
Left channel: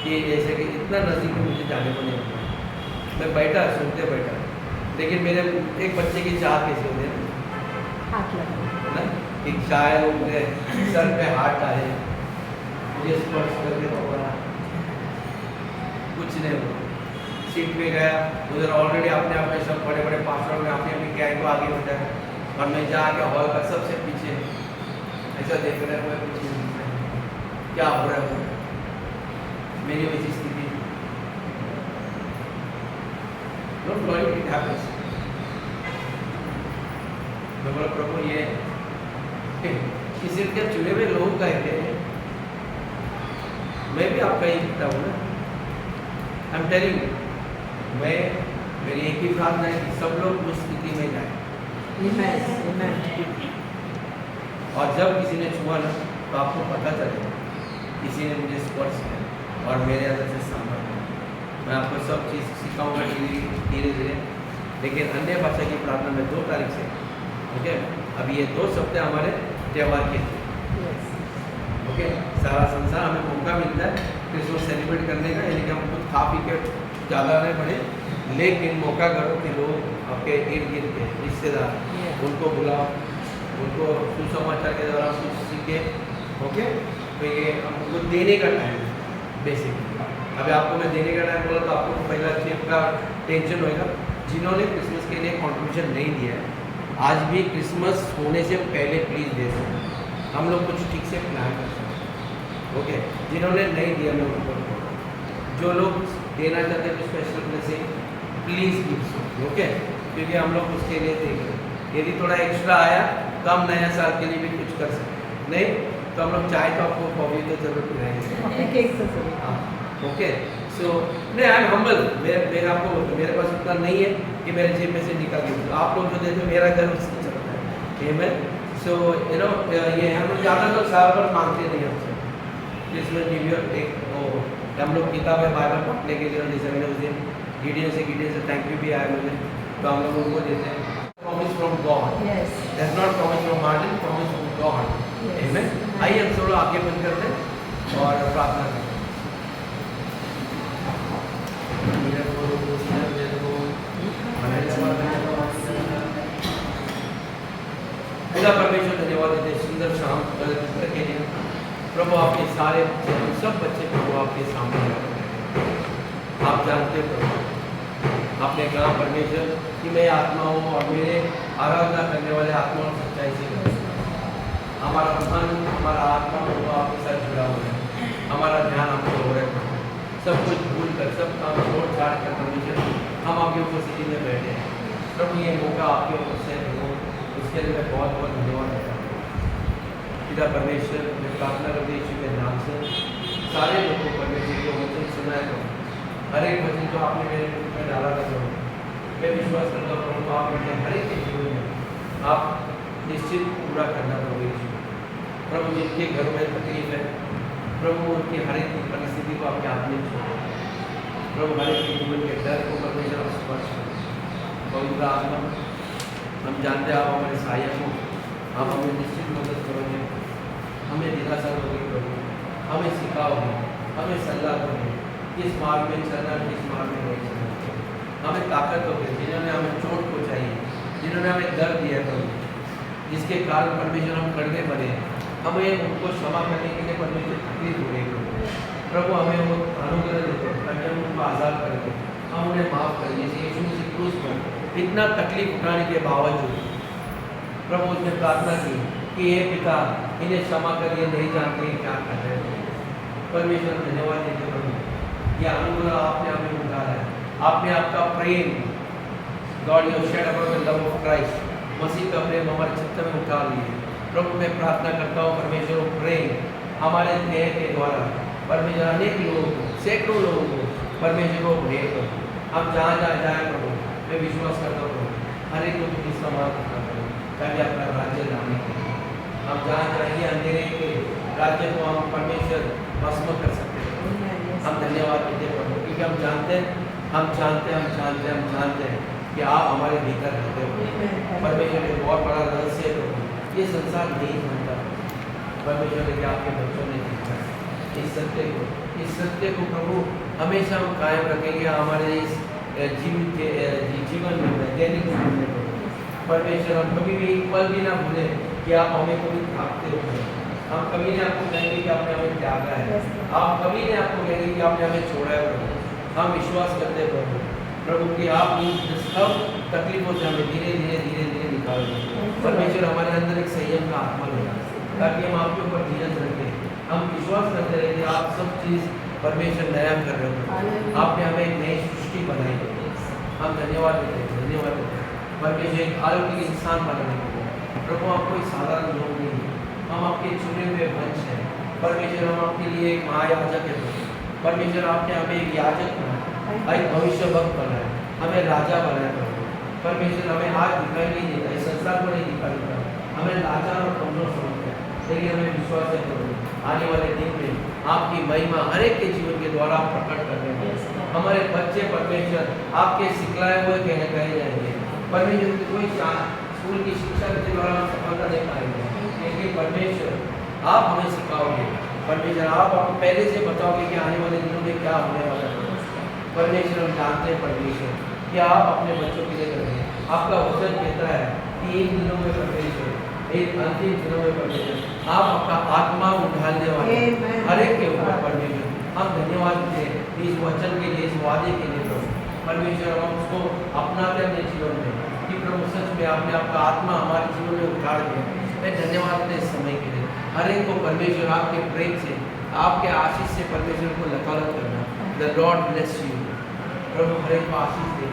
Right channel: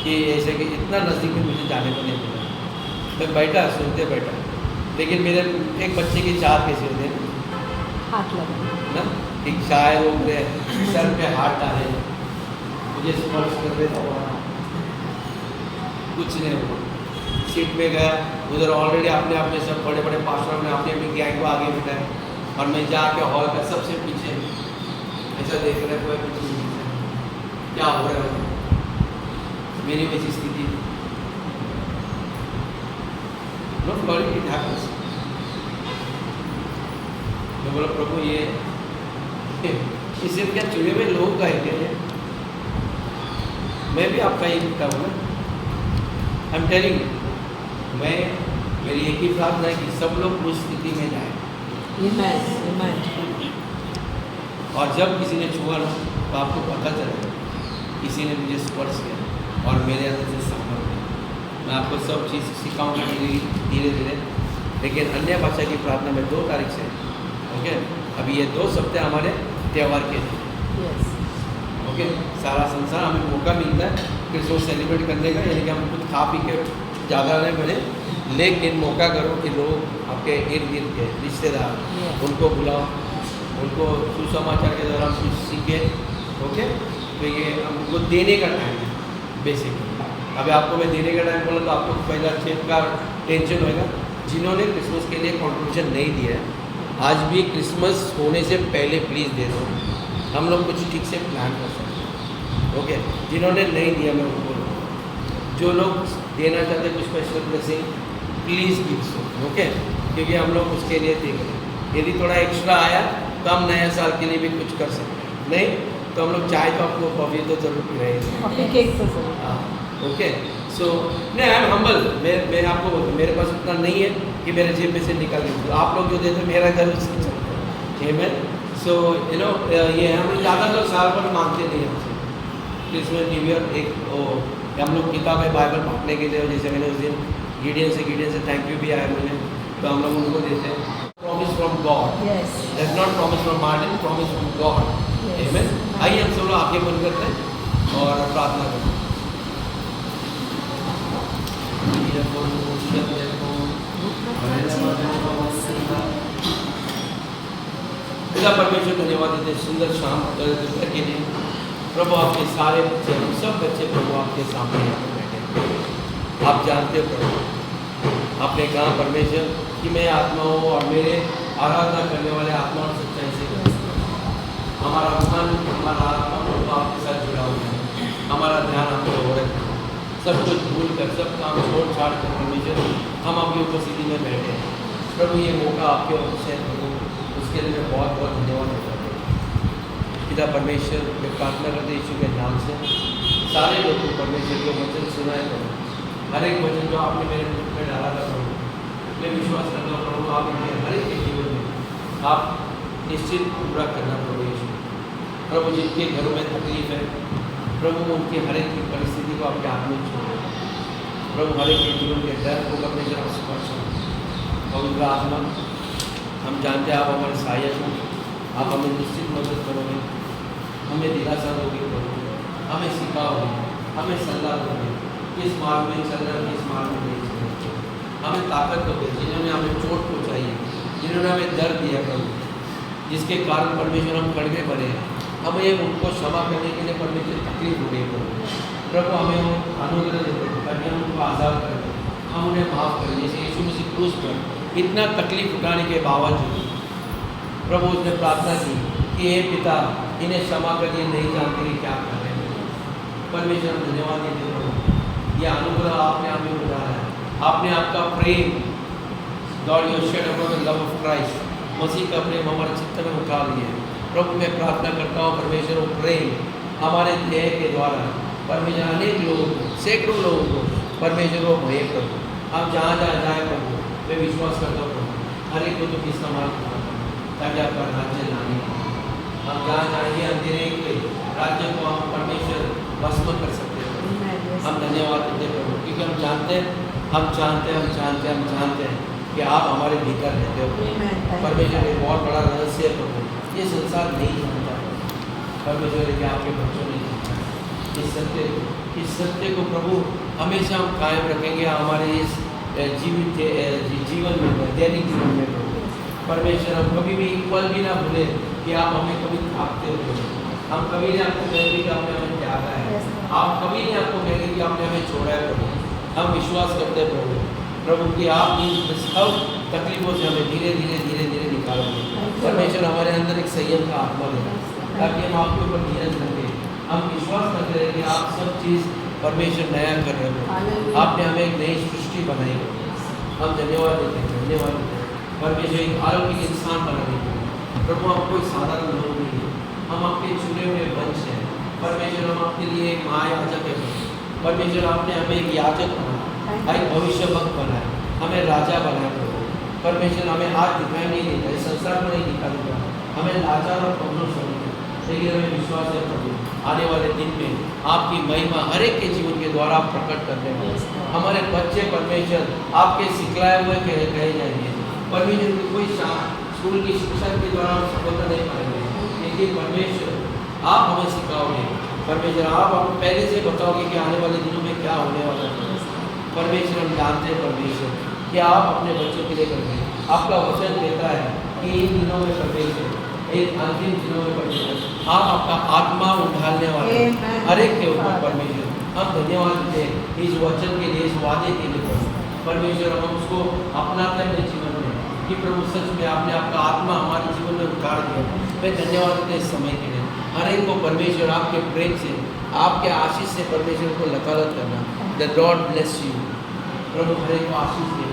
कि ऐसे कि इतना नज़दीक में मुझे जाने को नहीं मिला। मैं बैठा सुनते बैठा, लेकिन मेरे एक बच्चे की चाहत कैसी होती है ना, हाथ लगा। ना एक शायर हो गए, सर पे हाथ डाले, मुझे स्पर्श कर दे तो कुछ नहीं हुआ। सीट पे गया, उधर ऑलरेडी अपने आप में सब बड़े बड़े पास्टर ने अपनी अपनी गैंग को आगे बिठाया और मैं जाके हॉल का सबसे पीछे ऐसा देख रहे कोई कुछ नहीं दिख रहा, क्या हो रहा है मेरी वैसी स्थिति। Not worry, it happens. मैं बोला प्रभु ये इसे क्या चुने हुए लोग कहते हैं, मैं भी आपका ही लिखता हूँ ना। आई एम टेलिंग, मैं मेरी एक ही प्रार्थना है कि सब लोग उस स्थिति में जाए। और जब किसी ने छुआ ना तो आपको पता चले किसी ने मुझे स्पर्श किया और मेरे अंदर से संपर्क किया। मैं आपको सब चीज़ सिखाऊंगा धीरे धीरे। लेकिन अन्य भाषा की प्रार्थना में 2 तारीख से, ओके, अभी ये 2 सप्ताह हमारे त्यौहार के हैं, ओके। सारा संसार हमें मौका मिलता है क्रिसमस सेलिब्रेट करने का, यानी कि हम खुद खा पी के ज़्यादा नहीं बढ़े, लेकिन मौका करो कि लोग आपके इर्द गिर्द के रिश्तेदार उनको बुलाओ, उनको सुसमाचार के दौरान कुछ सीखे, ओके। तो ये हमको देने का टाइम है बेसिकली। अभी आपको मैं देने का टाइम बोला तो आपको पहला चेक का टेंशन होएगा। जिन्होंने क्रिसमस के लिए कॉन्ट्रीब्यूशन नहीं दिया है, आज भी क्रिसमस होने से पहले प्लीज़ दे दो, हम लोग कुछ ठीक से प्लान कर सकते हैं, ओके। जिन्होंने नहीं दिया मैं उनको बोलूँगा, जो लोग देना चाहते हैं कुछ special blessing please give so, okay, क्योंकि हम लोग उसके लिए देख रहे हैं। यदि थोड़ा एक्स्ट्रा आया तो हम नया साल के लिए भी कुछ कर सकते हैं, नहीं तो हम लोग चाहे तो आपको कॉफ़ी तो जरूर पिलाएंगे, हाँ, ओके। सो नहीं, आई एम हम्बल, मैं आपको बोलता, मेरे पास उतना नहीं है कि मेरे जेब में से निकाल के, आप लोग जो देते हो मेरा घर उससे चलता है, आमेन। सो यू नो ये हम ज़्यादा लोग साल भर मांगते नहीं हमसे क्रिसमस न्यू ईयर। एक हम लोग किताब है बाइबल पढ़ने के लिए, जैसे मैंने उस दिन गिडियन से थैंक यू भी आया मुझे, तो हम लोग उनको देते हैं। Promise from God, that's not promise from Martin, promise from God, amen. आइए हम सब लोग आगे बंद करते हैं और प्रार्थना करते हैं। खुदा परमेश्वर धन्यवाद देते हैं सुंदर शाम दोपहर के लिए। प्रभु आपके सारे बच्चे, हम सब बच्चे प्रभु आपके सामने यहाँ पर बैठे हैं। आप जानते हो प्रभु, आपने कहा परमेश्वर कि मैं आत्मा हूँ और मेरे आराधना करने वाले आत्मा और सच्चाई से करते हैं। हमारा मन, हमारा आत्मा प्रभु आपके साथ जुड़ा हुआ है, हमारा ध्यान आपके हो रहा है। सब कुछ भूल कर, सब काम छोड़ छाड़ कर परमेश्वर हम आपकी उपस्थिति में बैठे हैं। प्रभु ये मौका आपके ऑफिस है प्रभु, उसके लिए मैं बहुत बहुत धन्यवाद देता हूँ। पिता परमेश्वर, मैं प्रार्थना करते यीशु के नाम से सारे लोगों को परमेश्वर को वचन सुनाया करूँ, हर एक वचन जो आपने मेरे मुख में डाला था प्रभु, मैं विश्वास करता हूँ प्रभु आप मेरे हर एक के जीवन में आप निश्चित पूरा करना प्रभु यीशु। प्रभु जिनके घरों में तकलीफ है प्रभु, उनकी हर एक की परिस्थिति को आपके हाथ में छोड़ो प्रभु, हर एक के जीवन के डर को परमेश्वर स्पर्श करो। पवित्र आत्मा, हम जानते हैं आप हमारे सहायक हो, आप हमें निश्चित मदद करोगे, हमें दिलासा दोगे प्रभु, हमें सिखाओगे, हमें सलाह दोगे किस मार्ग में चलना, किस मार्ग में नहीं चलना, हमें ताकत दोगे। जिन्होंने हमें चोट पहुँचाई है, जिन्होंने हमें दर्द दिया प्रभु, जिसके कारण परमेश्वर हम कड़वे बने हैं, हमें उनको क्षमा करने के लिए परमेश्वर तकलीफ हो रही है प्रभु, हमें वो अनुग्रह देते ताकि हम उनको आज़ाद कर दें, हम उन्हें माफ़ करें। जैसे यीशु मसीह क्रूस पर इतना तकलीफ उठाने के बावजूद प्रभु उसने प्रार्थना की कि हे पिता इन्हें क्षमा कर, ये नहीं जानते कि क्या कर रहे हैं। परमेश्वर धन्यवाद देते प्रभु, ये अनुग्रह आपने हमें उठाया है, आपने आपका प्रेम, God you shed upon the love of Christ, मसीह का प्रेम हमारे चित्त में उठा लिए। प्रभु मैं प्रार्थना करता हूँ परमेश्वर वो प्रेम हमारे ध्येय के द्वारा परमेश्वर अनेक लोगों को, सैकड़ों लोगों को परमेश्वर को भेज प्रभु, हम जहाँ जहाँ जाए प्रभु, मैं विश्वास करता हूँ हर एक को तुम इस्तेमाल करना प्रभु, ताकि आपका राज्य लाने हम जहाँ जाएंगे अंधेरे के राज्य को हम परमेश्वर भस्म कर सकते हैं। हम धन्यवाद देते प्रभु, क्योंकि हम जानते हैं कि आप हमारे भीतर रहते हो परमेश्वर। एक बहुत बड़ा रहस्य है प्रभु, ये संसार नहीं जानता परमेश्वर, लेकिन आपके बच्चों ने सीखा इस सत्य को प्रभु हमेशा हम कायम रखेंगे हमारे इस जीवन में, दैनिक जीवन में प्रभु। परमेश्वर हम कभी भी एक पल भी ना भूलें कि आप हमें कभी थाकते हो नहीं। हम कभी नहीं आपको कहेंगे कि आपने हमें त्यागा है, आप कभी नहीं आपको कहेंगे कि आपने हमें छोड़ा है प्रभु। हम विश्वास करते हैं प्रभु कि आप इन सब तकलीफों से हमें धीरे धीरे धीरे धीरे निकालोगे। परमेश्वर हमारे अंदर एक संयम का आत्मा देगा ताकि हम आपके ऊपर धीरज रखें। हम विश्वास करते रहे कि आप सब चीज़ परमेश्वर नया कर रहे हो, आपने हमें एक नई सृष्टि बनाई है। हम धन्यवाद देते हैं, धन्यवाद देते हैं परमेश्वर एक अलौकिक इंसान बनाने के लिए। प्रभु हम कोई साधारण लोग नहीं हैं, हम आपके चुने हुए वंश हैं। परमेश्वर हम आपके लिए एक महायाजक है परमेश्वर, आपने हमें एक याजक बनाया, एक भविष्य वक्त बनाया, हमें राजा बनाया प्रभु। परमेश्वर हमें आज दिखाई नहीं देता, इस संसार को नहीं दिखा देता, हमें लाचार और कमजोर समझते, लेकिन हमें विश्वास है प्रभु आने वाले दिन में आपकी महिमा हर एक के जीवन के द्वारा आप प्रकट कर रहे हैं। हमारे बच्चे परमेश्वर आपके सिखलाए हुए कहे जाएंगे। परमेश्वर की कोई स्कूल की शिक्षा के द्वारा हम सफलता नहीं पाएंगे, लेकिन परमेश्वर आप हमें सिखाओगे। परमेश्वर आप पहले से बताओगे कि आने वाले दिनों में क्या होने वाला है। परमेश्वर हम जानते हैं परमेश्वर कि आप अपने बच्चों के लिए करेंगे। आपका वचन कहता है कि इन दिनों में परमेश्वर एक अंतिम दिनों में परमेश्वर आप आपका आत्मा उठाने वाले हर एक के ऊपर परमेश्वर हम धन्यवाद देते हैं इस वचन के लिए, इस वादे के लिए परमेश्वर। हम उसको अपनाते हैं अपने जीवन में कि प्रभु सच में आपने आपका आत्मा हमारे जीवन में उतार दिया। मैं धन्यवाद देते इस समय के लिए हर एक को परमेश्वर आपके प्रेम से, आपके आशीष से परमेश्वर को लकालत करना। द लॉर्ड ब्लेस यू प्रभु, हर एक को आशीष दे,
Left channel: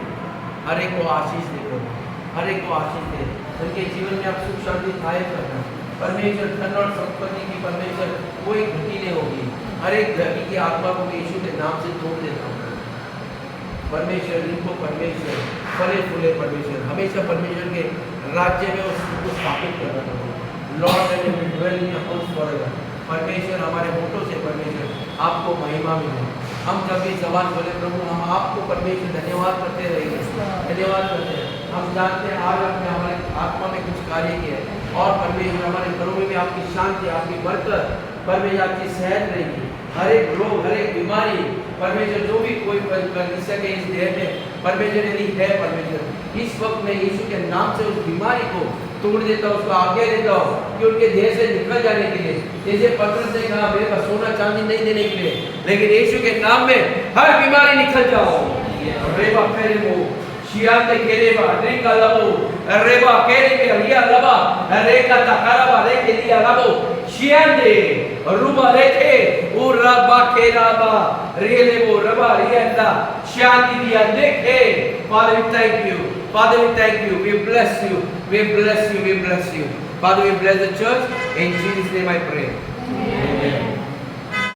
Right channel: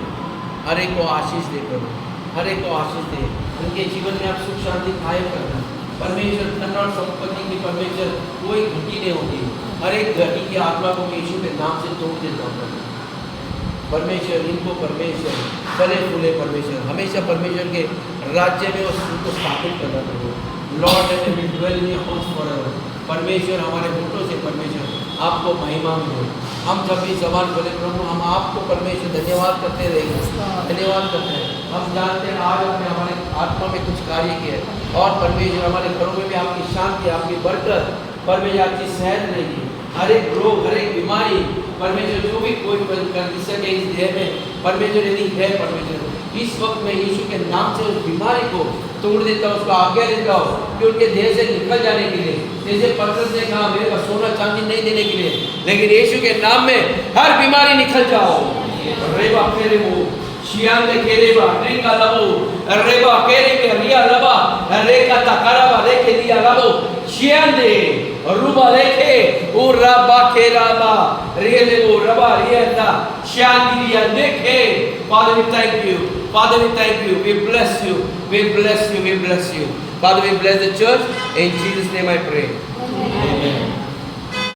हर एक को आशीष दे प्रभु, हर एक को आशीष दे। उनके जीवन में आप सुख शांति कायम करना परमेश्वर। धन और संपत्ति की परमेश्वर कोई घटी नहीं होगी। हर एक घटी की आत्मा को यीशु के नाम से तोड़ देता हूँ परमेश्वर। इनको परमेश्वर फले फूले परमेश्वर हमेशा परमेश्वर के राज्य में उसको स्थापित करना प्रभु। Lord and will dwell in your house forever. परमेश्वर हमारे होठों से परमेश्वर आपको महिमा में हो। हम जब भी जबान बोले प्रभु हम आपको परमेश्वर धन्यवाद करते रहेंगे, धन्यवाद करते हैं। हम जानते हैं आज आपने हमारे आत्मा में कुछ कार्य किया है और परमेश्वर हमारे घरों में भी आपकी शांति, आपकी बरकत परमेश्वर आपकी सहज रहेगी। हर एक रोग, हर एक बीमारी परमेश्वर जो भी कोई कंडीशन है इस देह में परमेश्वर यदि है परमेश्वर इस वक्त में यीशु के नाम से उस बीमारी को तोड़ देता हूँ, उसको आज्ञा देता हूँ कि उनके देह से निकल जाने के लिए। जैसे पतरस ने कहा मेरे पास सोना चांदी नहीं देने के लिए, लेकिन यीशु के नाम में हर बीमारी निकल जाओ। रेबा फेरे वो शियान ने केरेबा रेका लबो रेबा केरे के रिया लबा रेका तकराबा रेके लिया लबो शियान दे रुबा लेके उराबा केराबा रियले वो रबा रियंदा शियान दिया देखे। Father we thank you, Father we thank you, we bless you, we bless you, we bless you. Father we bless the church in Jesus name I pray. Amen.